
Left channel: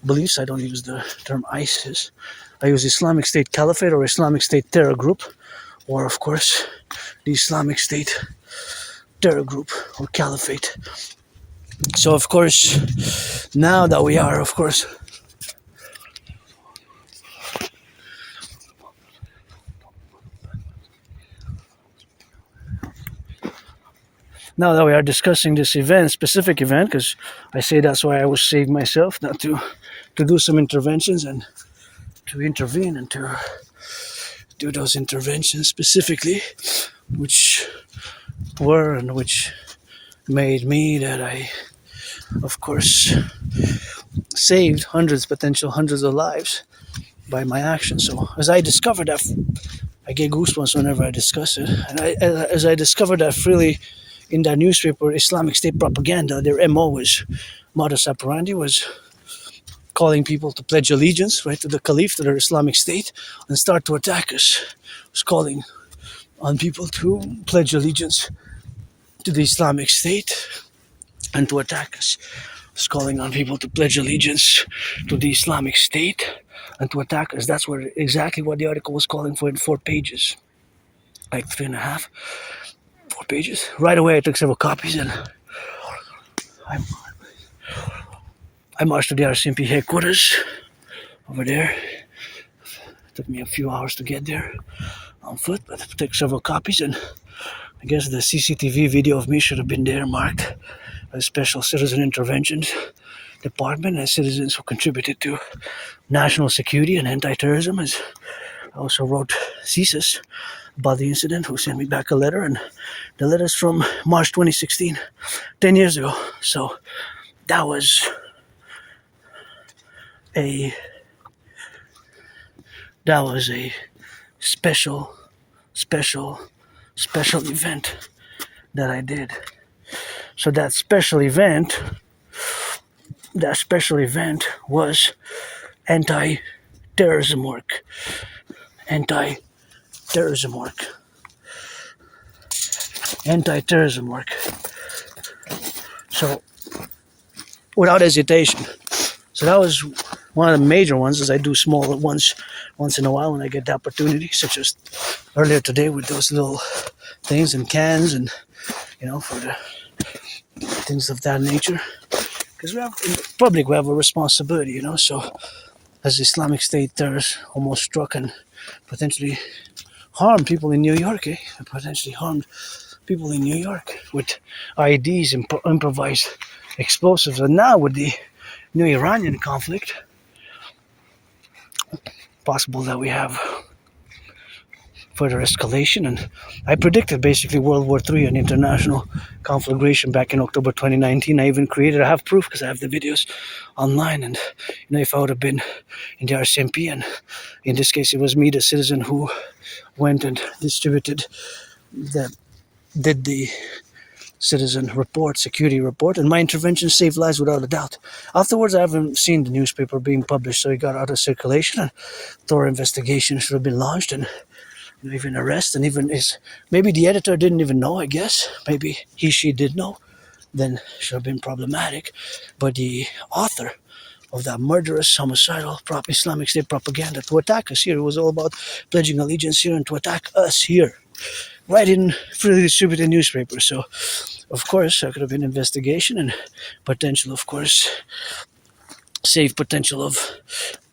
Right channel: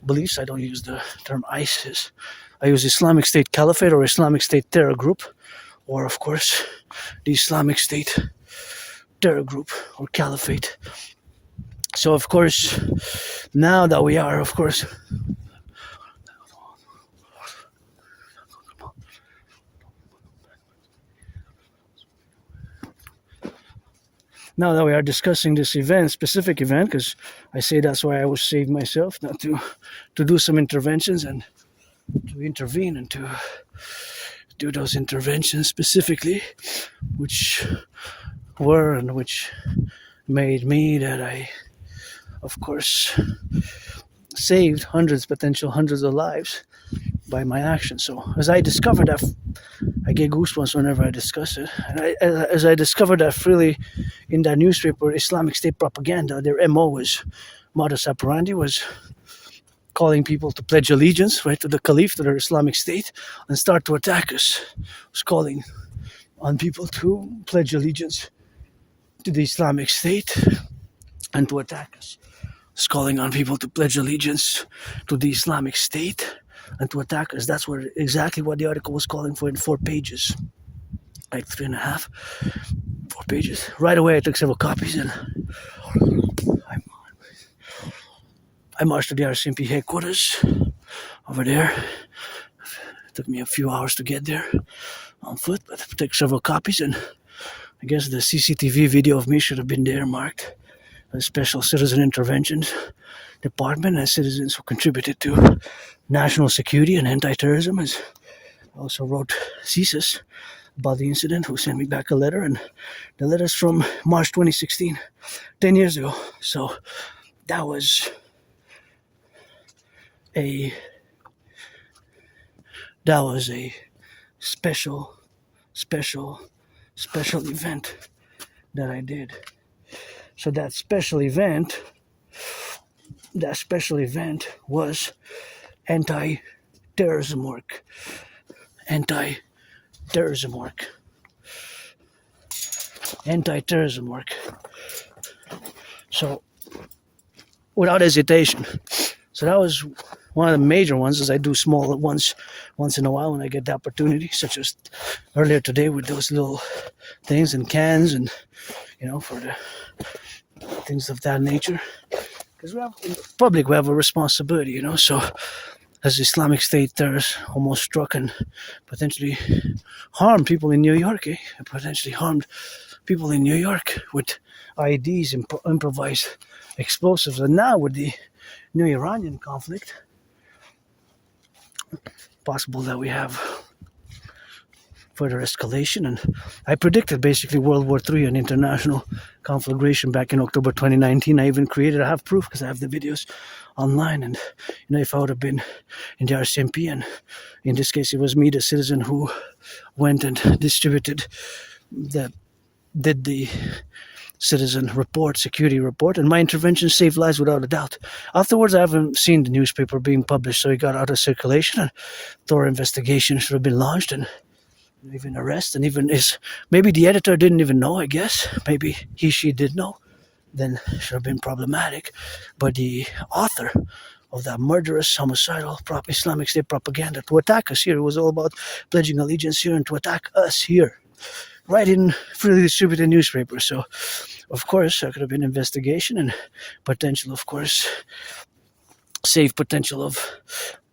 beliefs. I don't use the term ISIS. I use Islamic State Caliphate or Islamic State Terror Group, or of course, the Islamic State Terror Group or Caliphate. So of course, now that we are, of course, now that we are discussing this event, specific event, because I say that's why I was saved myself, not to do some interventions and to intervene and to do those interventions specifically, which were and which made me that I, of course, saved potential hundreds of lives by my actions. So as I discovered that, I get goosebumps whenever I discuss it. And as I discovered that freely in that newspaper, Islamic State propaganda, their MO was, modus operandi was calling people to pledge allegiance, right, to the Caliph, to their Islamic State, and start to attack us. It was calling on people to pledge allegiance to the Islamic State and to attack us. It was calling on people to pledge allegiance to the Islamic State and to attack us. That's exactly what the article was calling for in 4 pages. Like 3.5, 4 pages. Right away I took several copies and I marched to the RCMP headquarters over there. It took me a few hours to get there on foot, but I took several copies, and I guess the CCTV video of me should have been there marked by Special Citizen Interventions Department and citizens who contributed to national security and anti-terrorism. As I also wrote CSIS about the incident, who sent me back a letter, and the letter's from March 2016, 10 years ago. So that was a special event that I did. So that special event was anti-terrorism work. So without hesitation. So that was one of the major ones, as I do smaller ones once in a while when I get the opportunity, such as earlier today with those little things and cans and, for the things of that nature. Because in public we have a responsibility, so as Islamic State terrorists almost struck and potentially harmed people in New York, potentially harmed people in New York with IEDs and improvised explosives. And now with the new Iranian conflict, possible that we have further escalation. And I predicted basically World War III and international conflagration back in October 2019. I even have proof because I have the videos online. And if I would have been in the RCMP, and in this case it was me, the citizen, who went and did the citizen report, security report, and my intervention saved lives without a doubt. Afterwards, I haven't seen the newspaper being published, so it got out of circulation, and thorough investigation should have been launched, and even arrest, and even maybe the editor didn't even know, I guess. Maybe she did know, then it should have been problematic. But the author of that murderous, homicidal, Islamic State propaganda to attack us here, it was all about pledging allegiance here and to attack us here, right in freely distributed newspaper. So, of course, there could have been investigation and potential, of course, save potential of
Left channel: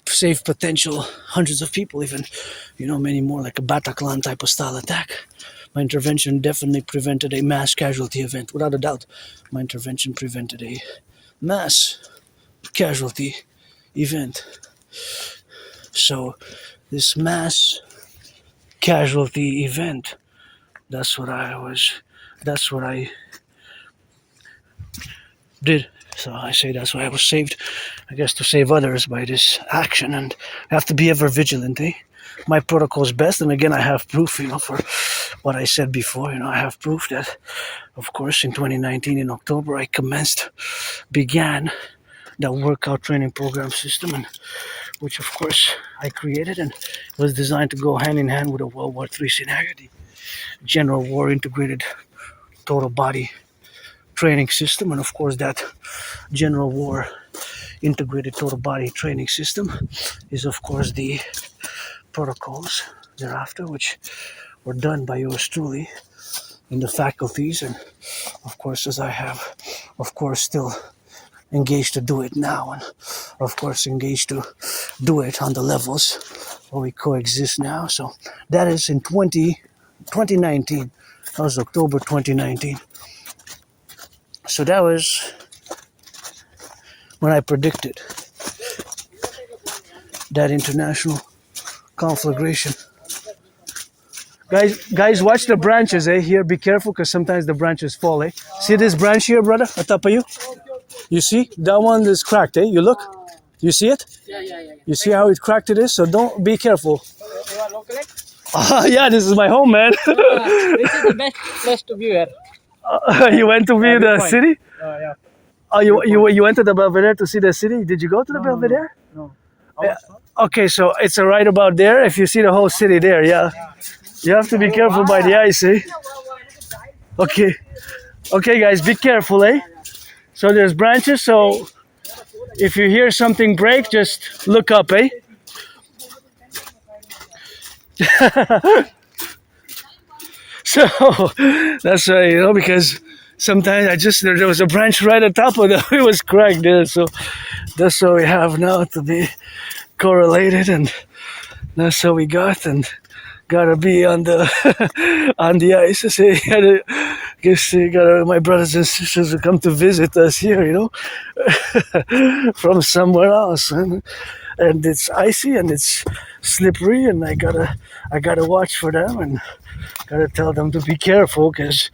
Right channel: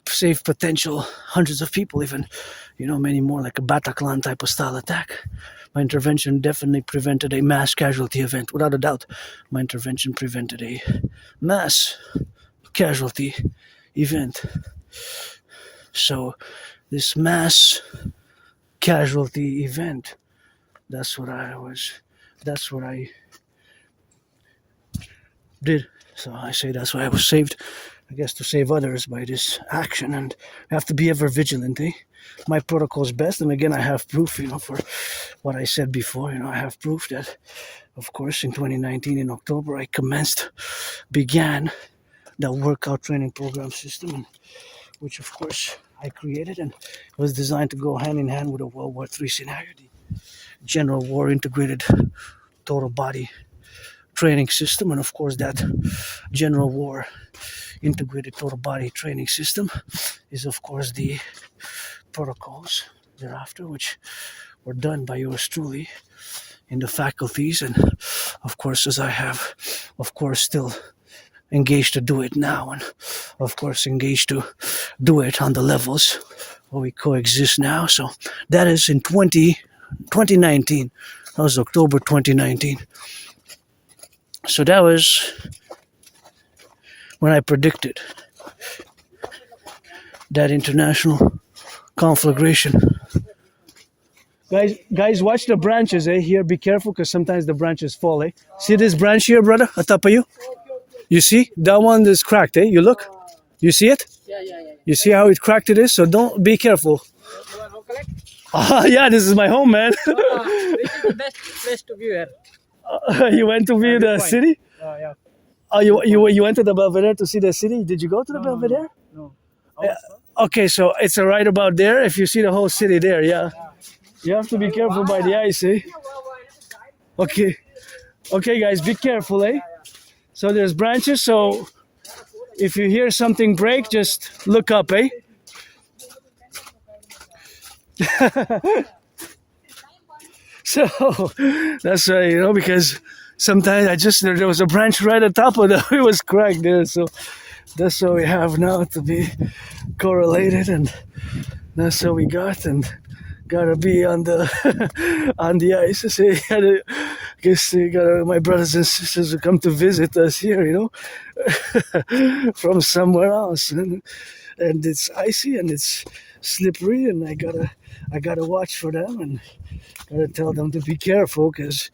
save potential hundreds of people, even, many more, like a Bataclan type of style attack. My intervention definitely prevented a mass casualty event, without a doubt. My intervention prevented a mass casualty event. So this mass casualty event, that's what I did. So I say that's why I was saved, I guess, to save others by this action. And I have to be ever vigilant, eh? My protocol is best, and again, I have proof, for what I said before. I have proof that, of course, in 2019, in October, I began the workout training program system, and which, of course, I created, and was designed to go hand in hand with a World War III scenario, the General War Integrated Total Body Training System. And of course, that General War Integrated Total Body Training System is, of course, the protocols thereafter, which were done by yours truly in the faculties, and of course, as I have, of course, still engaged to do it now, and of course engaged to do it on the levels where we coexist now. So that is in 2019. That was October 2019. So that was when I predicted that international conflagration. Guys, watch the branches, here. Be careful, because sometimes the branches fall, See this branch here, brother, on top of you? You see? That one is cracked, You look? You see it? Yeah. You see how it cracked it is? So don't, be careful. You are local? Yeah, this is my home, man. This is the best place to view here. You went to view the city? Yeah. Oh, you went to the Belvedere to see the city? Did you go to the Belvedere? No. Okay, so it's right about there. If you see the whole city there, yeah. You have to be careful by the ice, Okay, guys, be careful, So there's branches, so if you hear something break, just look up, So that's why, because sometimes there was a branch right on top of it. It was cracked there, so that's what we have now to be correlated, and that's what we got, and gotta be on the on the ice. I guess my brothers and sisters who come to visit us here, from somewhere else, and it's icy and it's slippery, and I gotta watch for them, and gotta tell them to be careful, because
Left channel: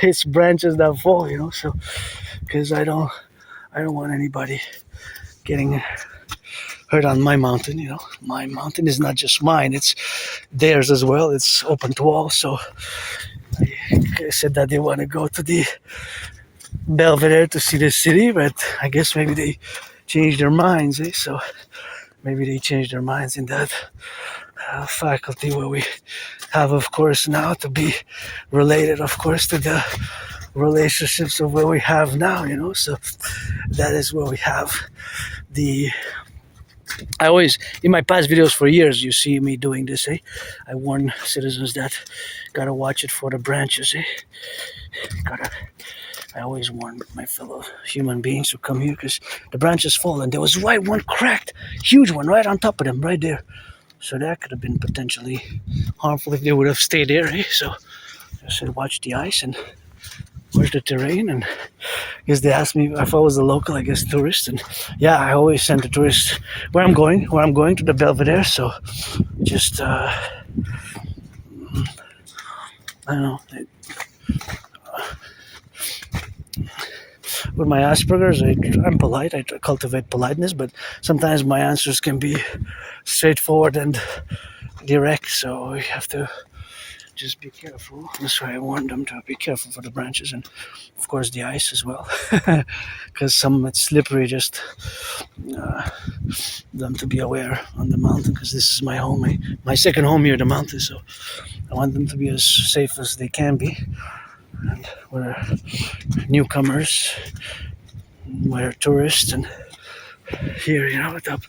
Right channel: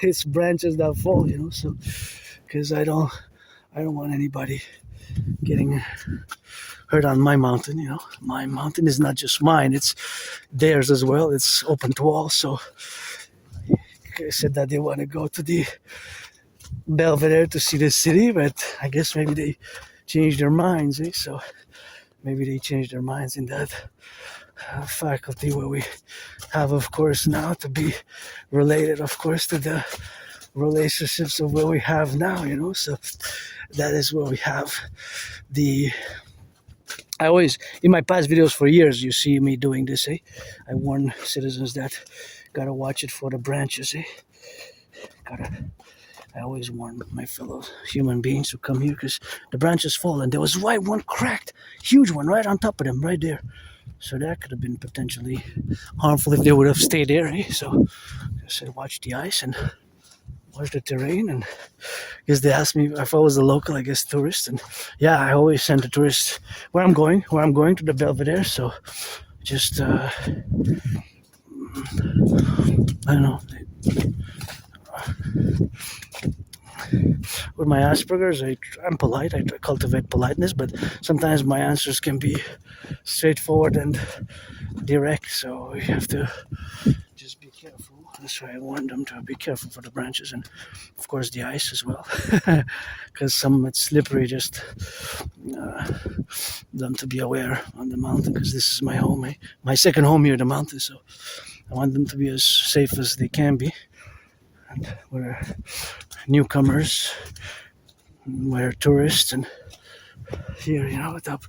it's branches that fall, So because I don't want anybody getting hurt on my mountain, My mountain is not just mine, it's theirs as well. It's open to all. So I said that they want to go to the Belvedere to see the city, but I guess maybe they changed their minds, So maybe they changed their minds in that faculty where we have, of course, now to be related, of course, to the relationships of where we have now, So that is where we have I always, in my past videos for years, you see me doing this, I warn citizens that gotta watch it for the branches, I always warn my fellow human beings who come here, because the branches fall, and there was one cracked, huge one right on top of them, right there. So that could have been potentially harmful if they would have stayed there, So I said, watch the ice and watch the terrain, and because they asked me if I was a local, I guess, tourist, and yeah, I always send the tourists where I'm going to the Belvedere, so just I don't know, with my Asperger's, I'm polite, I cultivate politeness, but sometimes my answers can be straightforward and direct, so you have to just be careful. That's why I warned them to be careful for the branches, and of course the ice as well, because some it's slippery. Just them to be aware on the mountain, because this is my home, my second home here, the mountain. So I want them to be as safe as they can be. And we're newcomers, we're tourists, and here, up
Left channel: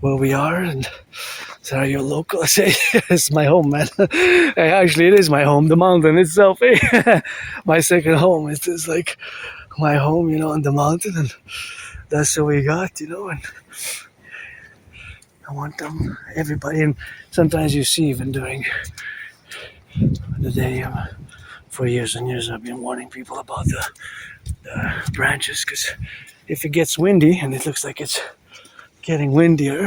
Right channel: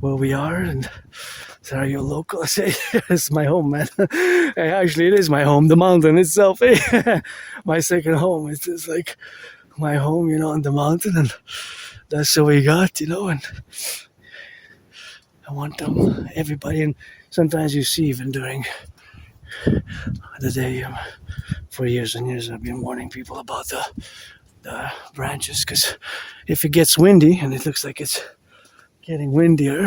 where we are, and so are you local? I say, it's my home, man. Actually, it is my home, the mountain itself, my second home. It is like my home, on the mountain, and that's what we got, and I want everybody, and sometimes you see even during the day, for years and years I've been warning people about the branches, because if it gets windy, and it looks like it's getting windier,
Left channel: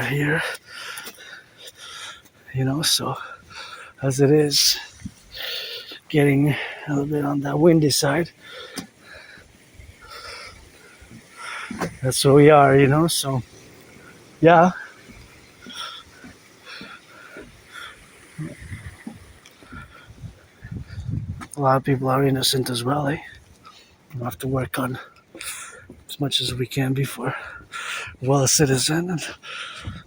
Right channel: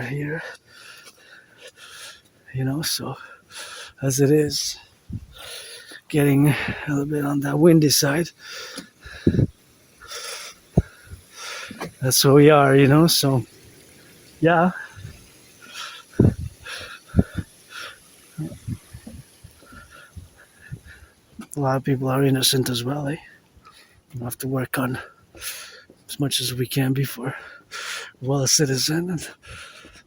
here, so as it is getting a little bit on that windy side, that's where we are, so yeah. A lot of people are innocent as well, We have to work on as much as we can be for well a citizen, and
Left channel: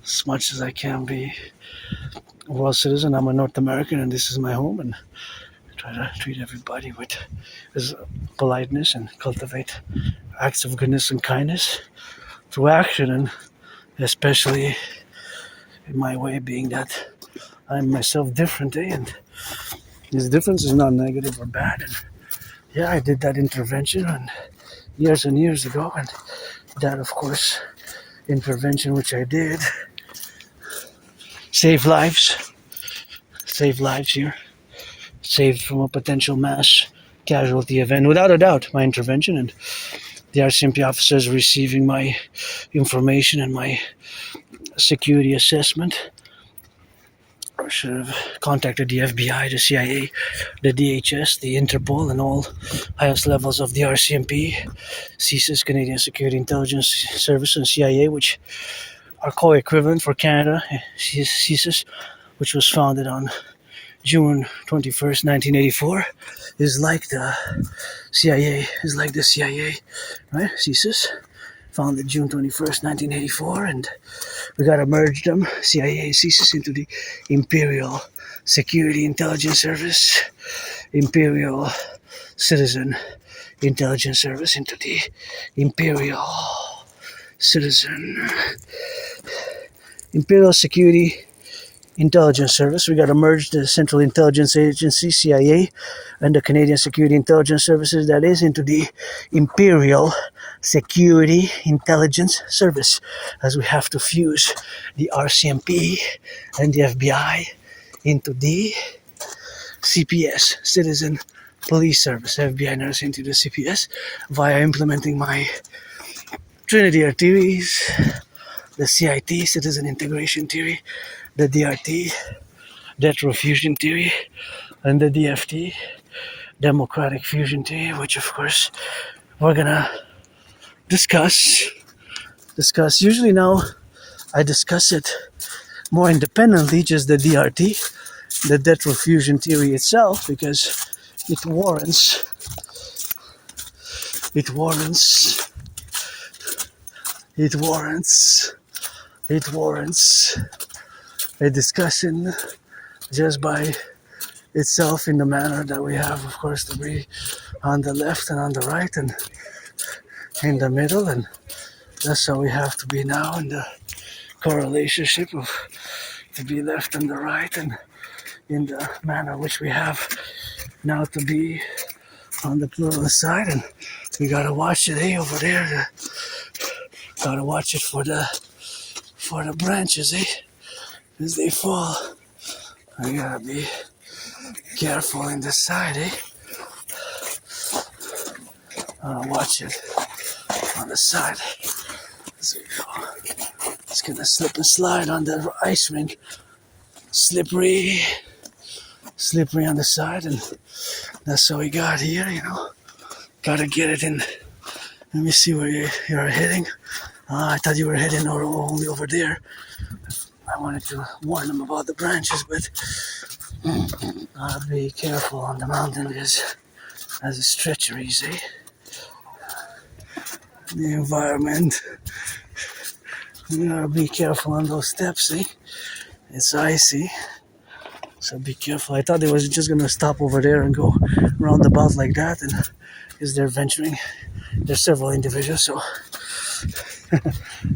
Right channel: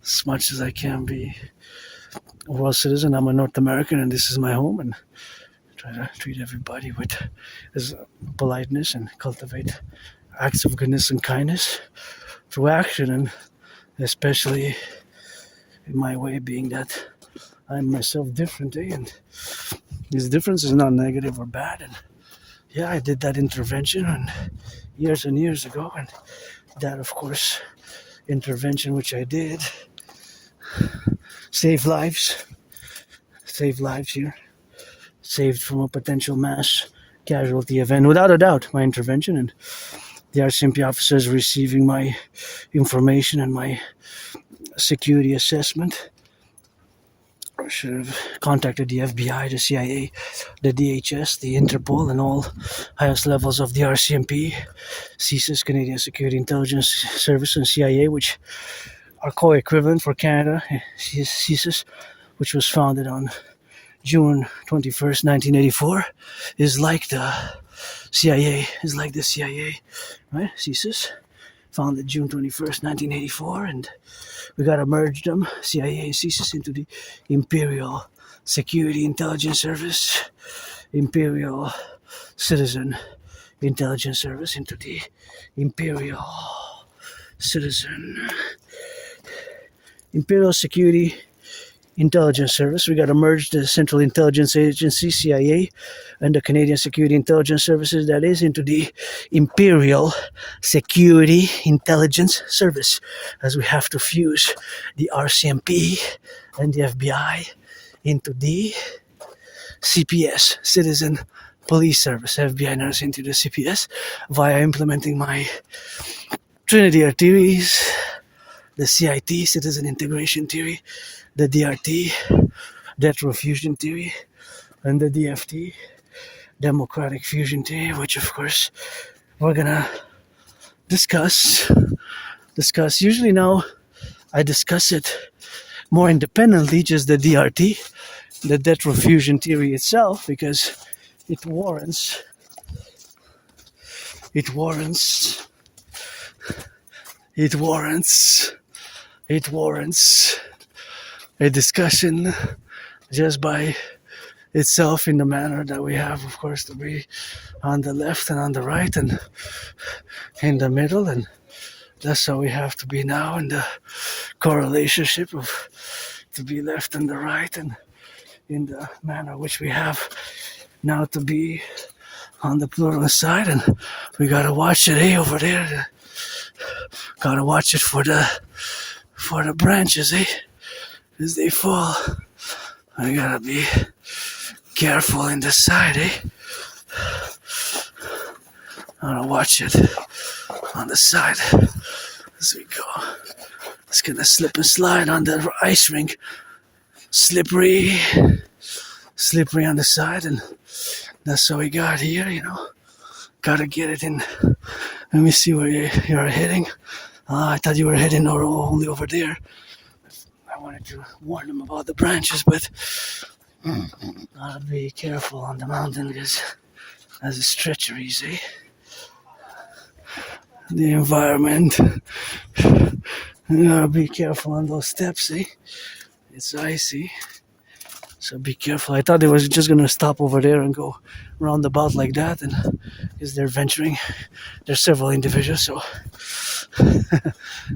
as much as I can be a well citizen. I'm a North American, and this is my home, and I try to treat everybody with politeness and cultivate acts of goodness and kindness through action, and especially in my way, being that I'm myself different, and this difference is not negative or bad. And yeah, I did that intervention years and years ago, and that, of course, intervention which I did saved lives here, saved from a potential mass casualty event, without a doubt. My intervention and the RCMP officers receiving my information and my security assessment should have contacted the FBI, the CIA, the DHS, the Interpol, and all highest levels of the RCMP, CSIS, Canadian Security Intelligence Service, and CIA, which are co-equivalent for Canada. CSIS, which was founded on June 21st, 1984, is like the CIA, right? CSIS, founded June 21st, 1984, and we gotta merge them, CIA and CSIS, into the Imperial Security Intelligence Service, Imperial Citizen Intelligence Service, into the Imperial Security Intelligence Service. We got to merge the Central Intelligence Agency, CIA, and the Canadian Security Intelligence Services, that is, into the Imperial Security Intelligence Service, as we have to fuse the RCMP and the FBI into the CPS, Citizen Police Service. FBI nurse into the CPS via implementing my Trinity theories, the CIT, Citizen Integration Theory, the DRT, Death Row Fusion Theory, and the DFT, Democratic Fusion Theory, which of course we're gonna discuss. Usually now I discuss it more independently, just the DRT, the Death Row Fusion Theory itself, because it warrants a discussion just by itself, in the manner that we have, of course, to be on the left and on the right and in the middle, and that's how we have to be now in the correlationship of to be left and the right, and in the manner which we have now to be on the plural side. And we gotta watch it, over there. Gotta watch it for the branches, as they fall. I gotta be careful in the side, Gotta watch it on the side as we go. It's gonna slip and slide on the ice rink. Slippery on the side, and that's what we got here, Gotta get it in. Let me see where you're heading. I thought you were heading only over there. I wanted to warn them about the branches, but gotta be careful on the mountain, because as it's treacheries, The environment. You gotta be careful on those steps, It's icy. So be careful. I thought they was just gonna stop over there and go roundabout like that, and because they're venturing. There's several individuals, so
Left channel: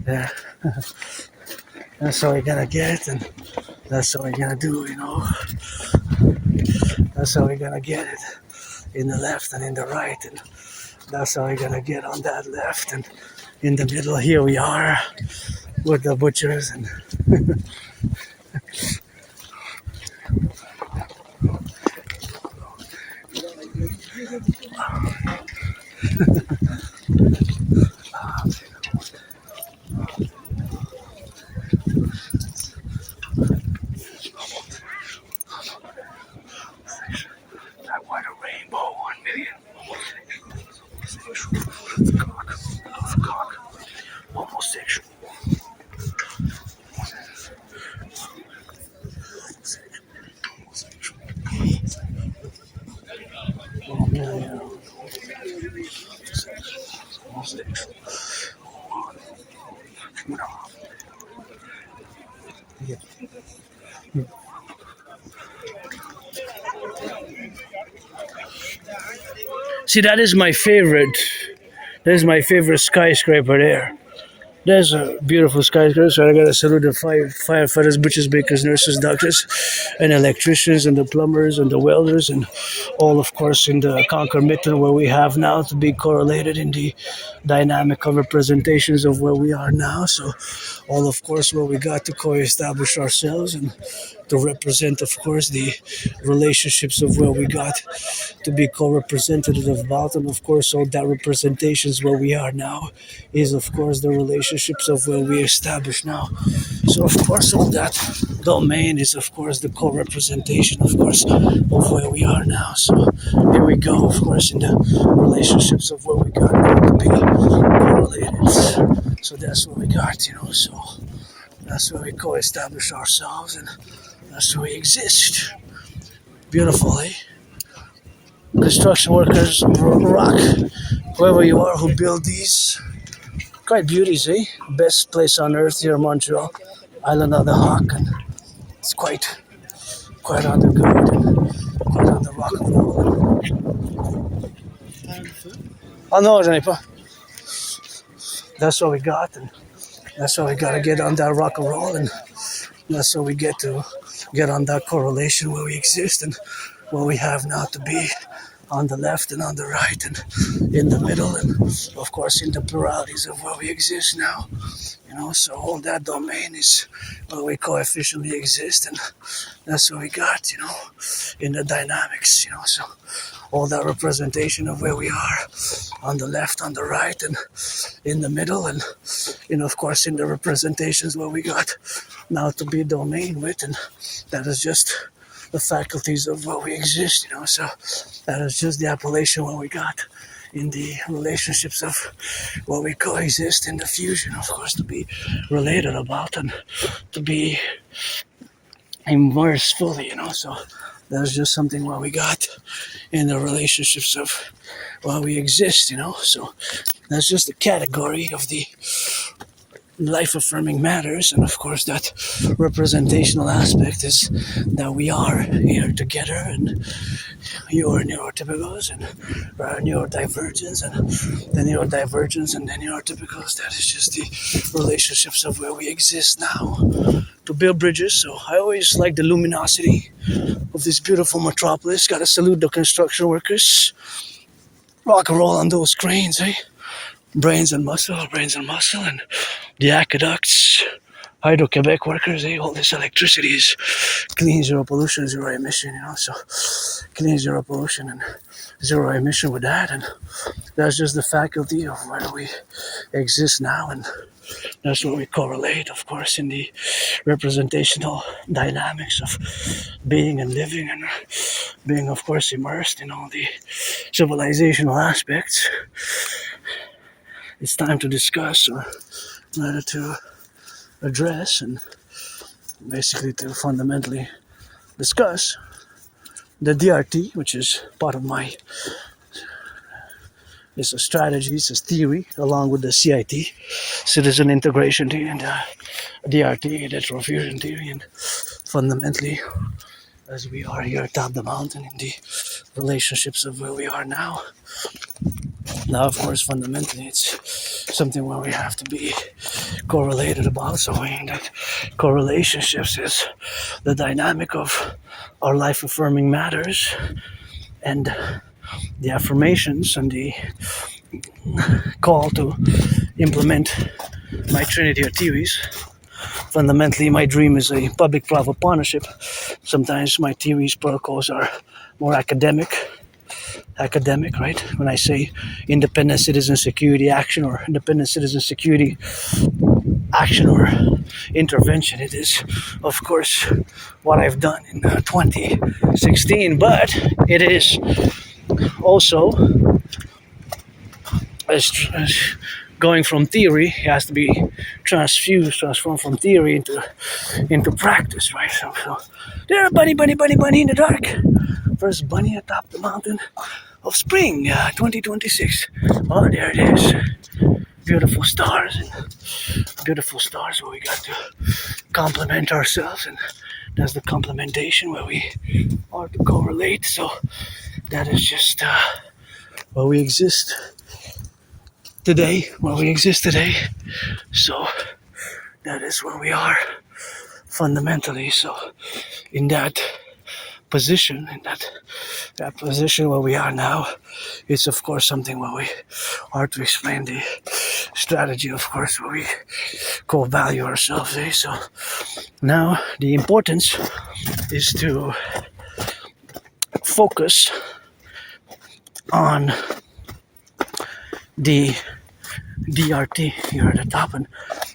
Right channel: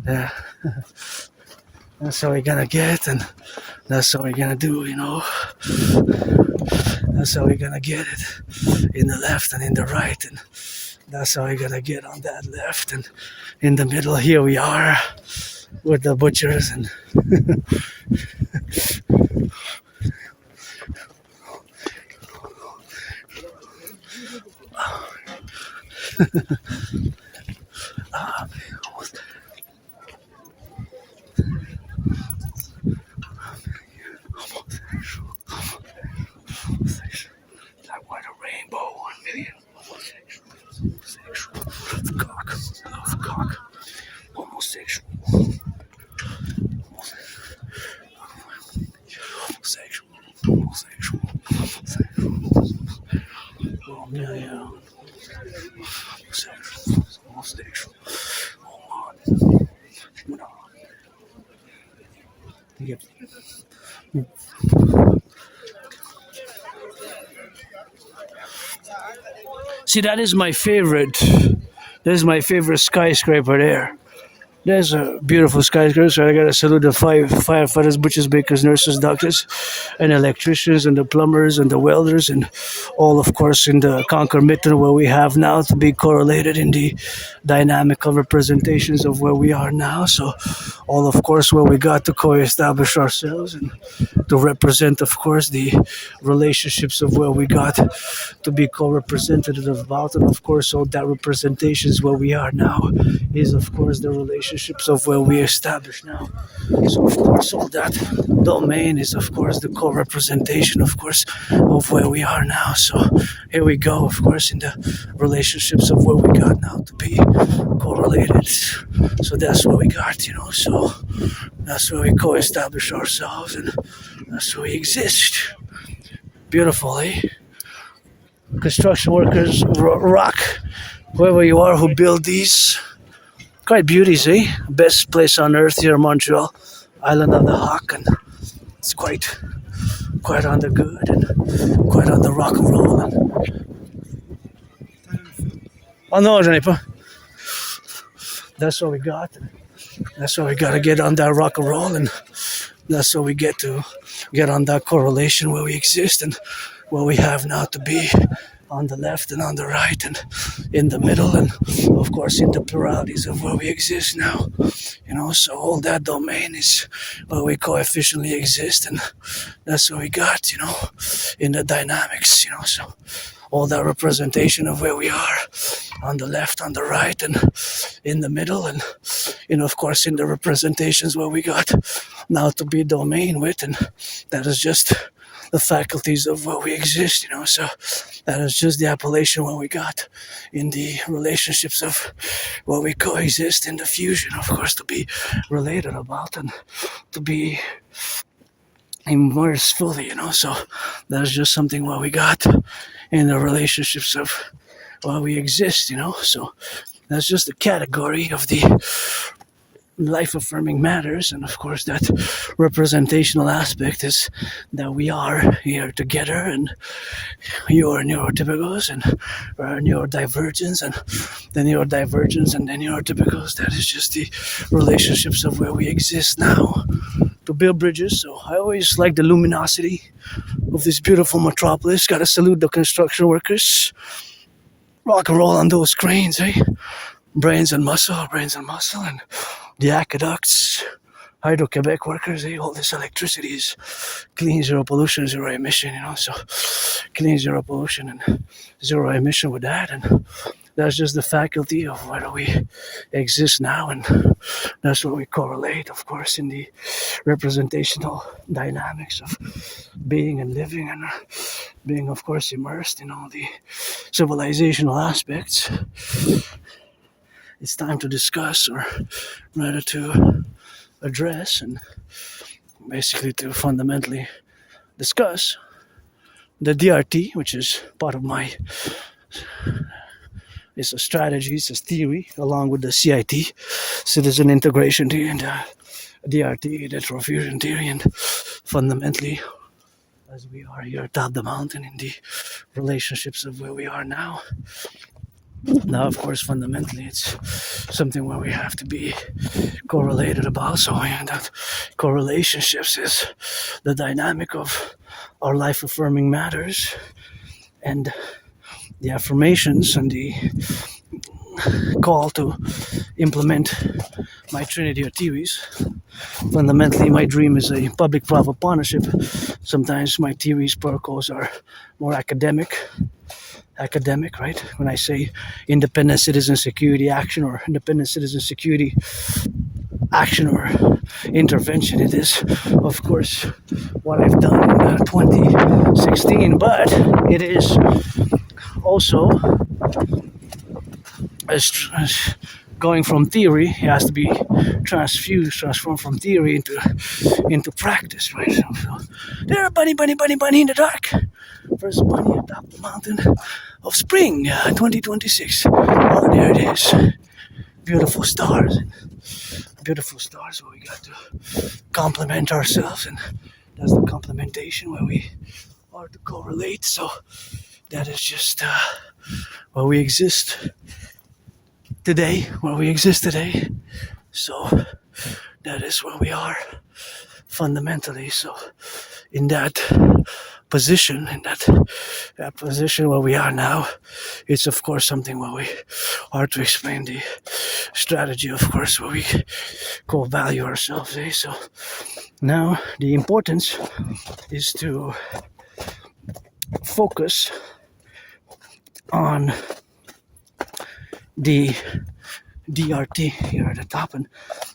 yeah. That's how we're gonna get, and that's how we're gonna do, That's how we're gonna get it in the left and in the right, and that's how we're gonna get on that left and in the middle, here we are with the butchers and that white rainbow, 1 million homosexual, cock, love cock, homosexual, homosexual, homosexual, homosexual, 1 million homosexual, See, that is my favorite. That is my favorite skyscraper there. There's a beautiful skyscraper, so I gotta salute the firefighters, butchers, bakers, nurses, doctors, and electricians, and the plumbers, and the welders, and all, of course, in the Conquer Mitten where we have now to be correlated in the dynamic of representations of where we are now. So, all, of course, where we got to co-establish ourselves and to represent, of course, the relationships of where we got to be co-representative about, and of course, all that representations where we are now is, of course, the relationships of where we establish now. So, of course, all that domain is, of course, the co-representation, of course, of where we are now. So, here we go, of course, in the relationships of where we got now to be correlated. So, that's what we got, so that's where we co-establish ourselves, and that's where we exist. Beautiful, eh? Construction workers, rock, whoever you are who build these, quite beauties, eh? Best place on earth here in Montreal, Island of the Hawk, and it's quite on the good and quite on the rock and roll. Oh no, j'en ai pas. That's what we got, and that's why we gotta get on that rock and roll, and that's what we get to get on that correlation where we exist and where we have now to be on the left and on the right and in the middle, and of course in the pluralities of where we exist now. So all that domain is where we coefficiently exist, and that's what we got, in the dynamics, so all that representation of where we are on the left, on the right, and in the middle, and of course in the representations where we got now to be domain with, and that is just the faculties of where we exist, so that is just the appellation where we got in the relationships of where we coexist in the fusion, of course, to be related about and to be immersed fully, so that's just something where we got in the relationships of where we exist, so that's just a category of the life-affirming matters, and of course that representational aspect is that we are here together, and your neurotypicals and neurodivergence, and the neurodivergence and the neurotypicals, that is just the relationships of where we exist now to build bridges. So I always like the luminosity of this beautiful metropolis. Gotta salute the construction workers. Rock and roll on those cranes, eh? Brains and muscle, and the aqueducts, Hydro-Quebec workers, all this electricity is clean, zero pollution, zero emission, so clean, zero pollution, and zero emission with that, and that's just the faculty of where we exist now, and that's what we correlate, of course, in the representational dynamics of being and living, and being, of course, immersed in all the civilizational aspects. It's time to discuss, or rather to address, and basically to fundamentally discuss the DRT, which is part of my, it's a strategy, it's a theory, along with the CIT, citizen integration theory, and DRT, the transfusion theory, and fundamentally, as we are here atop the mountain in the relationships of where we are now. Now, of course, fundamentally, it's something where we have to be correlated about. So, and that correlationships is the dynamic of our life-affirming matters, and the affirmations and the call to implement my Trinity of theories. Fundamentally, my dream is a public-private partnership. Sometimes my theories, protocols are more academic, right? When I say independent citizen security action or independent citizen security action or intervention, it is, of course, what I've done in 2016, but it is also as going from theory, it has to be transformed from theory into practice, right? So there, bunny in the dark. First bunny atop the mountain of spring, 2026. Oh, there it is. Beautiful stars where we got to complement ourselves, and that's the complementation where we are to correlate. So that is just where we exist today. So that is where we are fundamentally. So in that position, that position where we are now, it's of course something where we are to explain the strategy, of course, where we co-value ourselves. So now the importance is to focus on the DRT here at the top, and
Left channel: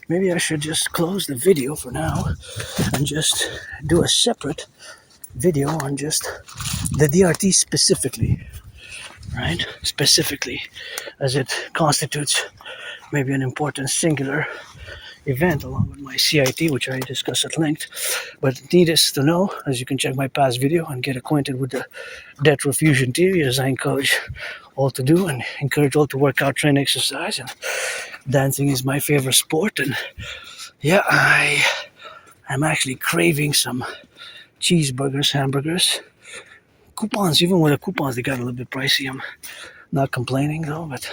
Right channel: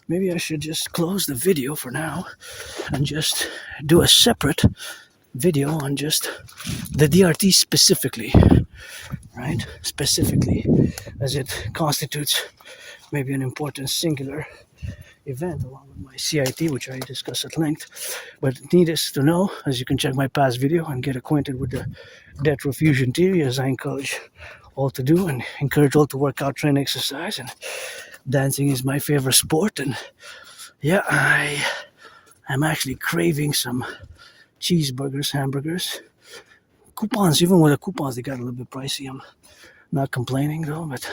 maybe I should just close the video for now and just do a separate video on just the DRT specifically, right? Specifically, as it constitutes maybe an important singular event along with my CIT, which I discussed at length. But needless to know, as you can check my past video and get acquainted with the debt refusion theory, as I encourage all to do and encourage all to work out, train, exercise, and dancing is my favorite sport. And yeah, I'm actually craving some cheeseburgers, hamburgers, coupons. Even when the coupons, they got a little bit pricey. I'm not complaining though, but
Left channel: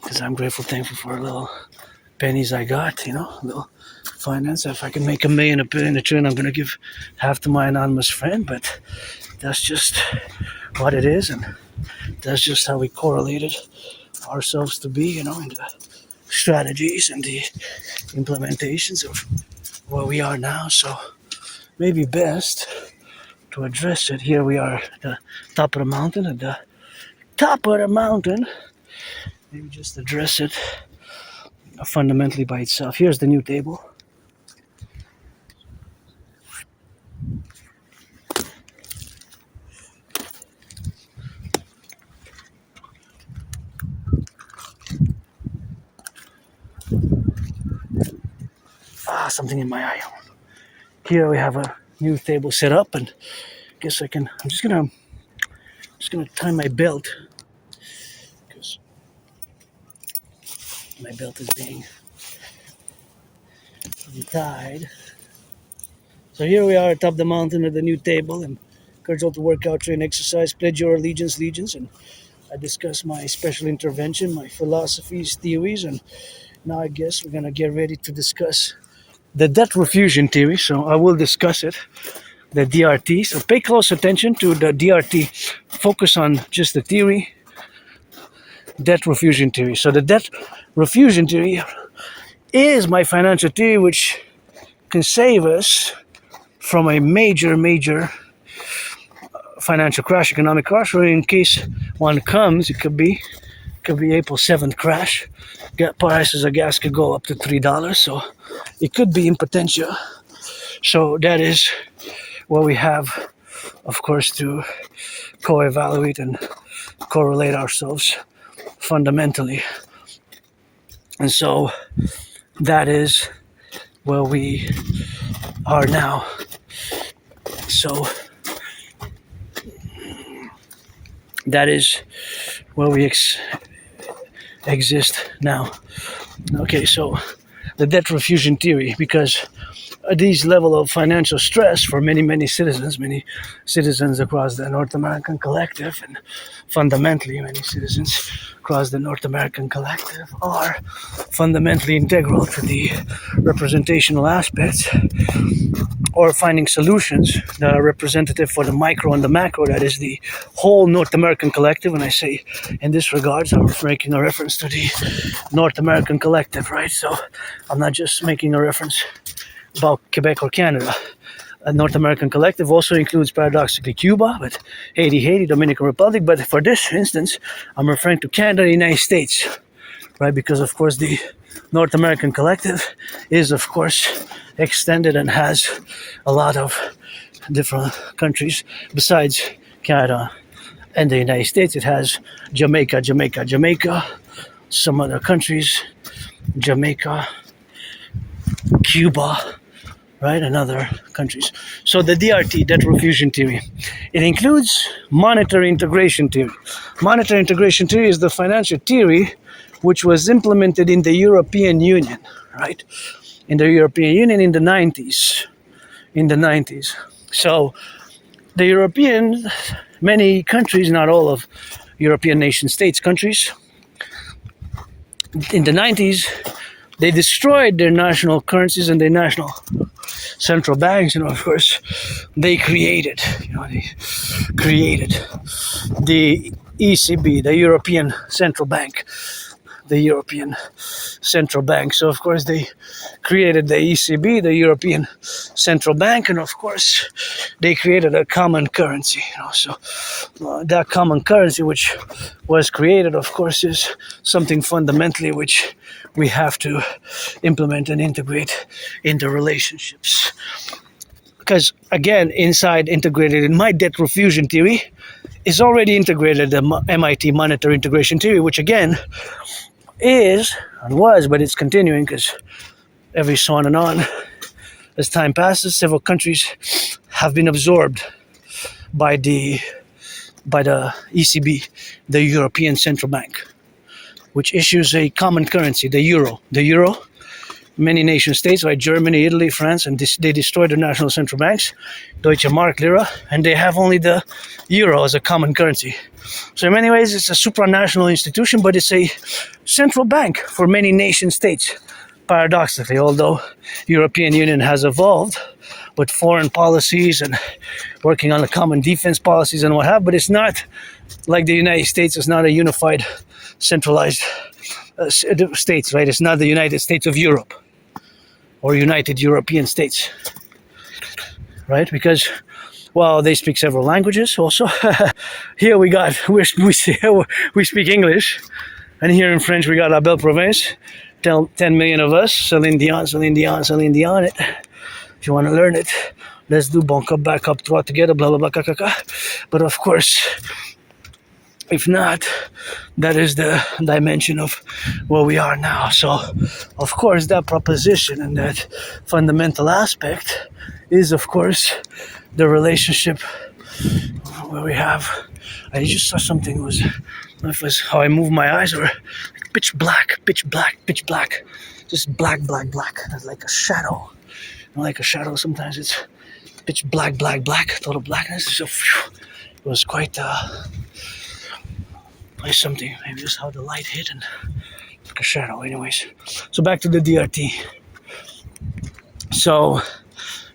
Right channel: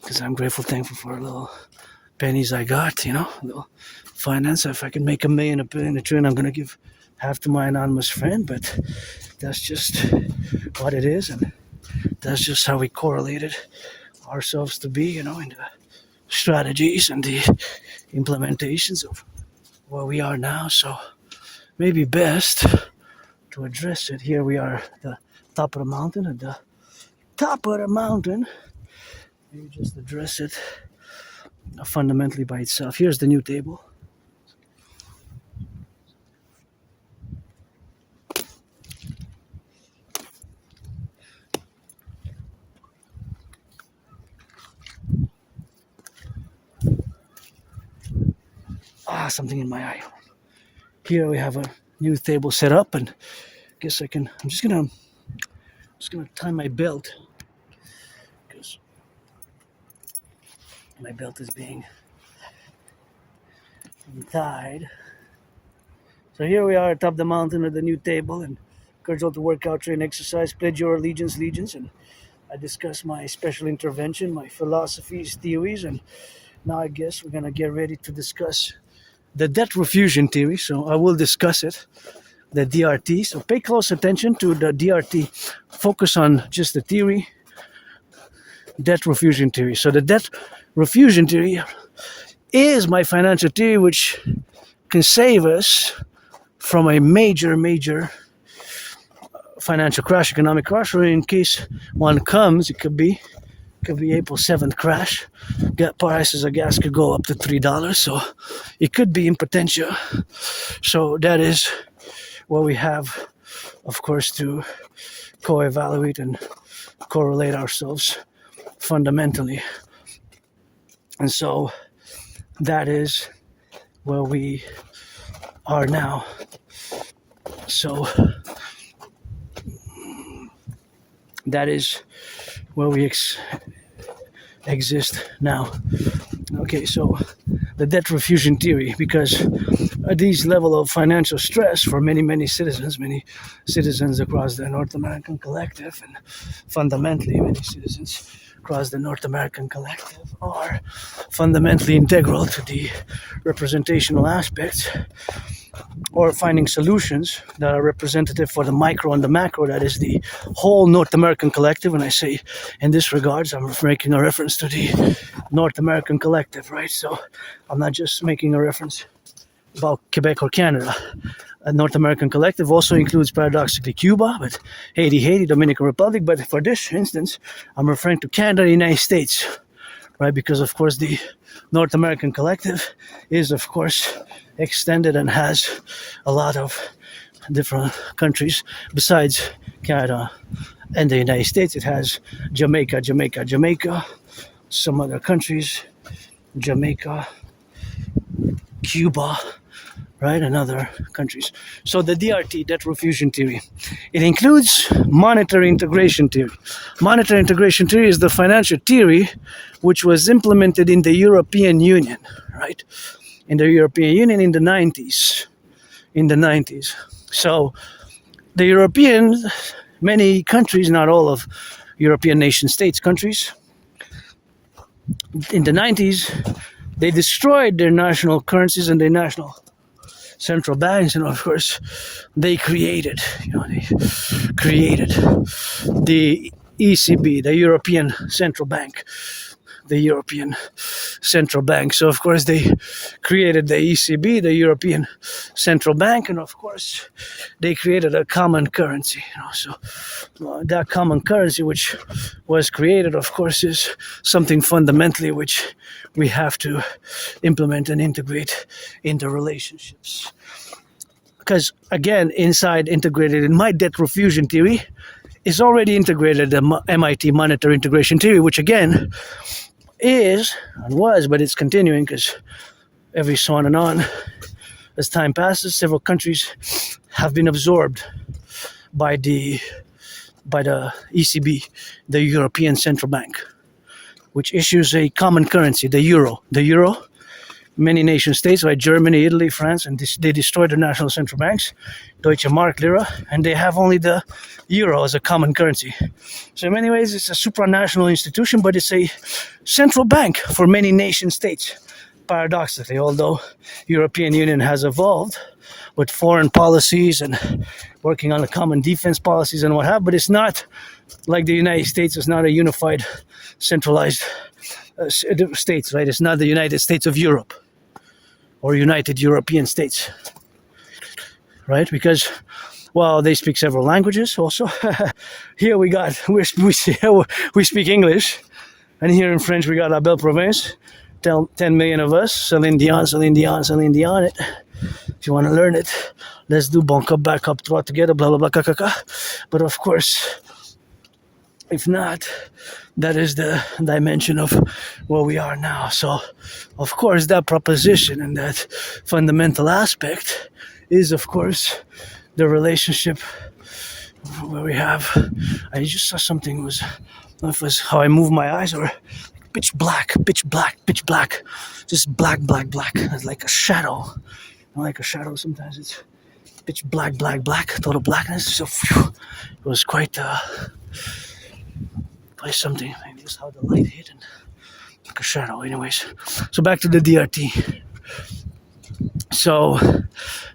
because I'm grateful, thankful for a little pennies I got, a little finance. If I can make $1 million, $1 billion, $1 trillion, I'm going to give half to my anonymous friend, but that's just what it is, and that's just how we correlated ourselves to be, in the strategies and the implementations of where we are now. So maybe best to address it. Here we are at the top of the mountain, maybe just address it fundamentally by itself. Here's the new table. Something in my eye. Here we have a new table set up, and I'm just gonna tie my belt, because my belt is being tied. So here we are atop the mountain at the new table, and encourage all to work out, train, exercise, pledge your allegiance, and I discuss my special intervention, my philosophies, theories, and now I guess we're gonna get ready to discuss the debt refusion theory. So I will discuss it, the DRT. So pay close attention to the DRT. Focus on just the theory, debt refusion theory. So the debt refusion theory is my financial theory, which can save us from a major financial crash, economic crash, or in case one comes, it could be April 7th crash. Prices of gas could go up to $3, so it could be in potential. So that is where we have, of course, to co-evaluate and correlate ourselves fundamentally. And so that is where we are now. So that is where we exist now. Okay, so the debt refusion theory, because at these level of financial stress for many citizens across the North American collective, and fundamentally many citizens across the North American collective are fundamentally integral to the representational aspects or finding solutions that are representative for the micro and the macro, that is the whole North American collective. And I say in this regards, I'm making a reference to the North American collective, right? So I'm not just making a reference about Quebec or Canada. A North American collective also includes paradoxically Cuba, but Haiti, Dominican Republic. But for this instance, I'm referring to Canada and the United States, right? Because of course the North American collective is of course extended and has a lot of different countries besides Canada and the United States. It has Jamaica, some other countries, Jamaica, Cuba, right, and other countries. So the DRT, debt refusion theory, it includes monetary integration theory. Monetary integration theory is the financial theory which was implemented in the European Union, right? In the European Union in the 90s. So the European, many countries, not all of European nation states countries, in the 90s, they destroyed their national currencies and their national central banks, and of course, they created the ECB, the European Central Bank. So of course they created the ECB, the European Central Bank, and of course they created a common currency. So that common currency which was created, of course, is something fundamentally which we have to implement and integrate into relationships. Because again, inside integrated in my debt refusion theory is already integrated the MIT monetary integration theory, which again is and was, but it's continuing because every so on and on as time passes, several countries have been absorbed by the ECB, the European Central Bank, which issues a common currency, the euro. Many nation states, like Germany, Italy, France, and they destroyed their national central banks, Deutsche Mark, Lira, and they have only the euro as a common currency. So in many ways, it's a supranational institution, but it's a central bank for many nation states. Paradoxically, although European Union has evolved with foreign policies and working on the common defense policies and what have, but it's not like the United States. It's not a unified, centralized states, right? It's not the United States of Europe or United European States, right? Because, well, they speak several languages also. Here we speak English, and here in French we got La Belle Province, 10 million of us, Céline Dion it. If you want to learn it, let's do bon cop, back up, trois together, blah, blah, blah, caca. But of course, if not, that is the dimension of where we are now. So, of course, that proposition and that fundamental aspect is, of course, the relationship where we have. I just saw something was how I move my eyes, or pitch black. Just black. It's like a shadow. Like a shadow, sometimes it's pitch black, total blackness. So, it was quite something. Maybe just how the light hit and like a shadow. Anyways, so back to the DRT. So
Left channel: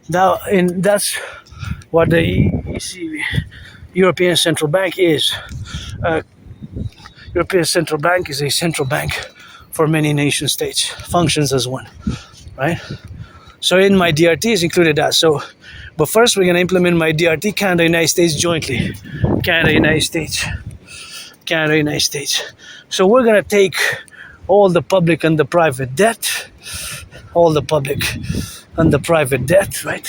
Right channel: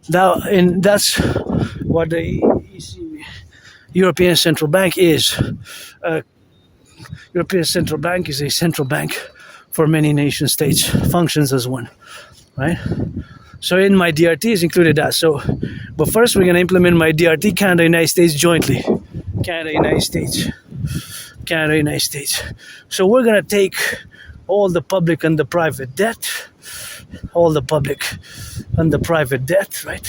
that's what the ECB, European Central Bank is. European Central Bank is a central bank for many nation states, functions as one, right? So in my DRT is included that. So, but first we're gonna implement my DRT, Canada, United States jointly. Canada, United States. So we're gonna take all the public and the private debt, right?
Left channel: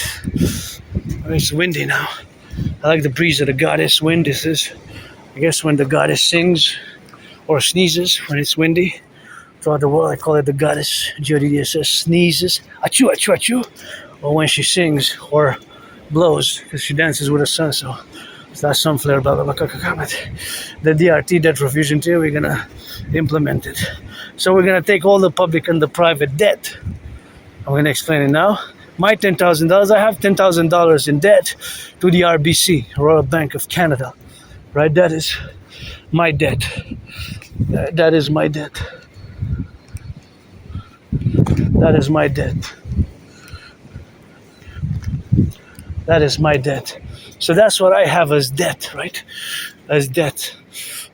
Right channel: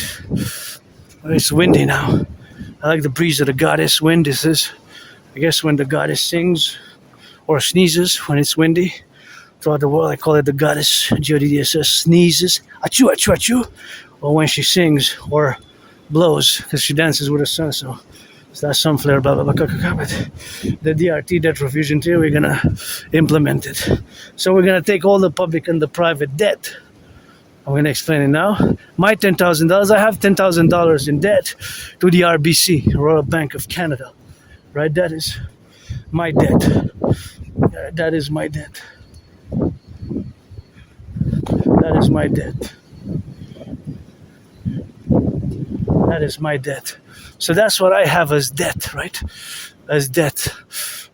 It's windy now. I like the breeze of the goddess wind. This is, I guess, when the goddess sings or sneezes when it's windy. Throughout the world, I call it the goddess GODDSS sneezes, achoo, achoo, achoo, or when she sings or blows, because she dances with the sun, so it's that sun flare, blah, blah, blah, but the DRT, debt refusion theory, we're gonna implement it. So we're gonna take all the public and the private debt. I'm gonna explain it now. My $10,000, I have $10,000 in debt to the RBC, Royal Bank of Canada, right? That is my debt. That is my debt. That is my debt. So that's what I have as debt, right? As debt,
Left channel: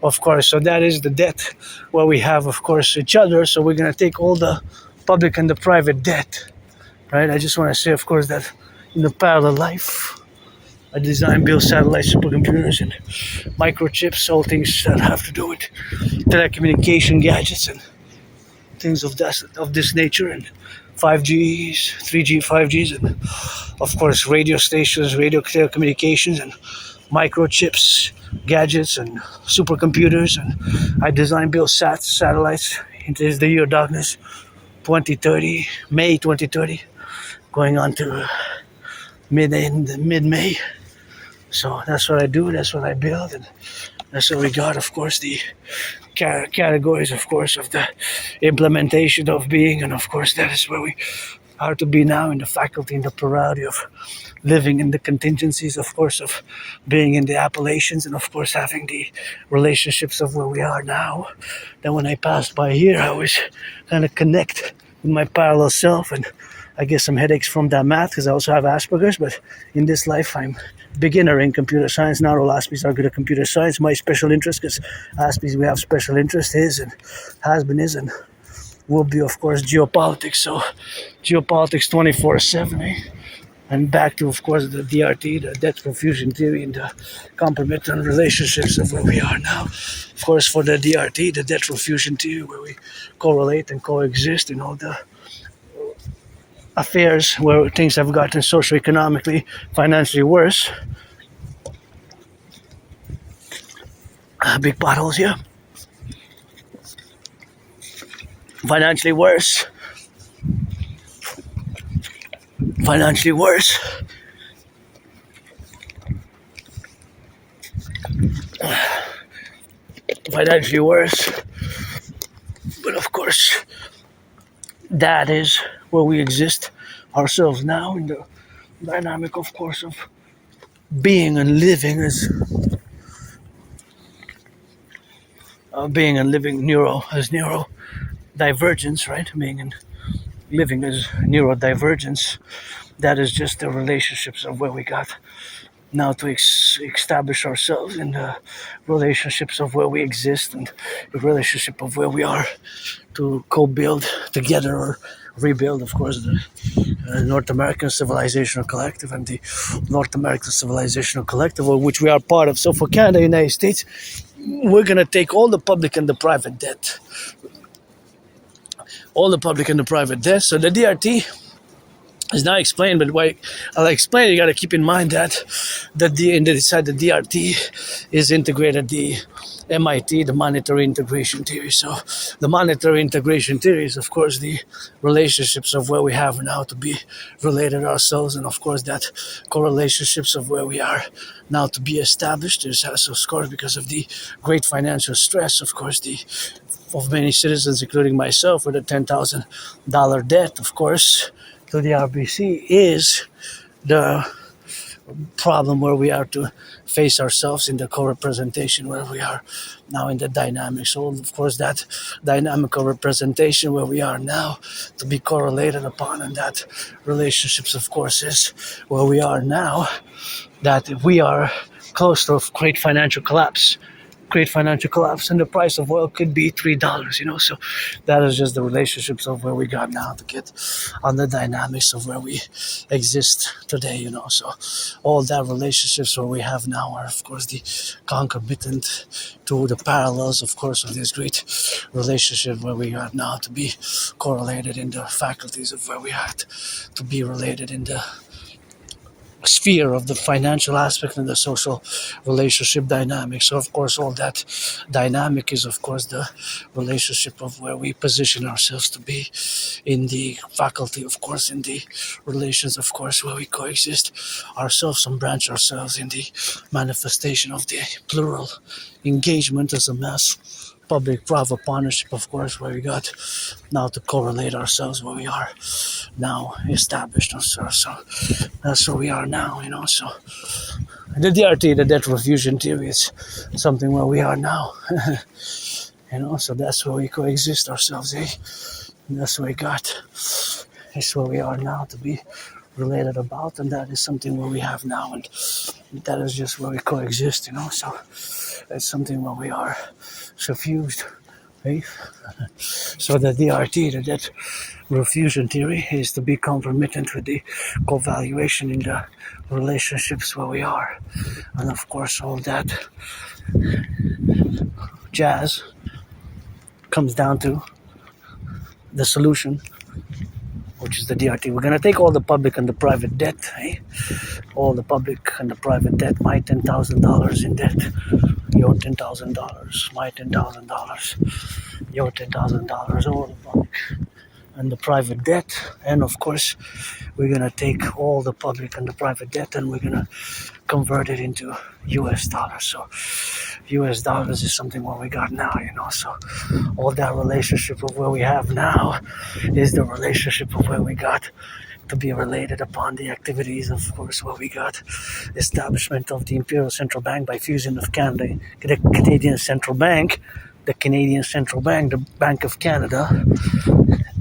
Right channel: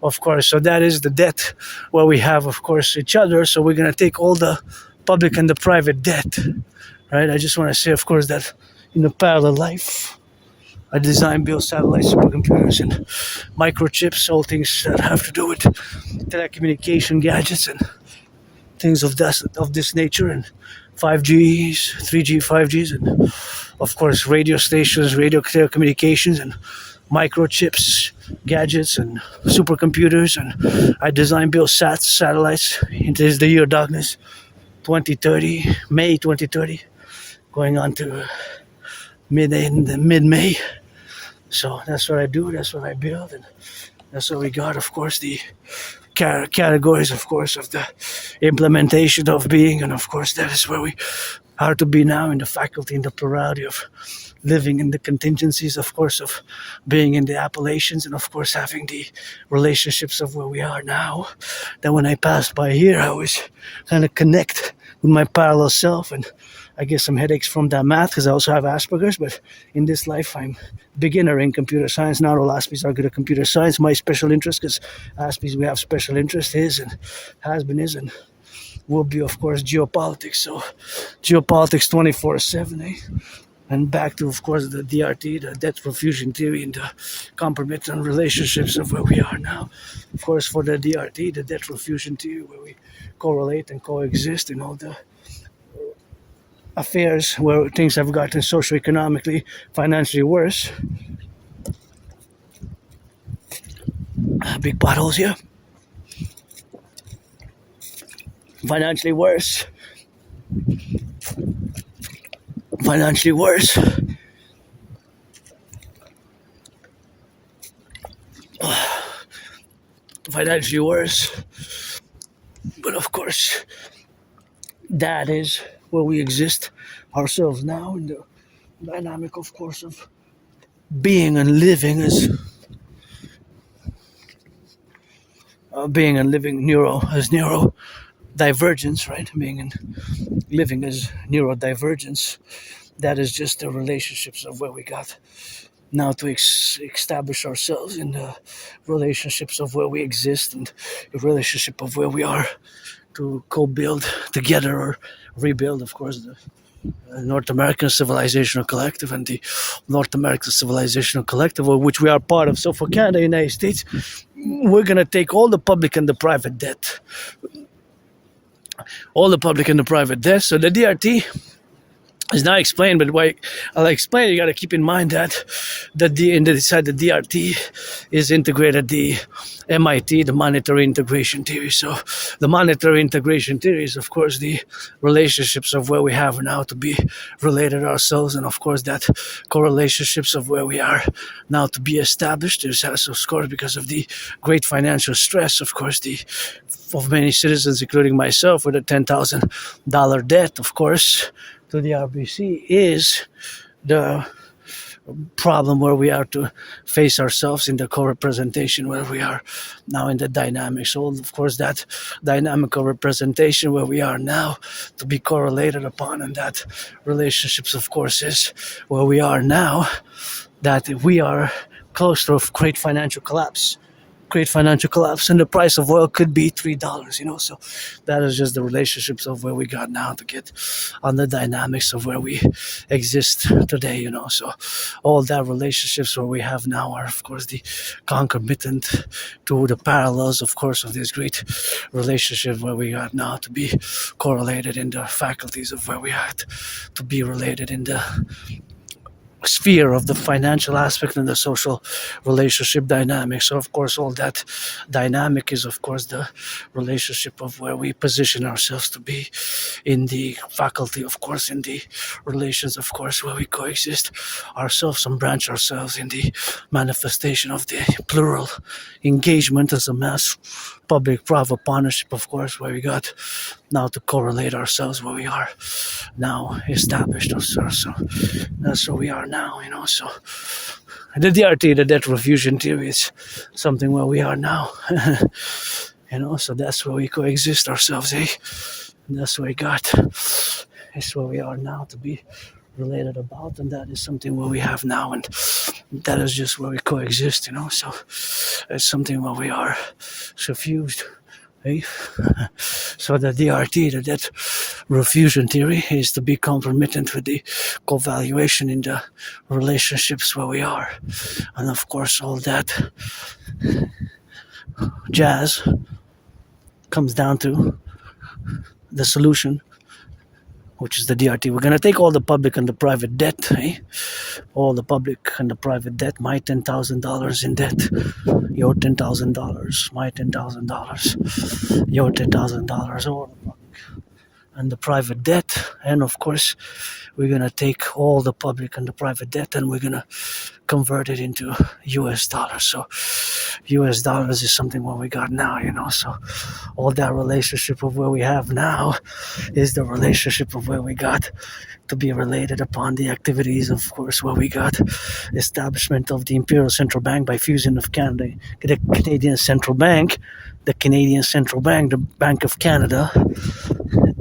of course. So that is the debt where we have, of course, each other. So we're going to take all the public and the private debt, right? I just want to say, of course, that in a parallel life, I design, build satellites, supercomputers, and microchips, all things that have to do with telecommunication gadgets and things of this nature, and 5Gs, 3G, 5Gs, and of course radio stations, radio telecommunications, and microchips, gadgets, and supercomputers. And I design, build satellites. It is the year of darkness, 2030, May 2030, going on to mid-May. So that's what I do. That's what I build, and that's what we got. Of course, the categories, of course, of the implementation of being, and of course, that is where we are to be now in the faculty, in the plurality of living in the contingencies, of course, of being in the appellations, and of course, having the relationships of where we are now. That when I passed by here, I was kind of connect with my parallel self, and I get some headaches from that math because I also have Asperger's, but in this life I'm beginner in computer science. Not all Aspies are good at computer science. My special interest, because Aspies we have special interest, is and has been, is and will be, of course, geopolitics. So geopolitics 24/7, eh? And back to, of course, the DRT, the debt profusion theory, and the concomitant relationships of where we are now. Of course, for the DRT, the debt profusion theory, where we correlate and coexist in all the affairs where things have gotten socioeconomically, financially worse. Big potholes here. Financially worse. Financially worse. Financially worse. But of course, that is where we exist ourselves now, in the dynamic, of course, of being and living as neurodivergence, right? Being and living as neurodivergence. That is just the relationships of where we got now to establish ourselves in the relationships of where we exist, and the relationship of where we are to co-build together or rebuild, of course, the North American Civilizational Collective and the North American Civilizational Collective, of which we are part of. So for Canada, United States, we're going to take all the public and the private debt. All the public and the private debt. So the DRT is not explained, but why I'll explain, you got to keep in mind that inside the DRT is integrated the MIT, the monetary integration theory. So the monetary integration theory is, of course, the relationships of where we have now to be related ourselves, and of course that correlationships of where we are now to be established. There's also, of course, because of the great financial stress, of course, of many citizens, including myself, with a $10,000 debt, of course, to the RBC, is the problem where we are to face ourselves in the co-representation where we are now in the dynamic. So, of course, that dynamical representation where we are now to be correlated upon, and that relationships, of course, is where we are now, that we are close to a great financial collapse. And the price of oil could be $3, so that is just the relationships of where we got now to get on the dynamics of where we exist today, so all that relationships where we have now are, of course, the concomitant to the parallels, of course, of this great relationship where we are now to be correlated in the faculties of where we are to be related in the sphere of the financial aspect and the social relationship dynamic. So, of course, all that dynamic is, of course, the relationship of where we position ourselves to be in the faculty, of course, in the relations, of course, where we coexist ourselves and branch ourselves in the manifestation of the plural engagement as a mass public-private partnership, of course, where we got now to correlate ourselves where we are now established. So that's where we are now, so the DRT, the debt refusion theory, is something where we are now, so that's where we coexist ourselves, and that's where we got, it's where we are now to be related about, and that is something what we have now, and that is just where we coexist, so it's something where we are suffused, right? So the DRT, the debt refusion theory, is to be concomitant with the co-valuation in the relationships where we are, and of course all that jazz comes down to the solution, which is the DRT. We're going to take all the public and the private debt, all the public and the private debt, my $10,000 in debt, your $10,000, my $10,000, your $10,000, all the public and the private debt. And of course, we're going to take all the public and the private debt and we're going to convert it into US dollars. So US dollars is something what we got now, so all that relationship of where we have now is the relationship of where we got to be related upon the activities, of course, where we got establishment of the Imperial Central Bank by fusion of Canada, the Canadian Central Bank, the Canadian Central Bank, the Bank of Canada,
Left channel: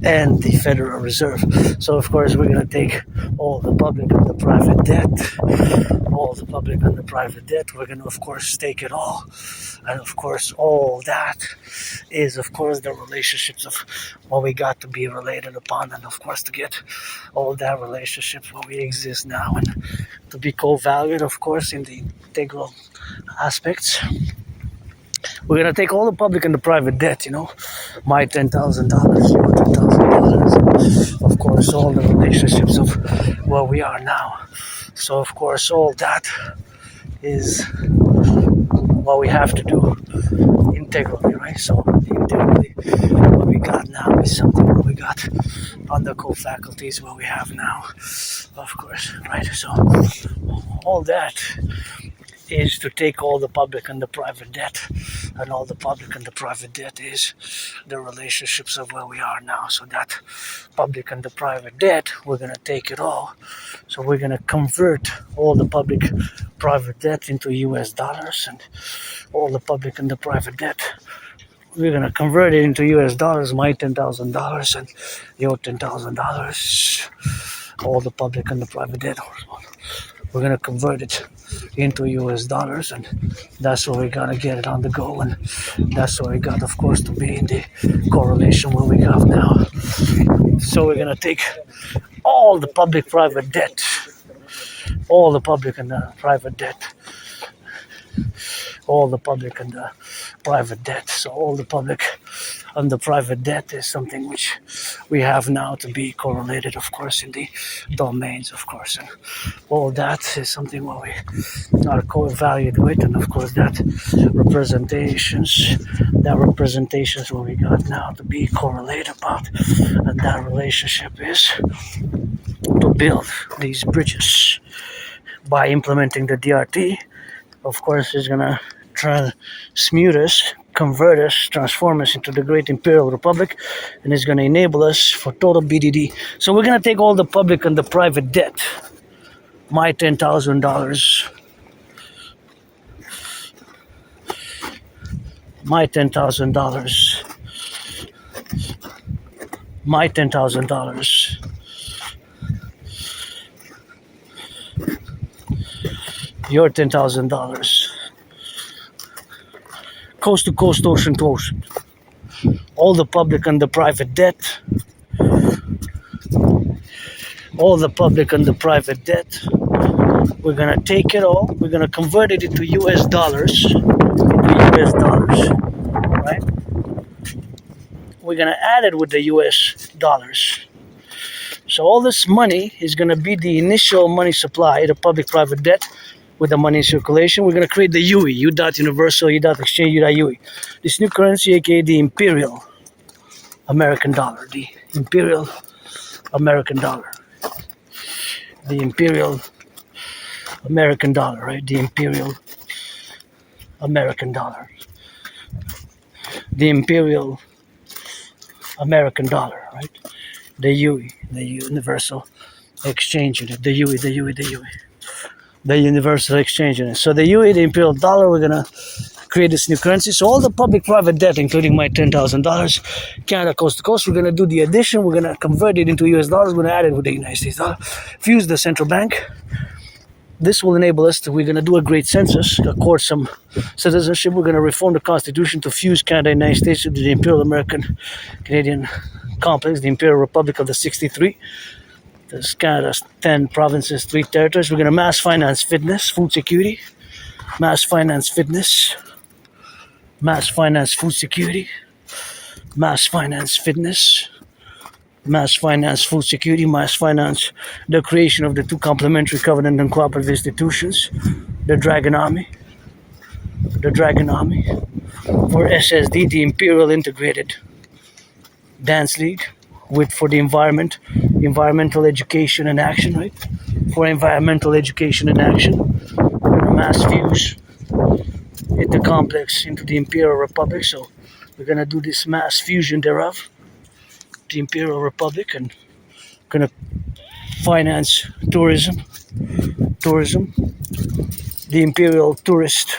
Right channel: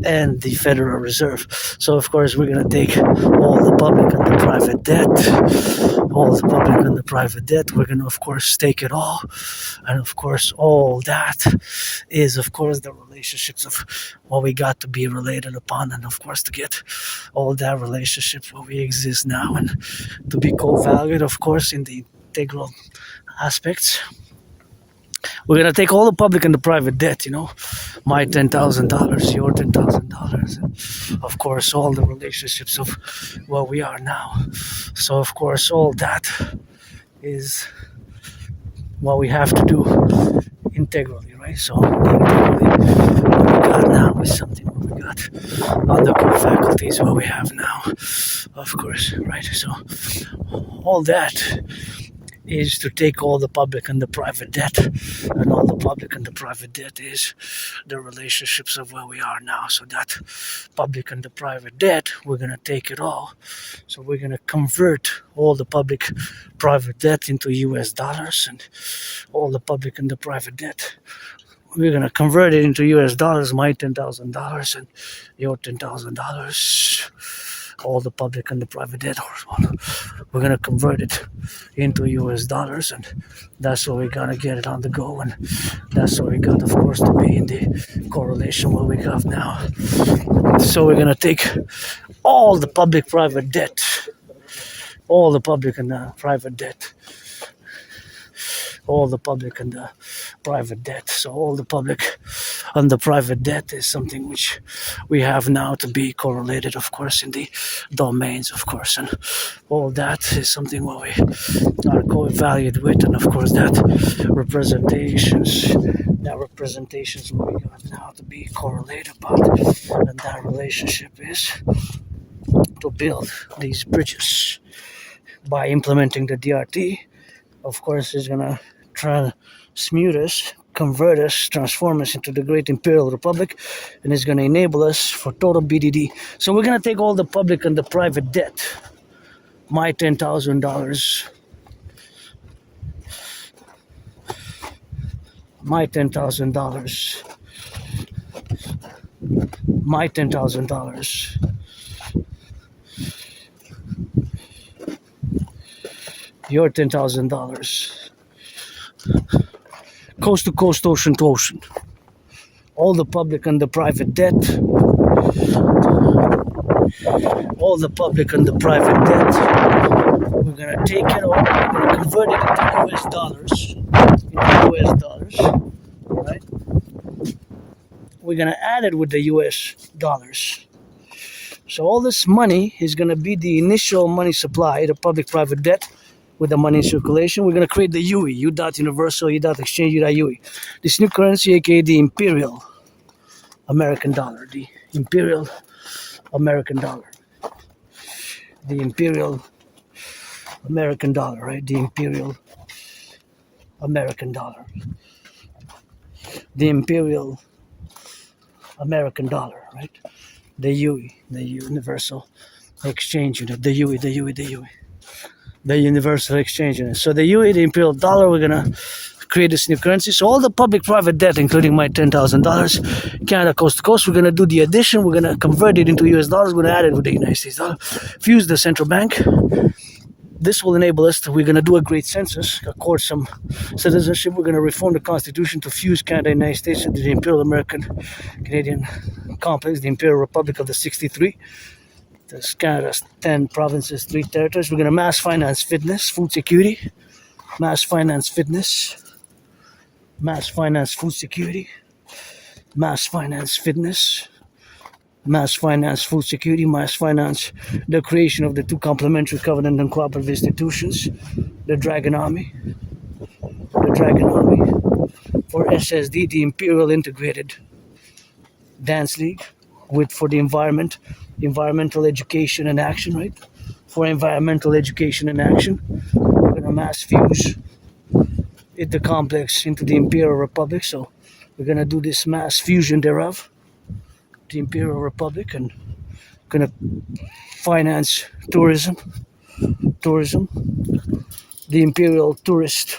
and the Federal Reserve. So, of course, we're going to take all the public and the private debt, all the public and the private debt. We're going to, of course, take it all. And, of course, all that is, of course, the relationships of what we got to be related upon. And, of course, to get all that relationship where we exist now and to be co-valued, of course, in the integral aspects. We're going to take all the public and the private debt, my $10,000, your $10,000, of course, all the relationships of where we are now. So, of course, all that is what we have to do integrally, right? So, integrally, what we got now is something what we got on the core faculties, what we have now, of course, right? So, all that is to take all the public and the private debt, and all the public and the private debt is the relationships of where we are now. So that public and the private debt, we're going to take it all. So we're going to convert all the public private debt into US dollars, and all the public and the private debt, we're going to convert it into US dollars, my $10,000 and your $10,000, all the public and the private debt. We're going to convert it into US dollars, and that's what we got to get it on the go, and that's what we got, of course, to be in the correlation what we have now. So we're going to take all the public-private debt, all the public and the private debt, all the public and the private debt. So all the public and the private debt is something which we have now to be correlated, of course, in the domains, of course, and all that is something what we are co-valued with, and of course that representations what we got now to be correlated about, and that relationship is to build these bridges by implementing the DRT. Of course, is gonna transmute us, convert us, transform us into the great Imperial Republic, and it's going to enable us for total BDD. So we're going to take all the public and the private debt, my $10,000, my $10,000, my $10,000, your $10,000, coast to coast, ocean to ocean, all the public and the private debt, all the public and the private debt. We're gonna take it all, we're gonna convert it into US dollars, right? We're gonna add it with the US dollars. So all this money is gonna be the initial money supply, the public-private debt, with the money in circulation. We're going to create the UE, U.Universal, U.Exchange, U.UE. This new currency, aka the Imperial American dollar, the Imperial American dollar, the Imperial American dollar, right? The Imperial American dollar, the Imperial American dollar, right? The UE, the Universal Exchange Unit, the UE, the Universal Exchange Unit. So the UE, the Imperial dollar, we're gonna create this new currency. So all the public-private debt, including my $10,000, Canada coast to coast, we're going to do the addition. We're going to convert it into US dollars. We're going to add it with the United States dollar. Fuse the central bank. This will enable us to, we're going to do a great census, accord some citizenship. We're going to reform the Constitution to fuse Canada and the United States into the Imperial American Canadian complex, the Imperial Republic of the 63. There's Canada's 10 provinces, 3 territories. We're going to mass finance fitness, food security, mass finance fitness, mass finance food security, mass finance fitness, mass finance food security, mass finance the creation of the 2 complementary covenant and cooperative institutions, the Dragon Army for SSD, the Imperial Integrated Dance League, with for the environment, environmental education and action, right? For environmental education and action, we're gonna mass fuse it the complex into the Imperial Republic. So we're gonna do this mass fusion thereof, the Imperial Republic, and gonna finance tourism, the Imperial Tourist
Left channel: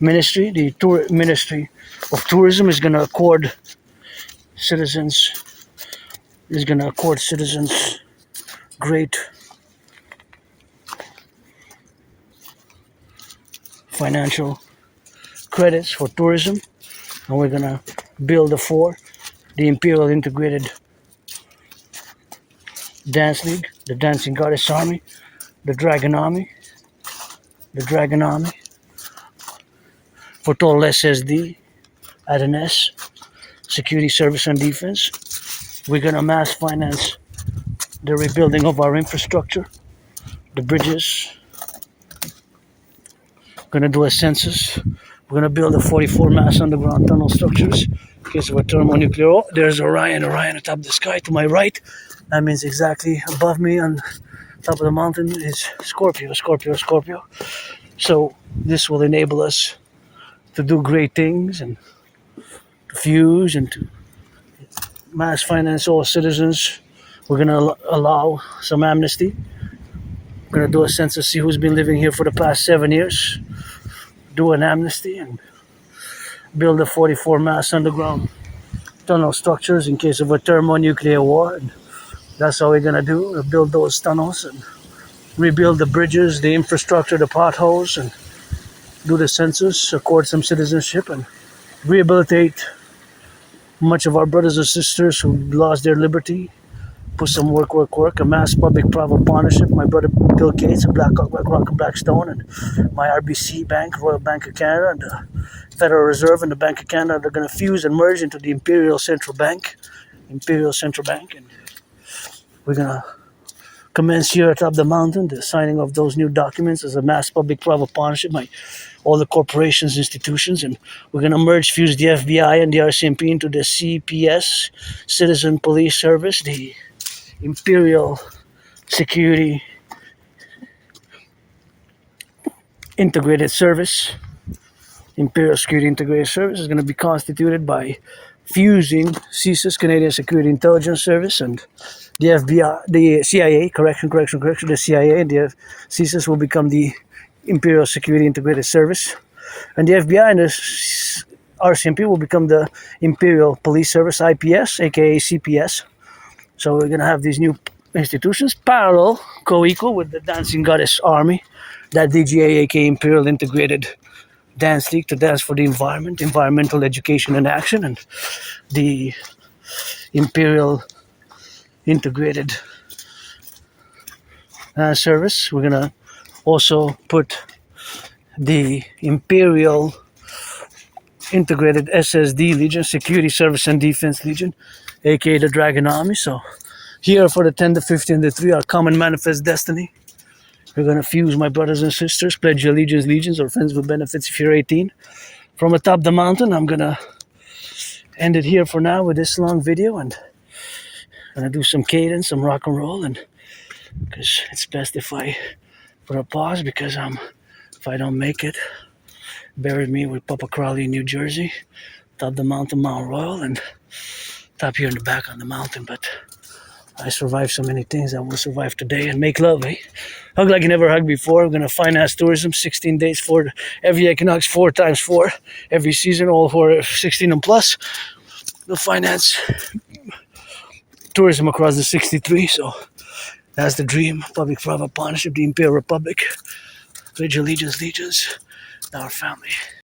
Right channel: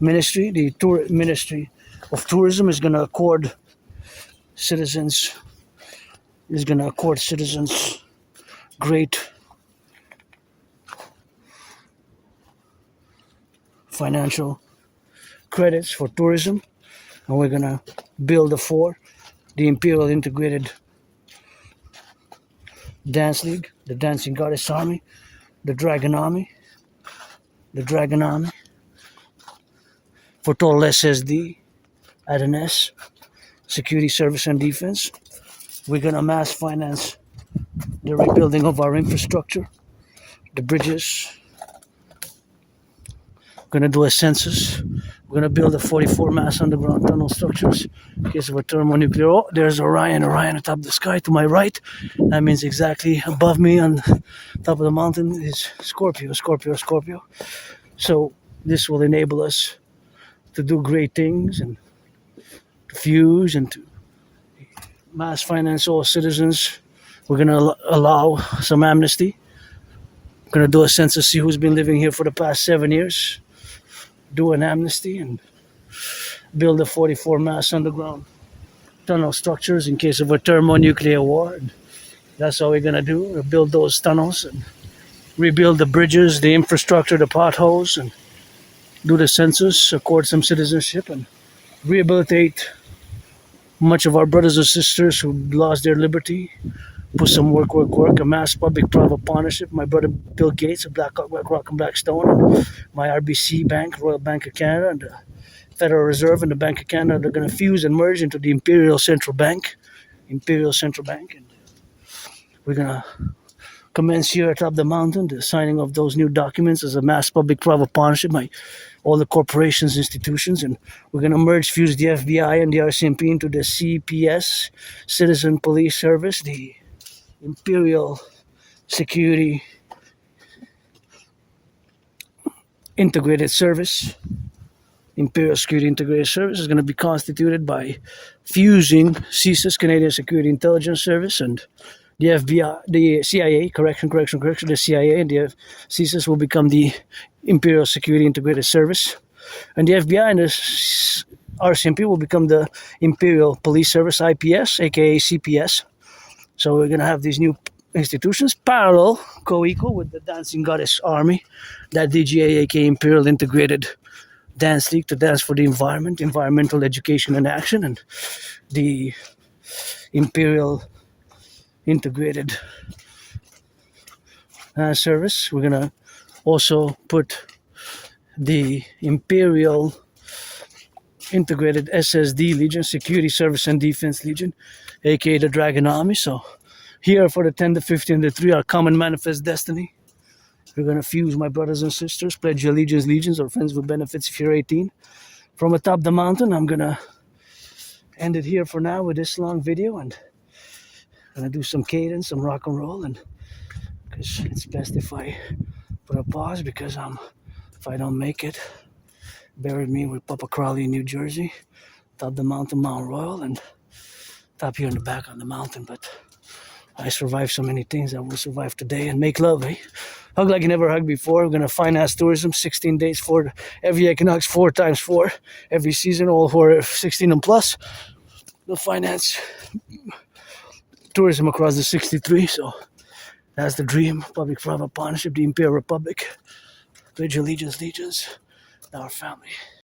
Ministry, the Ministry of Tourism is gonna accord citizens great financial credits for tourism, and we're gonna build the Imperial Integrated Dance League, the Dancing Goddess Army, the Dragon Army for total SSD at N.A.C.W.P, security, service, and defense. We're gonna mass finance the rebuilding of our infrastructure, the bridges. We're gonna do a census. We're gonna build the 44 mass underground tunnel structures in case of a thermonuclear. Oh, there's Orion atop the sky to my right. That means exactly above me on top of the mountain is Scorpio. So this will enable us to do great things and to fuse and to mass finance all citizens. We're gonna allow some amnesty. We're gonna do a census, see who's been living here for the past 7 years. Do an amnesty and build the 44 mass underground tunnel structures in case of a thermonuclear war. And that's all we're gonna do, build those tunnels and rebuild the bridges, the infrastructure, the potholes, and do the census, accord some citizenship, and rehabilitate much of our brothers and sisters who lost their liberty. Put some work, a mass public-private partnership. My brother Bill Gates, a Black Rock and Blackstone, and my RBC Bank, Royal Bank of Canada, and the Federal Reserve and the Bank of Canada, they're going to fuse and merge into the Imperial Central Bank. And we're going to commence here atop the mountain the signing of those new documents as a mass public-private partnership by all the corporations, institutions, and we're going to merge, fuse the FBI and the RCMP into the CPS, Citizen Police Service, the Imperial Security Integrated Service. Imperial Security Integrated Service is going to be constituted by fusing CSIS, Canadian Security Intelligence Service, and the FBI, the CIA, the CIA and the CSIS will become the Imperial Security Integrated Service, and the FBI and the RCMP will become the Imperial Police Service, IPS, aka CPS. So we're going to have these new institutions parallel, co-equal with the Dancing Goddess Army, that DGA, aka Imperial Integrated Dance League to dance for the environment, environmental education and action, and the Imperial Integrated Dance Service. We're going to also put the Imperial Integrated SSD Legion, Security, Service, and Defense Legion, aka the Dragon Army. So here for the 10, the 50, and the 3, our common manifest destiny. We're going to fuse, my brothers and sisters, pledge your allegiance, legions, or friends with benefits if you're 18. From atop the mountain, I'm going to end it here for now with this long video, and I'm going to do some cadence, some rock and roll, and because it's best if I put a pause, because if I don't make it, bury me with Papa Crowley in New Jersey, top the mountain, Mount Royal, and top here in the back on the mountain. But I survived so many things. I will survive today and make love, eh? Hug like you never hugged before. We're gonna finance tourism, 16 days for every equinox, 4 times 4, every season, all for 16 and plus. We'll finance tourism across the 63. So that's the dream. Public private partnership, the Imperial Republic. Pledge allegiance, our family.